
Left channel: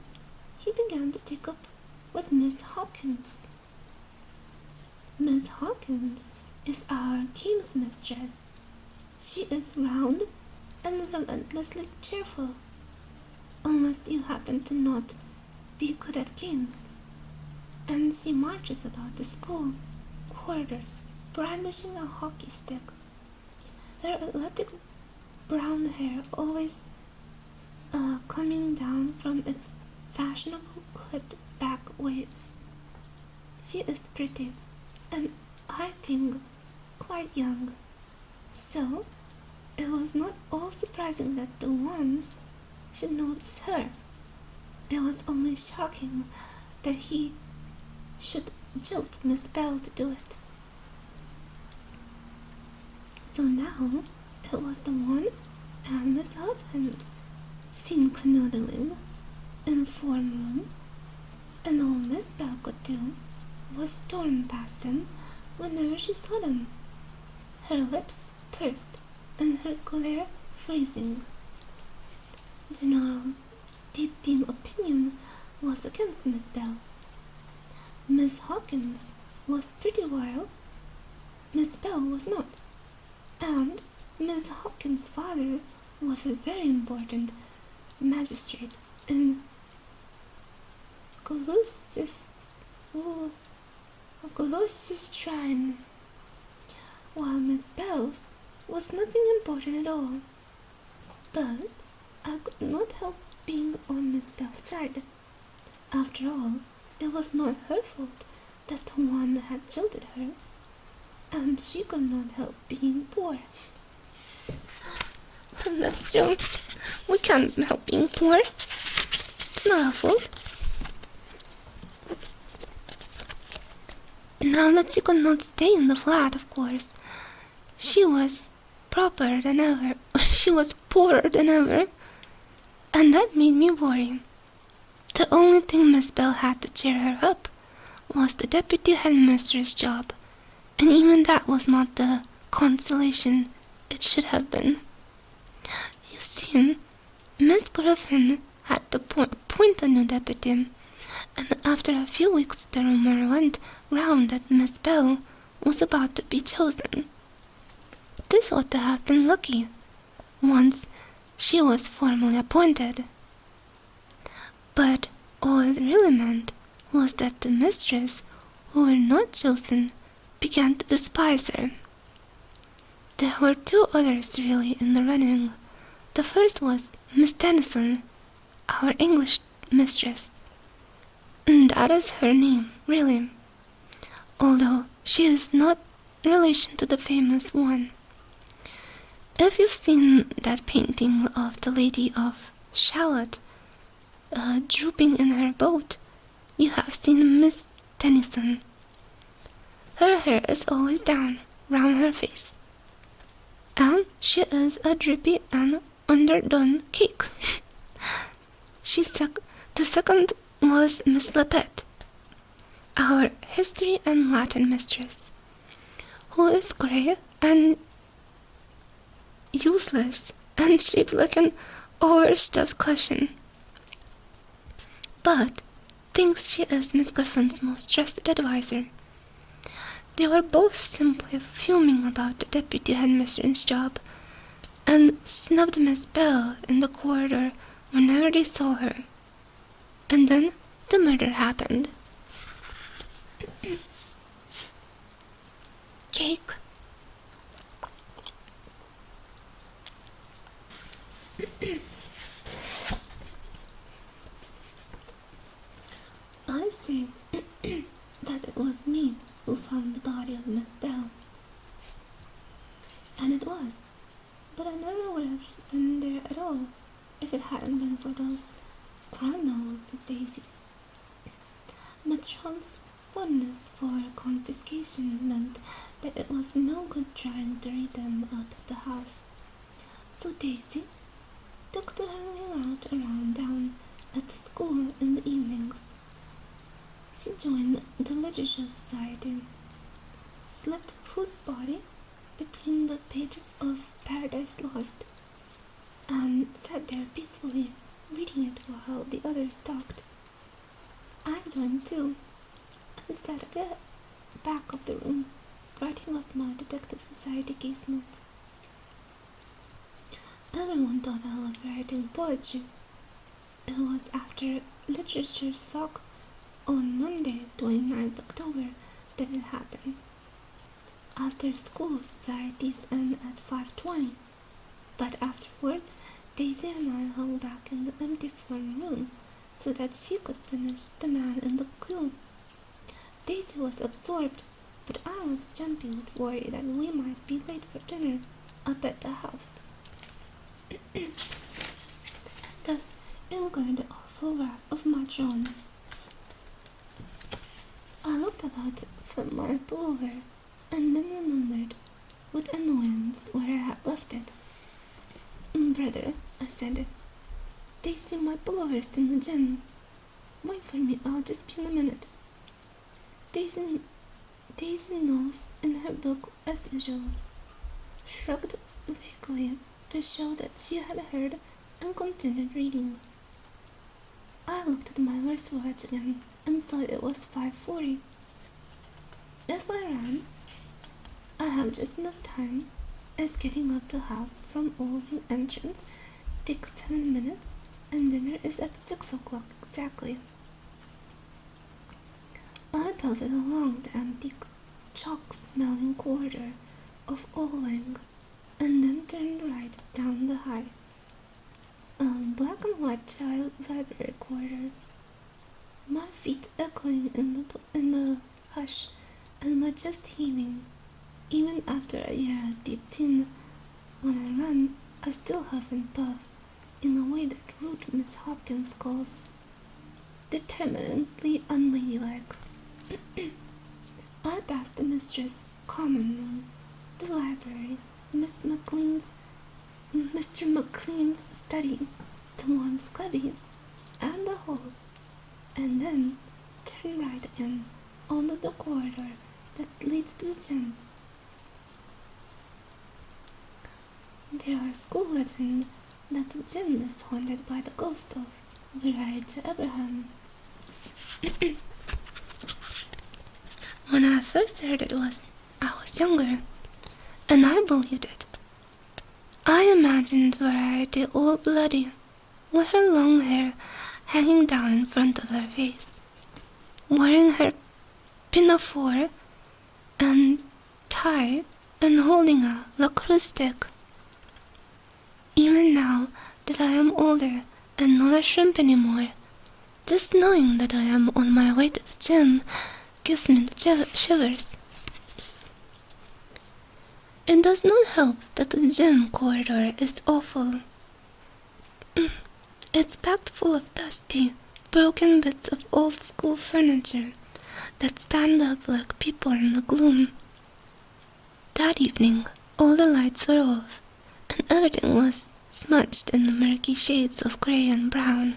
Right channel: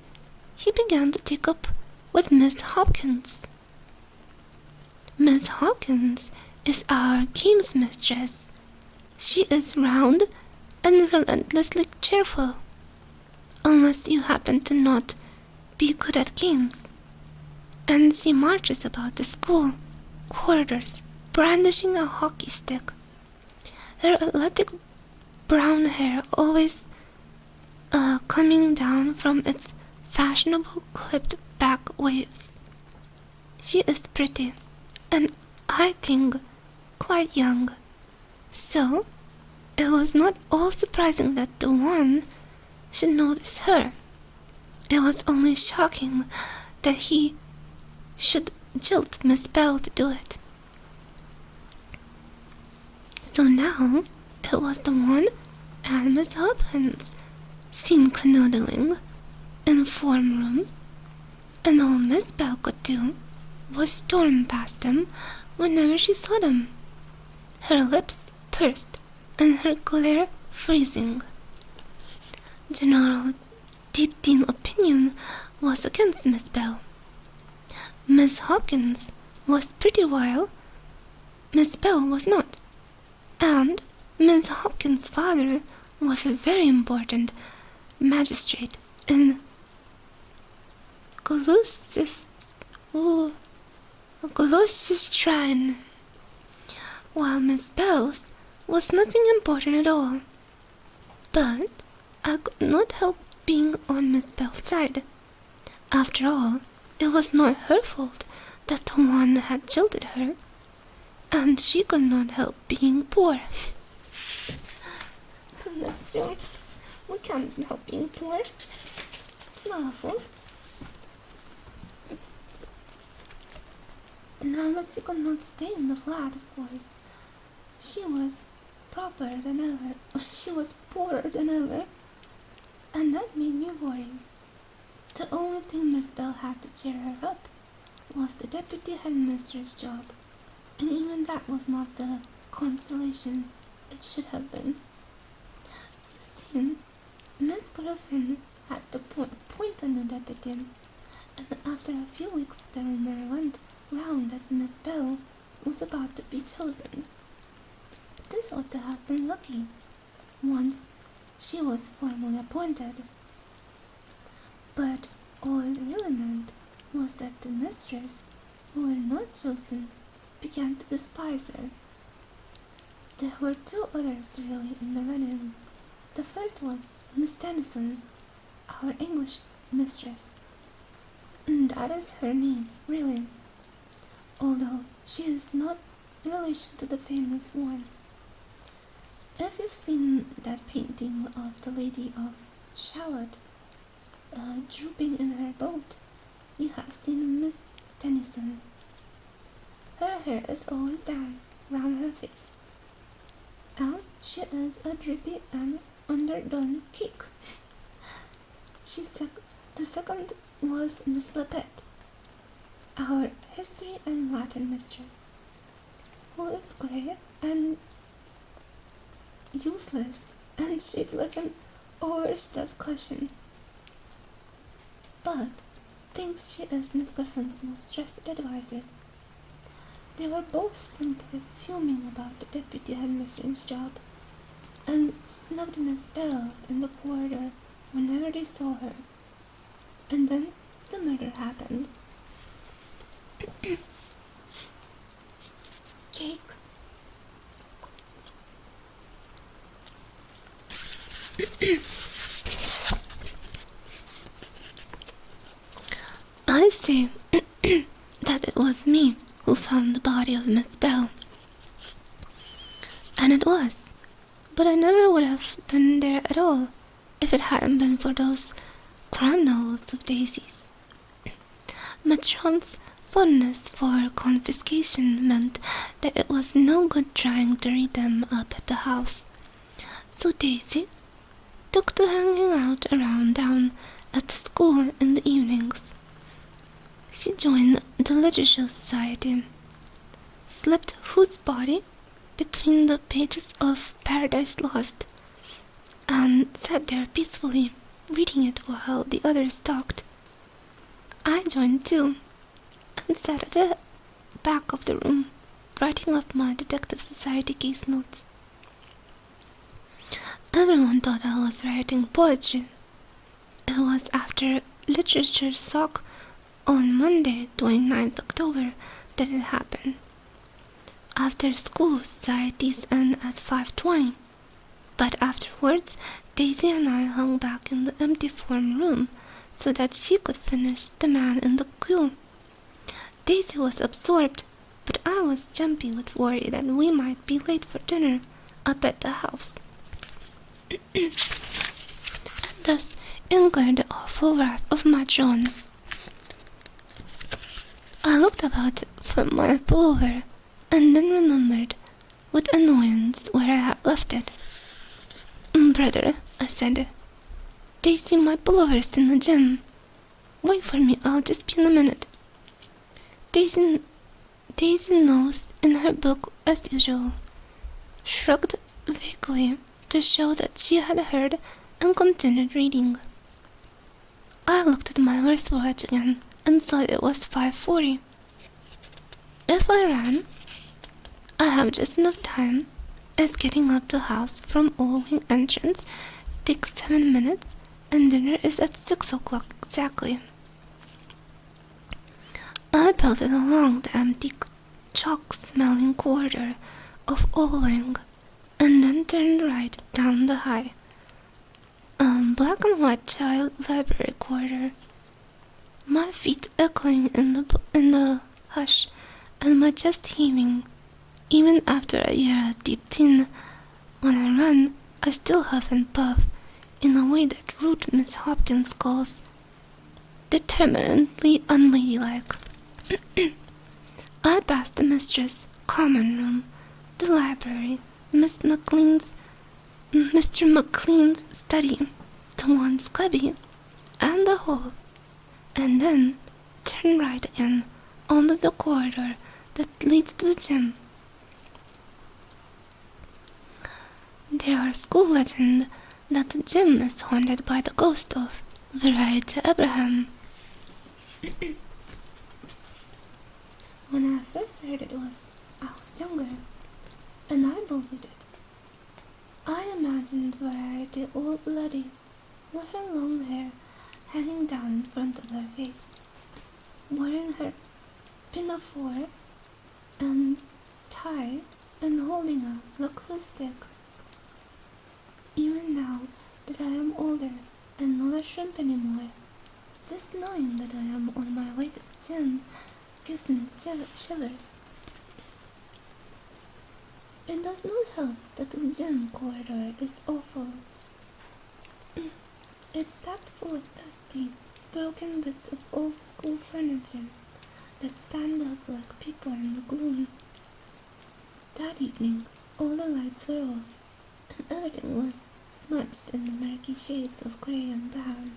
he began to take up with Miss Hopkins. Miss Hopkins is our games mistress. She is round and relentlessly cheerful, unless you happen to not be good at games. And she marches about the school corridors, brandishing a hockey stick. Her athletic brown hair always coming down from its fashionable clipped back waves. She is pretty, and I think quite young, so it was not all surprising that the one should notice her. It was only shocking that he should jilt Miss Bell to do it. So now it was the one and Miss Hopkins seen canoodling in form rooms, and all Miss Bell could do was storm past them whenever she saw them, her lips pursed and her glare freezing. General deep teen opinion was against Miss Bell. Miss Hopkins was pretty wild, Miss Bell was not, and Miss Hopkins' father was a very important magistrate in Gloucestershire, while Miss Bell's was nothing important at all. But I could not help being on Miss Bell's side. After all, it was not her fault that the one had jilted her, and she could not help being poor. That's true. We can't help being poor. It's not our fault. Now that she could not stay in the flat, of course, she was proper than ever. She was poorer than ever, and that made me worry. The only thing Miss Bell had to cheer her up was the deputy headmistress job, and even that was not the consolation it should have been. You see, Miss Griffin had to appoint a new deputy, and after a few weeks the rumor went round that Miss Bell was about to be chosen. This ought to have been lucky, once she was formally appointed. But all it really meant was that the mistress, who were not chosen, began to despise her. There were two others really in the running. The first was Miss Tennyson, our English mistress. And that is her name, really, although she is not relation to the famous one. If you've seen that painting of the Lady of Shalott drooping in her boat, you have seen Miss Tennyson. Her hair is always down round her face, and she is a drippy and underdone cake. The second was Miss Lepet, our history and Latin mistress, who is grey and useless and shaped like an overstuffed cushion, but thinks she is Miss Griffin's most trusted advisor. They were both simply fuming about the deputy headmistress job, and snubbed Miss Bell in the corridor whenever they saw her. And then the murder happened. Cake. I say that it was me who found the body of Miss Bell. And it was. But I never would have been there at all if it hadn't been for those crime novels of Daisy's. Matron's fondness for confiscation meant that it was no good trying to read them up at the house. So Daisy took to hanging out around down at the school in the evenings. She joined the Literature Society, slipped whose body between the pages of Paradise Lost, and sat there peacefully, reading it while the others talked. I joined too, and sat at the back of the room, writing up my Detective Society case notes. Everyone thought I was writing poetry. It was after Literature Sock on Monday, 29th October, that it happened. After school, societies end at 5:20, but afterwards, Daisy and I hung back in the empty form room so that she could finish The Man in the Queue. Daisy was absorbed, but I was jumpy with worry that we might be late for dinner up at the house. And thus incurred the awful wrath of Matron. I looked about for my pullover, and then remembered with annoyance where I had left it. "Brother," I said, Daisy, my pullover's in the gym. Wait for me, I'll just be in a minute. Daisy nosed in her book as usual, shrugged vaguely to show that she had heard, and continued reading. I looked at my wristwatch again and saw it was 5:40. If I ran, I have just enough time, as getting up the house from Old Wing entrance takes 7 minutes and dinner is at 6 o'clock exactly. I pelted along the empty chalk-smelling corridor of Old Wing and then turned right down the high, black and white child library corridor, my feet echoing in the hush and my chest heaving. Even after a year at Deep Tin, when I run, I still huff and puff in a way that rude Miss Hopkins calls determinedly unladylike. I passed the mistress' common room, the library, Mr. McLean's study, the one's cubby, and the hall, and then turned right again onto the corridor that leads to the gym. There are school legends that the gym is haunted by the ghost of Variety Abraham. When I first heard I was younger, and I believed it. I imagined Variety all bloody, with her long hair hanging down in front of her face, wearing her pinafore and tie, and holding a lacrosse stick. Even now that I am older and not a shrimp anymore, just knowing that I am on my way to the gym gives me the shivers. It does not help that the gym corridor is awful. It's packed full of dusty, broken bits of old school furniture that stand up like people in the gloom. That evening, all the lights were off, and everything was smudged in the murky shades of grey and brown.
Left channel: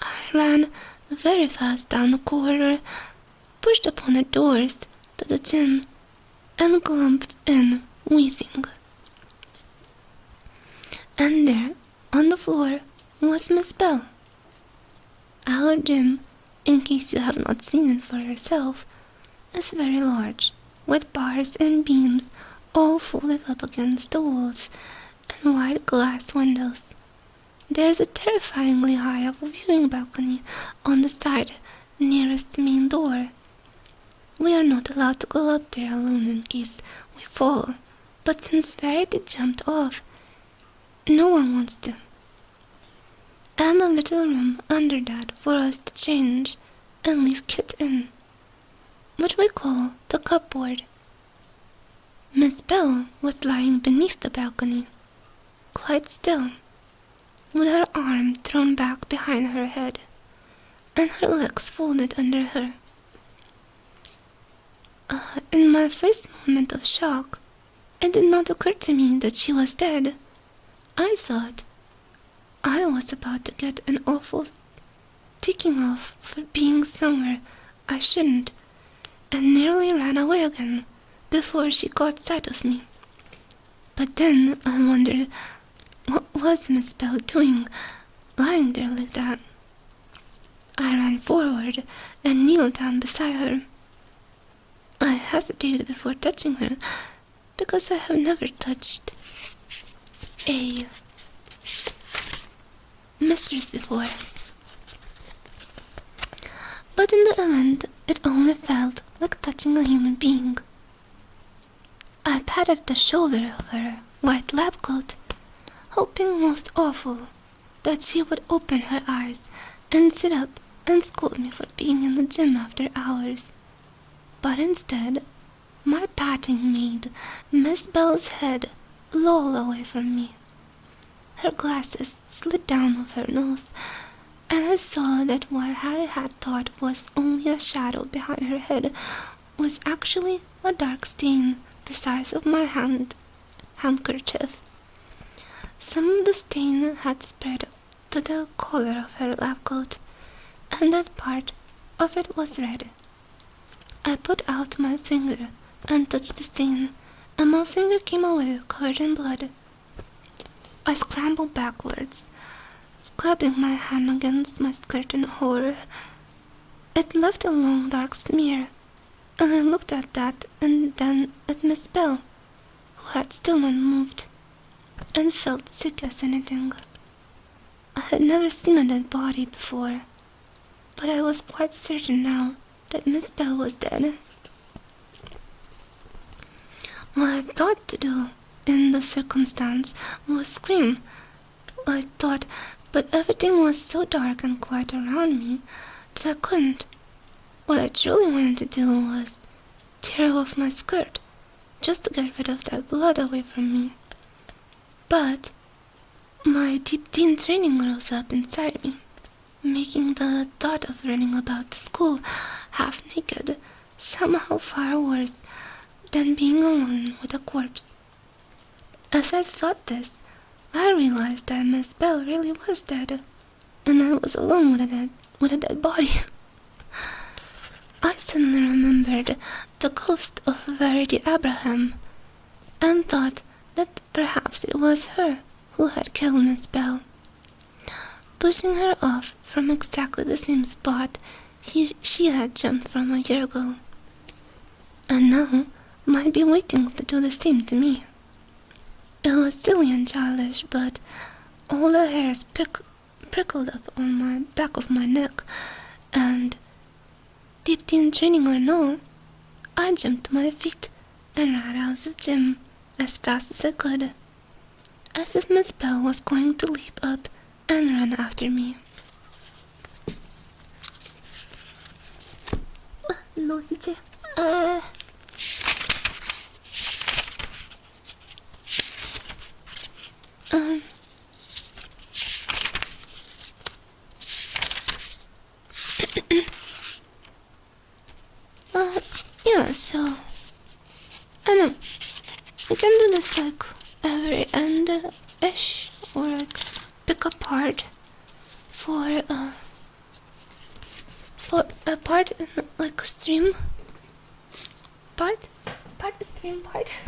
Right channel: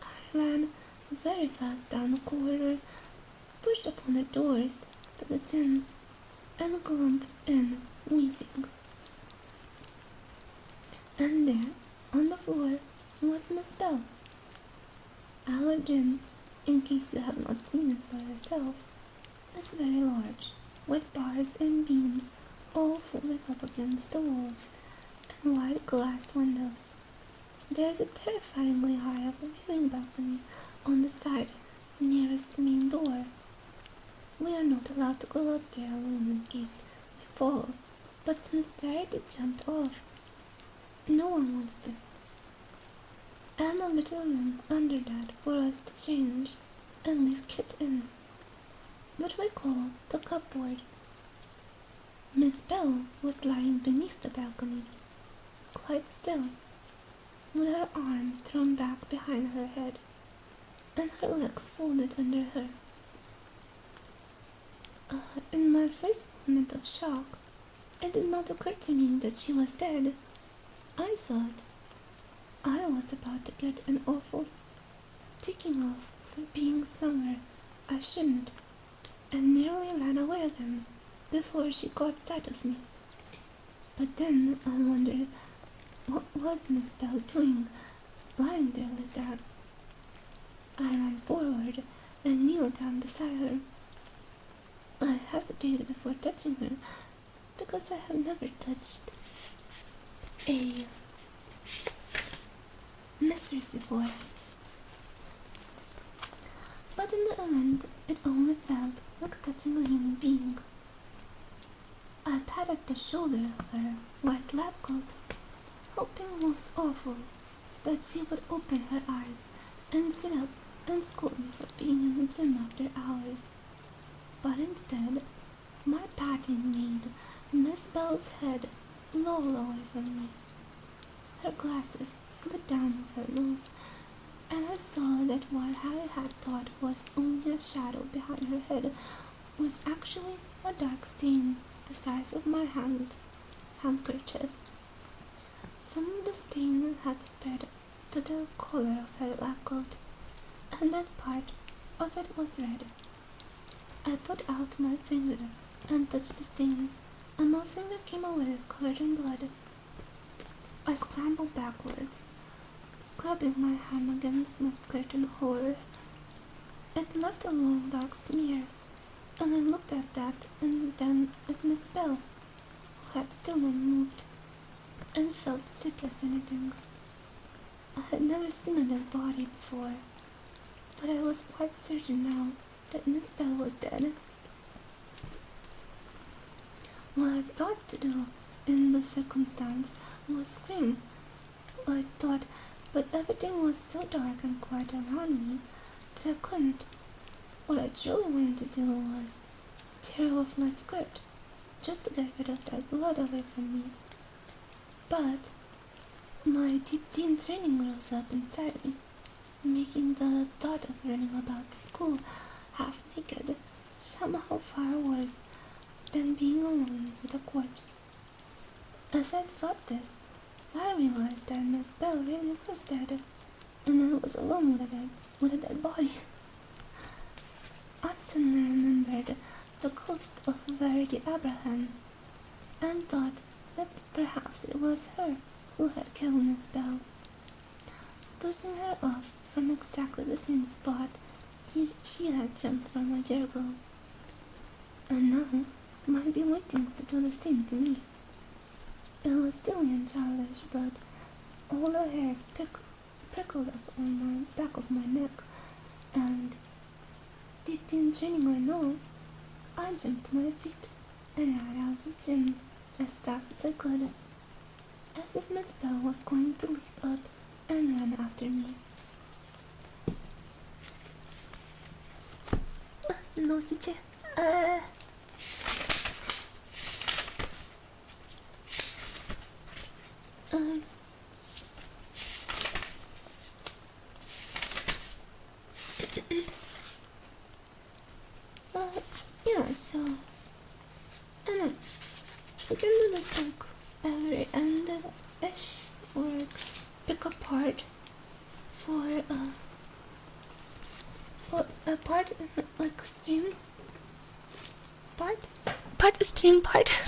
I ran very fast down the corridor, pushed upon the doors to the gym, and clumped in, wheezing. And there, on the floor, was Miss Bell. Our gym, in case you have not seen it for yourself, is very large, with bars and beams all folded up against the walls and wide glass windows. There is a terrifyingly high viewing balcony on the side nearest the main door. We are not allowed to go up there alone in case we fall, but since Verity jumped off, no one wants to. And a little room under that for us to change and leave Kit in, what we call the cupboard. Miss Bell was lying beneath the balcony, quite still, with her arm thrown back behind her head, and her legs folded under her. In my first moment of shock, it did not occur to me that she was dead. I thought I was about to get an awful ticking off for being somewhere I shouldn't, and nearly ran away again before she caught sight of me. But then I wondered, what was Miss Bell doing, lying there like that? I ran forward and kneeled down beside her. I hesitated before touching her, because I have never touched a mistress before. But in the end, it only felt like touching a human being. I patted the shoulder of her white lab coat, hoping most awful that she would open her eyes and sit up and scold me for being in the gym after hours. But instead, my patting made Miss Bell's head loll away from me. Her glasses slid down off her nose, and I saw that what I had thought was only a shadow behind her head was actually a dark stain the size of my handkerchief. Some of the stain had spread to the collar of her lab coat, and that part of it was red. I put out my finger and touched the stain, and my finger came away covered in blood. I scrambled backwards, scrubbing my hand against my skirt in horror. It left a long dark smear, and I looked at that and then at Miss Bell, who had still not moved, and felt sick as anything. I had never seen a dead body before, but I was quite certain now that Miss Bell was dead. What I thought to do in the circumstance was scream. I thought, but everything was so dark and quiet around me that I couldn't. What I truly wanted to do was tear off my skirt, just to get rid of that blood away from me. But my deep teen training rose up inside me, making the thought of running about the school half naked somehow far worse than being alone with a corpse. As I thought this, I realized that Miss Bell really was dead, and I was alone with a dead body. I suddenly remembered the ghost of Verity Abraham, and thought that perhaps it was her who had killed Miss Bell, pushing her off from exactly the same spot she had jumped from a year ago, and now might be waiting to do the same to me. It was silly and childish, but all the hairs prickled up on my back of my neck, and deep teen training or no, I jumped to my feet and ran out of the gym as fast as I could, as if Miss Bell was going to leap up and run after me. Nosy. Yeah, so I know you can do this like every end-ish, or like pick a part for a part in like a stream part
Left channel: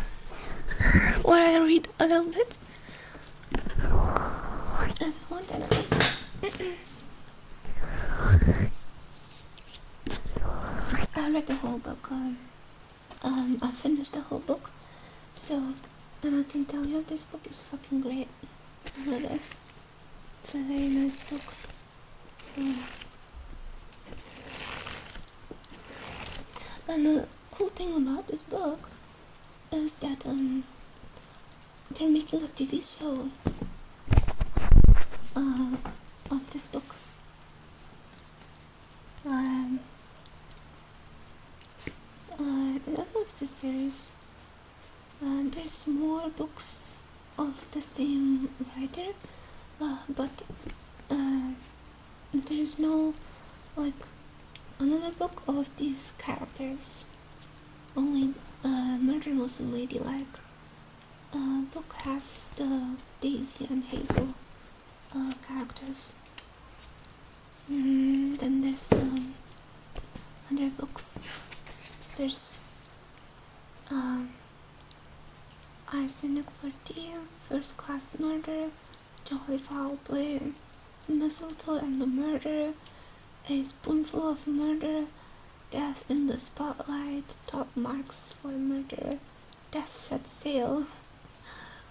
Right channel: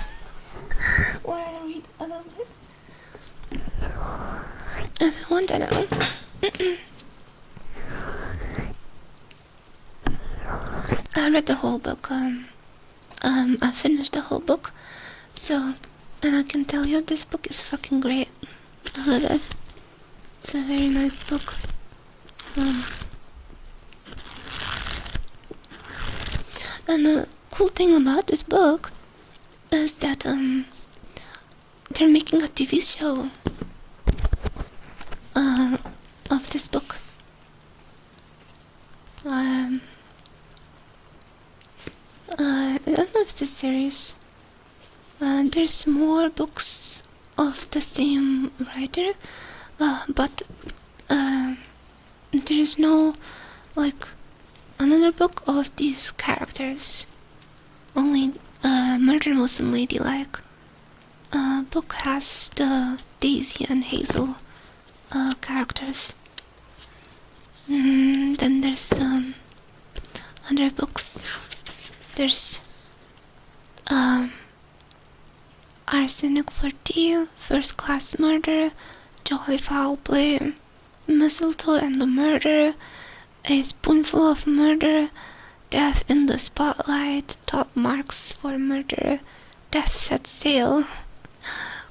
or I read a little bit if you want to know. I read the whole book. I finished the whole book, so, and I can tell you this book is fucking great. I love it. It's a very nice book. And the cool thing about this book is that they're making a TV show of this book. I don't know if it's a series. There's more books of the same writer, but there's no like another book of these characters. Only Murder Most Unladylike book has the Daisy and Hazel characters. Then there's other books. There's Arsenic for Tea, First Class Murder, Jolly Foul Play, Mistletoe and the Murder, A Spoonful of Murder, Death in the Spotlight, Top Marks for Murder, Death Set Sail,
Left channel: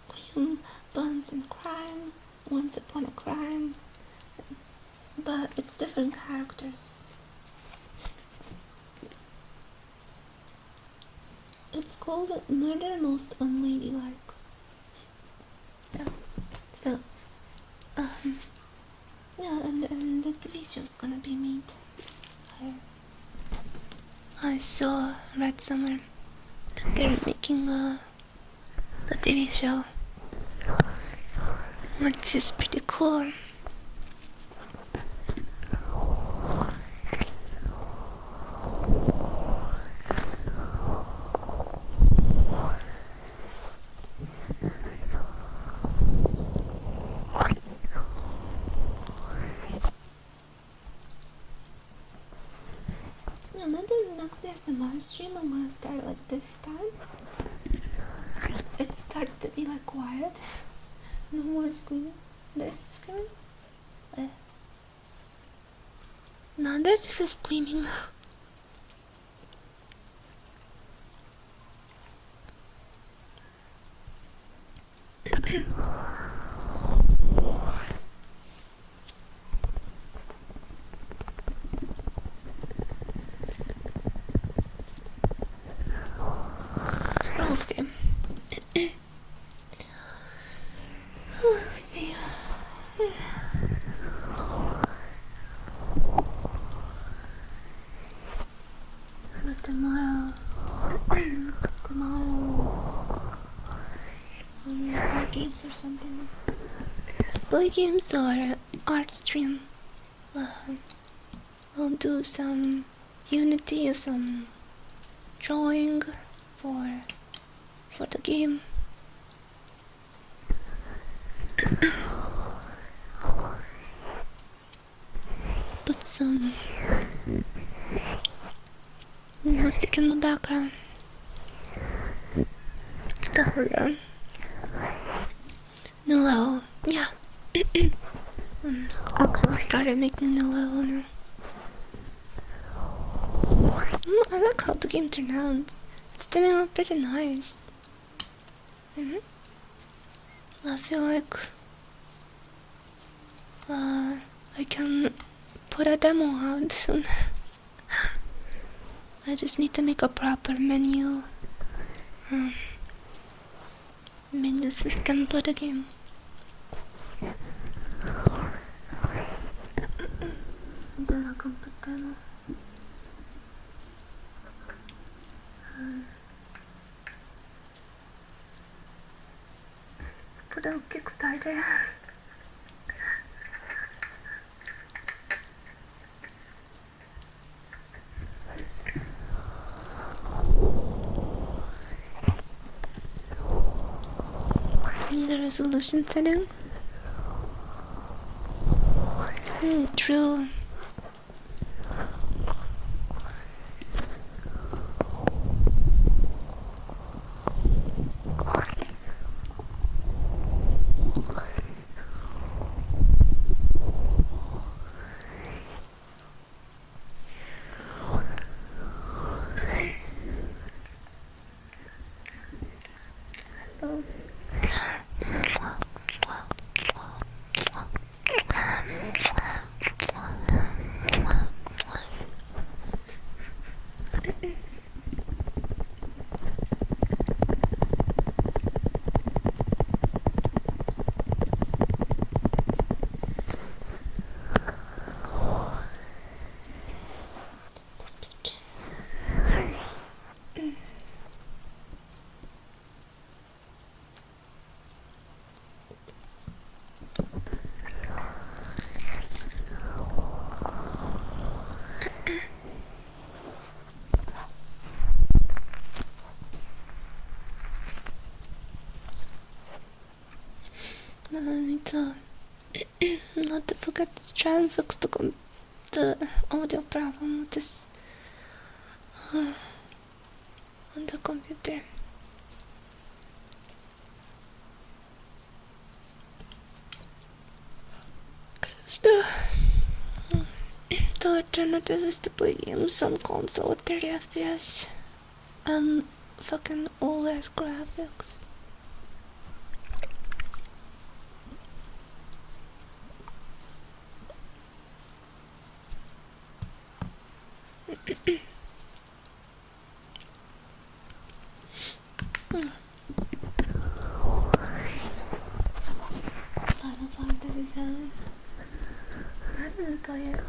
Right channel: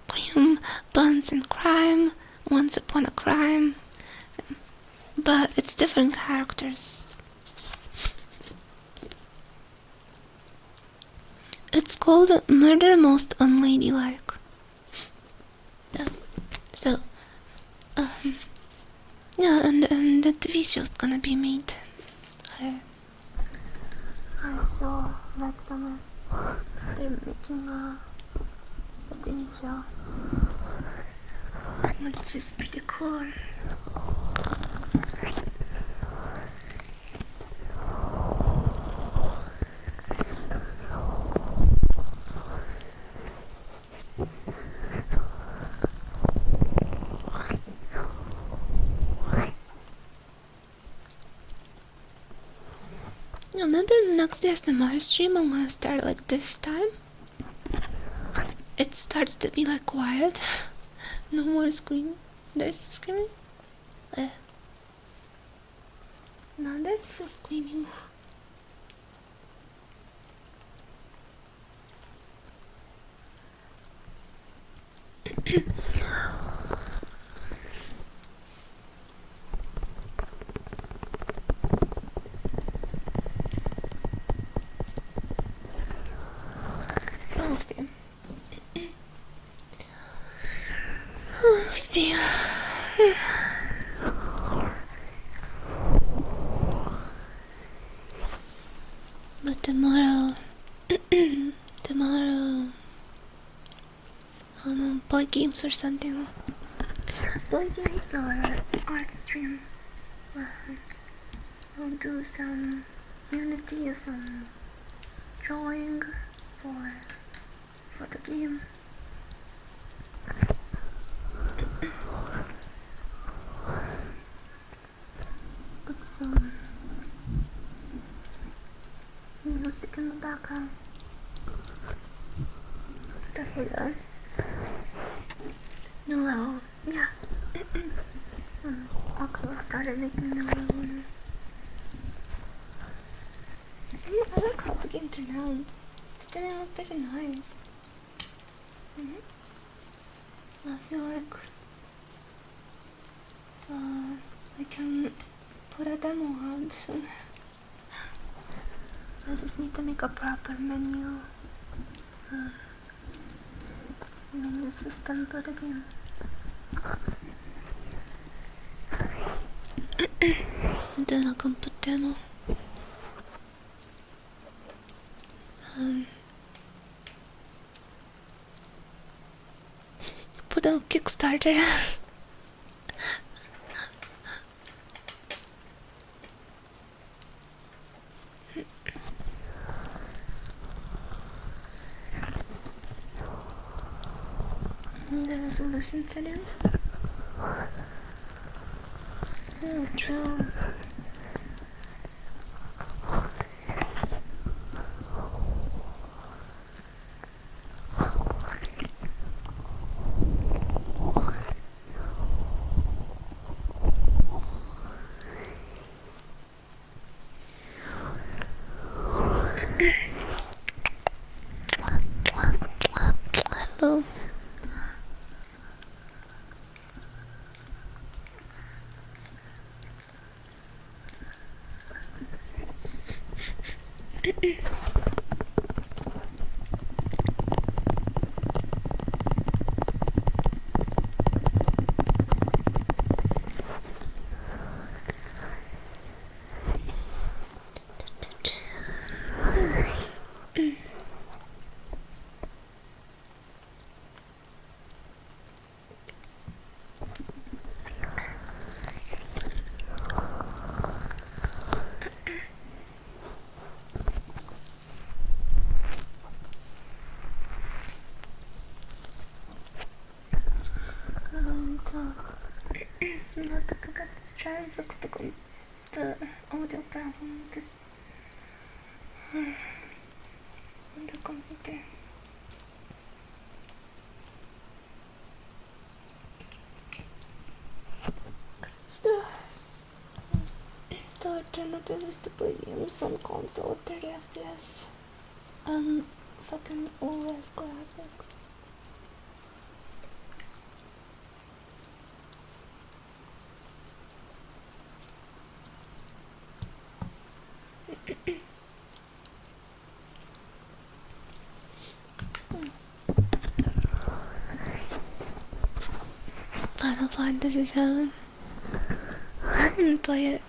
Cream, Buns and Crime, Once Upon a Crime, but it's different characters. It's called Murder Most Unladylike. Yeah. So, yeah, and the TV show's gonna be made. I read somewhere that they're making the TV show, which is pretty cool. maybe next ASMR stream I'm gonna start like this time. It starts to be like quiet. No more screaming. There's screaming? No, there's just screaming. We'll see. We'll see. But tomorrow, I'll play games or something. Play games or art stream. I'll do some Unity or some drawing for the game. Put some music in the background. Stuff like that. New level, yeah. Actually started making a new level now. I like how the game turned out. It's turning out pretty nice. I feel like I can put a demo out soon. I just need to make a proper menu system for the game. Then I can put demo. Put a Kickstarter. The resolution setting. True. Hello. I need to not to forget to try and fix the audio problem with this on the computer. Cause the alternative is to play games on console at 30 FPS and fucking old ass graphics. Final Fantasy 7. I didn't play it.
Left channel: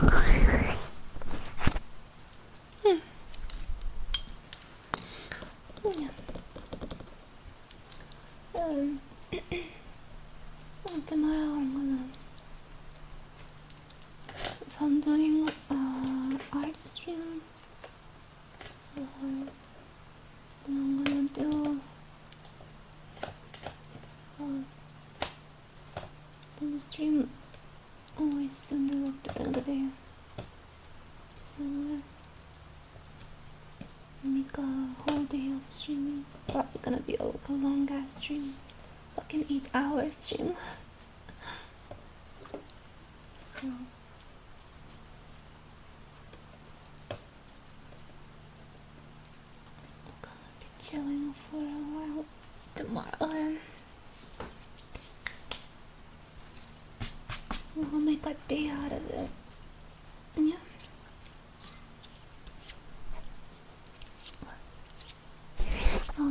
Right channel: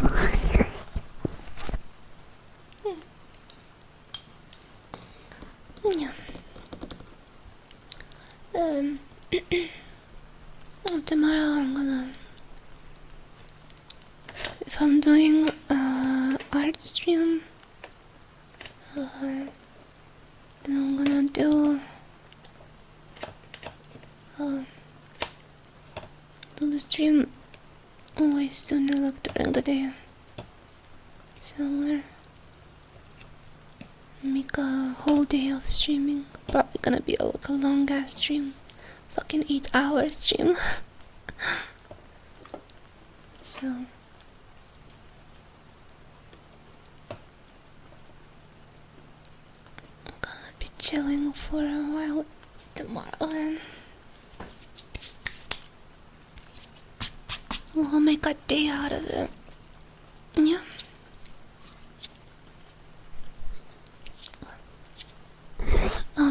Yeah. Tomorrow I'm gonna, if I'm doing art stream, then I'm gonna do the stream way sooner, like during the day. So we're make a whole day of streaming. Probably gonna be like a long ass stream, fucking 8-hour stream. So I'm gonna be chilling for a while tomorrow, and we'll make a day out of it. Yeah.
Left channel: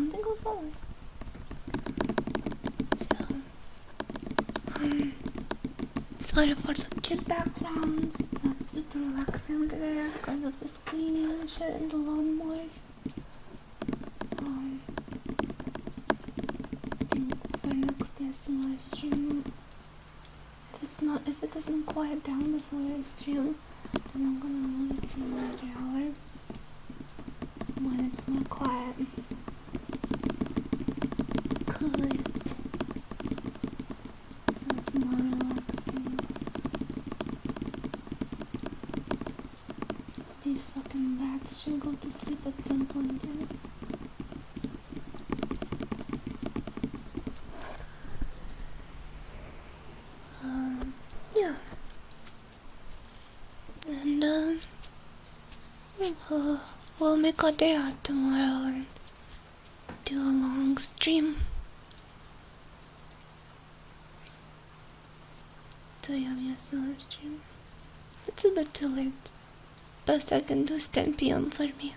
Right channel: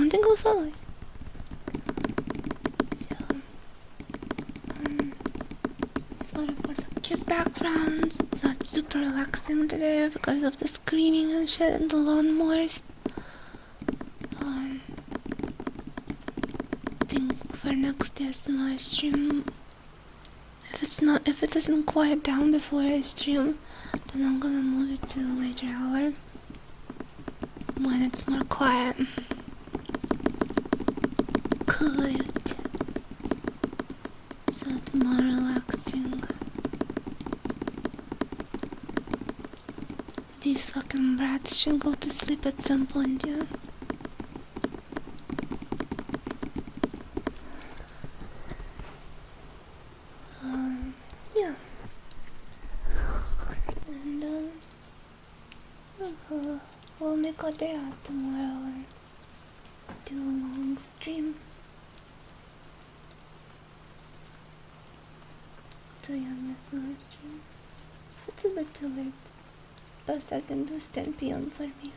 Tingle fellas. So, sorry for the kid backgrounds. Not super relaxing today because of the screaming and shit and the lawnmowers. I think for next ASMR stream, if it doesn't quiet down before I stream, then I'm gonna move it to a later hour when it's more quiet. Quiet. So it's more relaxing. These fucking brats should go to sleep at some point, yeah. Yeah. And we'll make a day out tomorrow and do a long stream. So yeah, yes, long stream. It's a bit too late. Best I can do is 10 PM for me.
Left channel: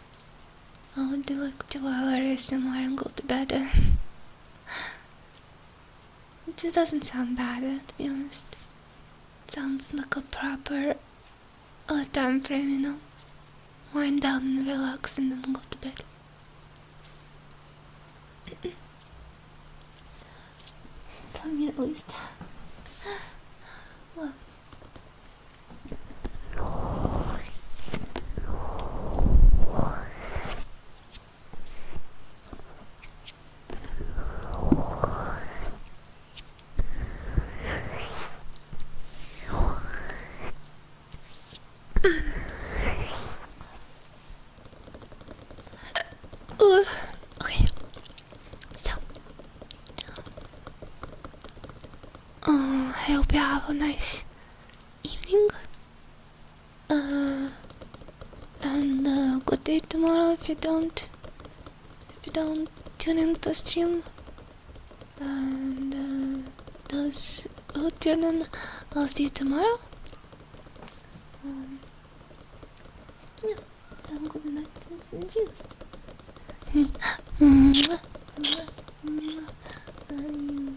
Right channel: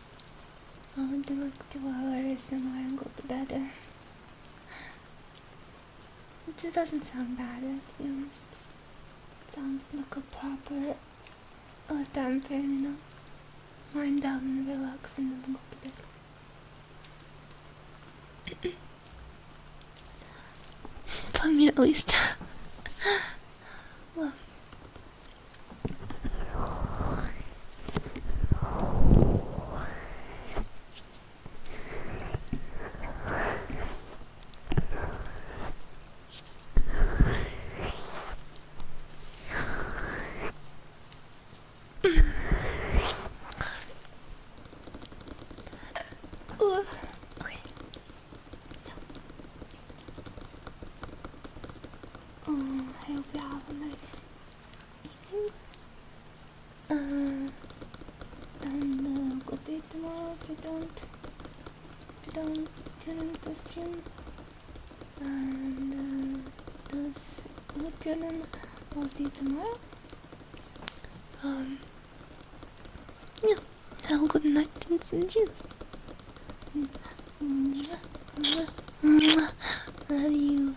I would do like 2 hours somewhere and go to bed. It just doesn't sound bad, to be honest. It sounds like a proper time frame, you know. Wind down and relax and then go to bed. For me at least. Well. Okay. So, I hope you have a nice evening. And good day tomorrow if you don't tune in to stream. And those who tune in, I'll see you tomorrow. Yeah. Have a good night and some juice. Love you.